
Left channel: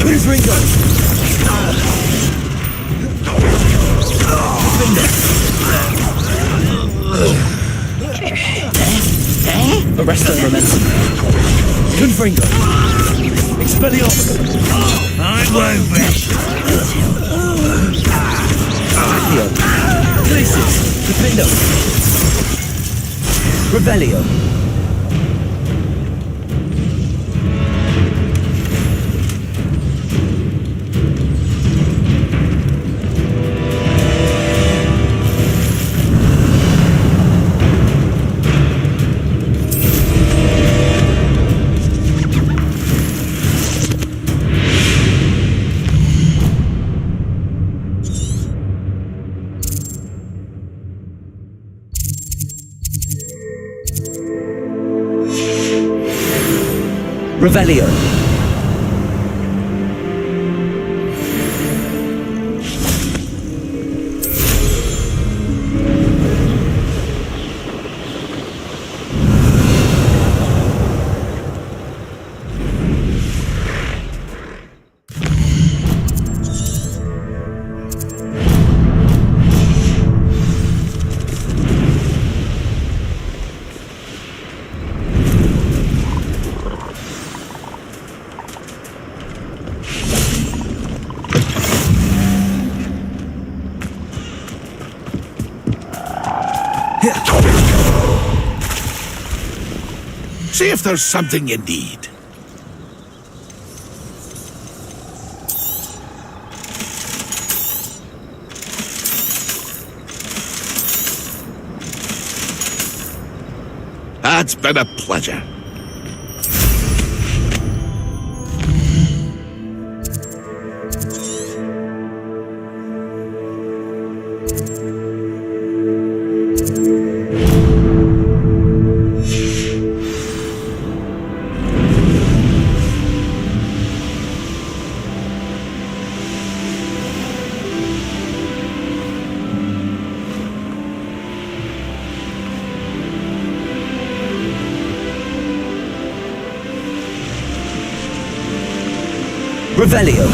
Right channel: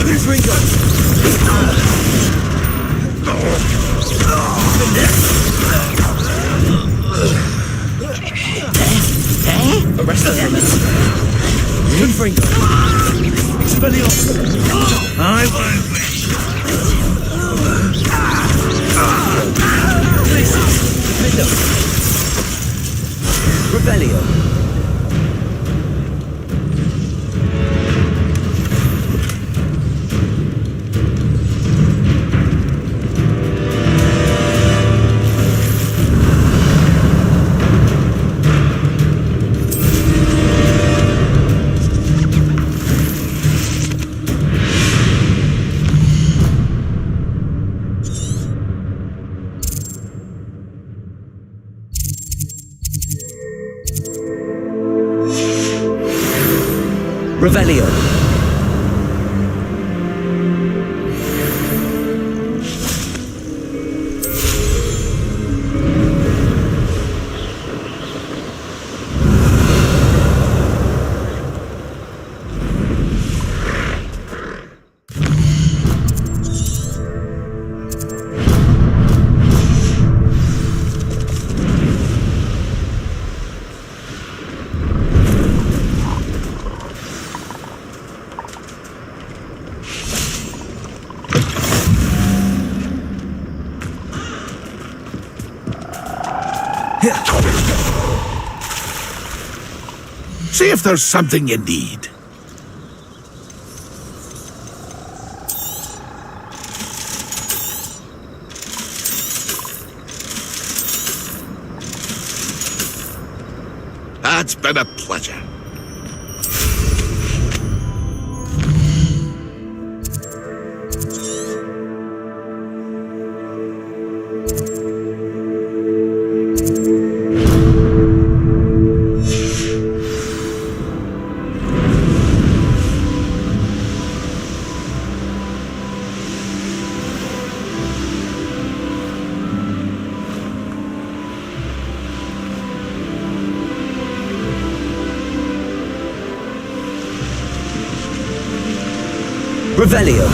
Confringo. Arrest and momentum. Confringo. Expelliarmus. I won't rest. Glacius. Defendo. Revelio. Revelio. See if there's something you need. It's been a pleasure. Revelio.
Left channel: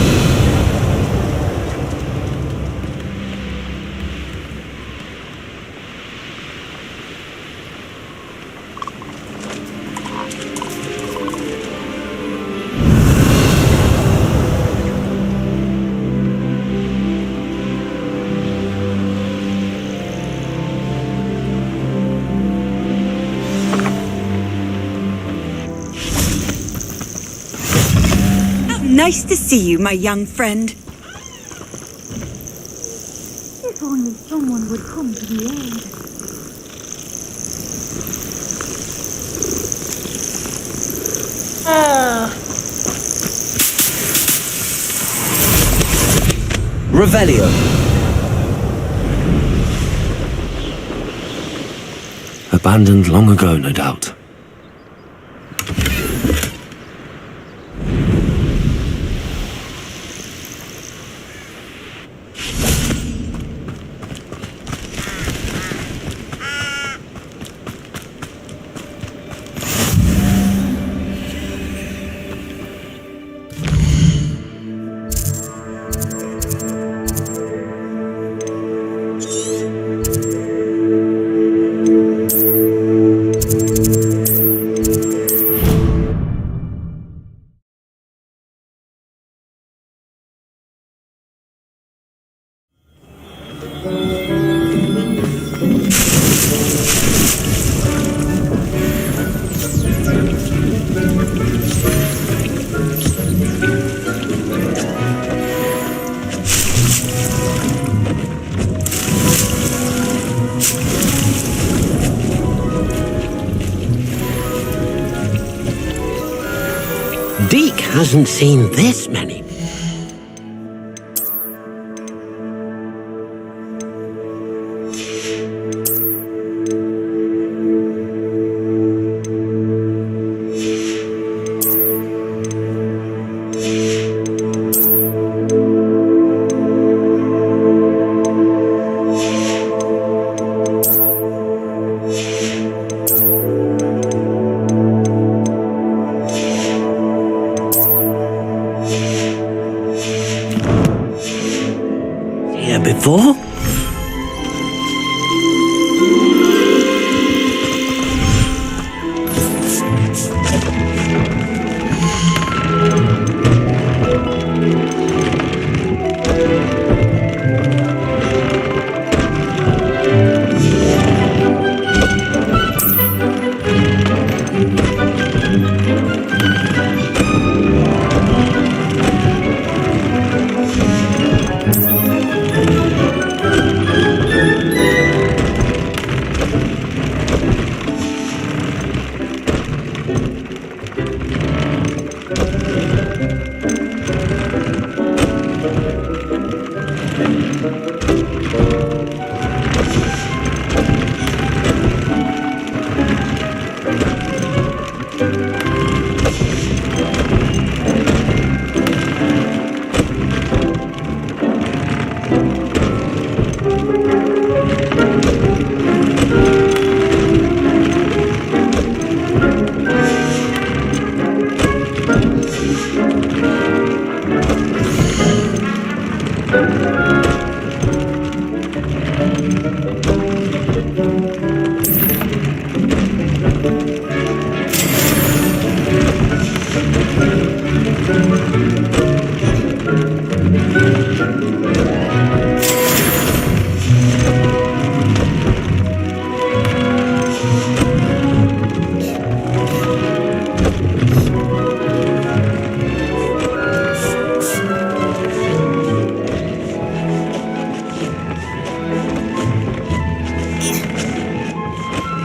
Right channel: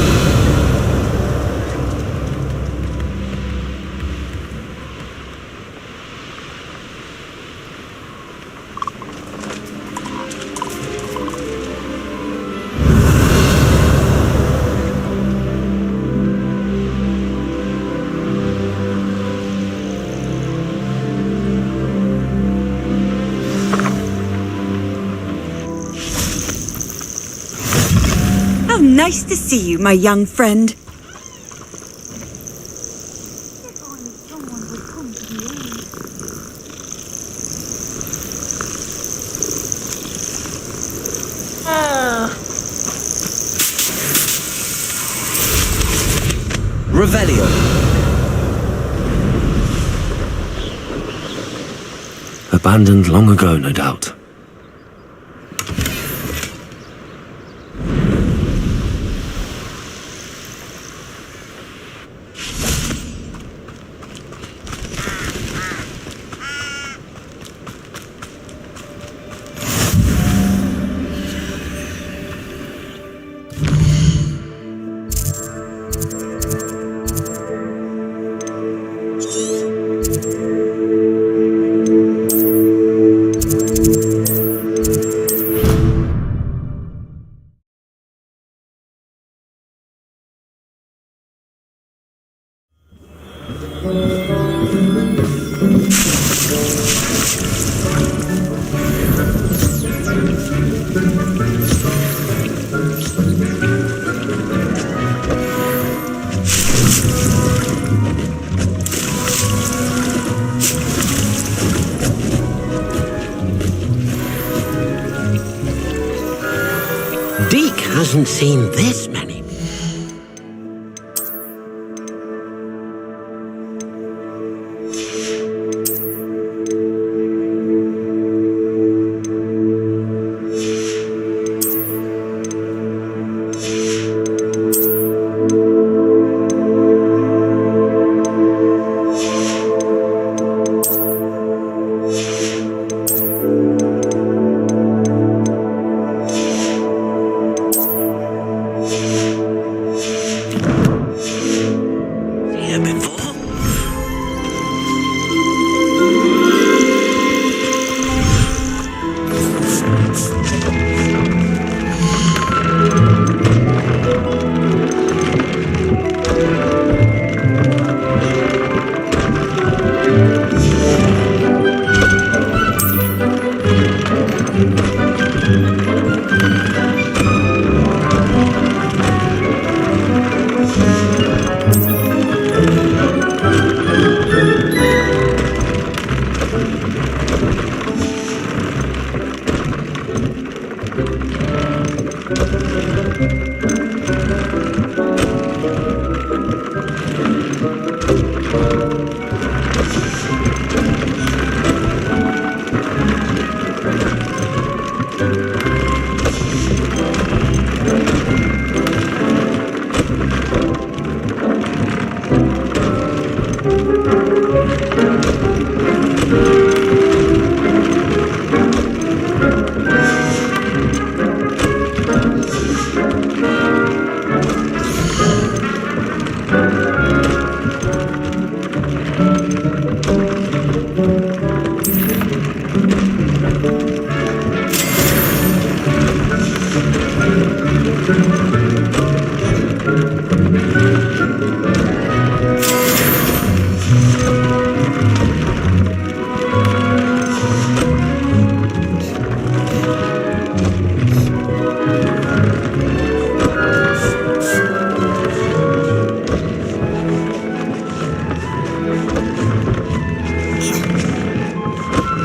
Nice to see you, my young friend. If only someone would come to the end. Revelio. Abandoned long ago, no doubt. hasn't seen this many. Here before?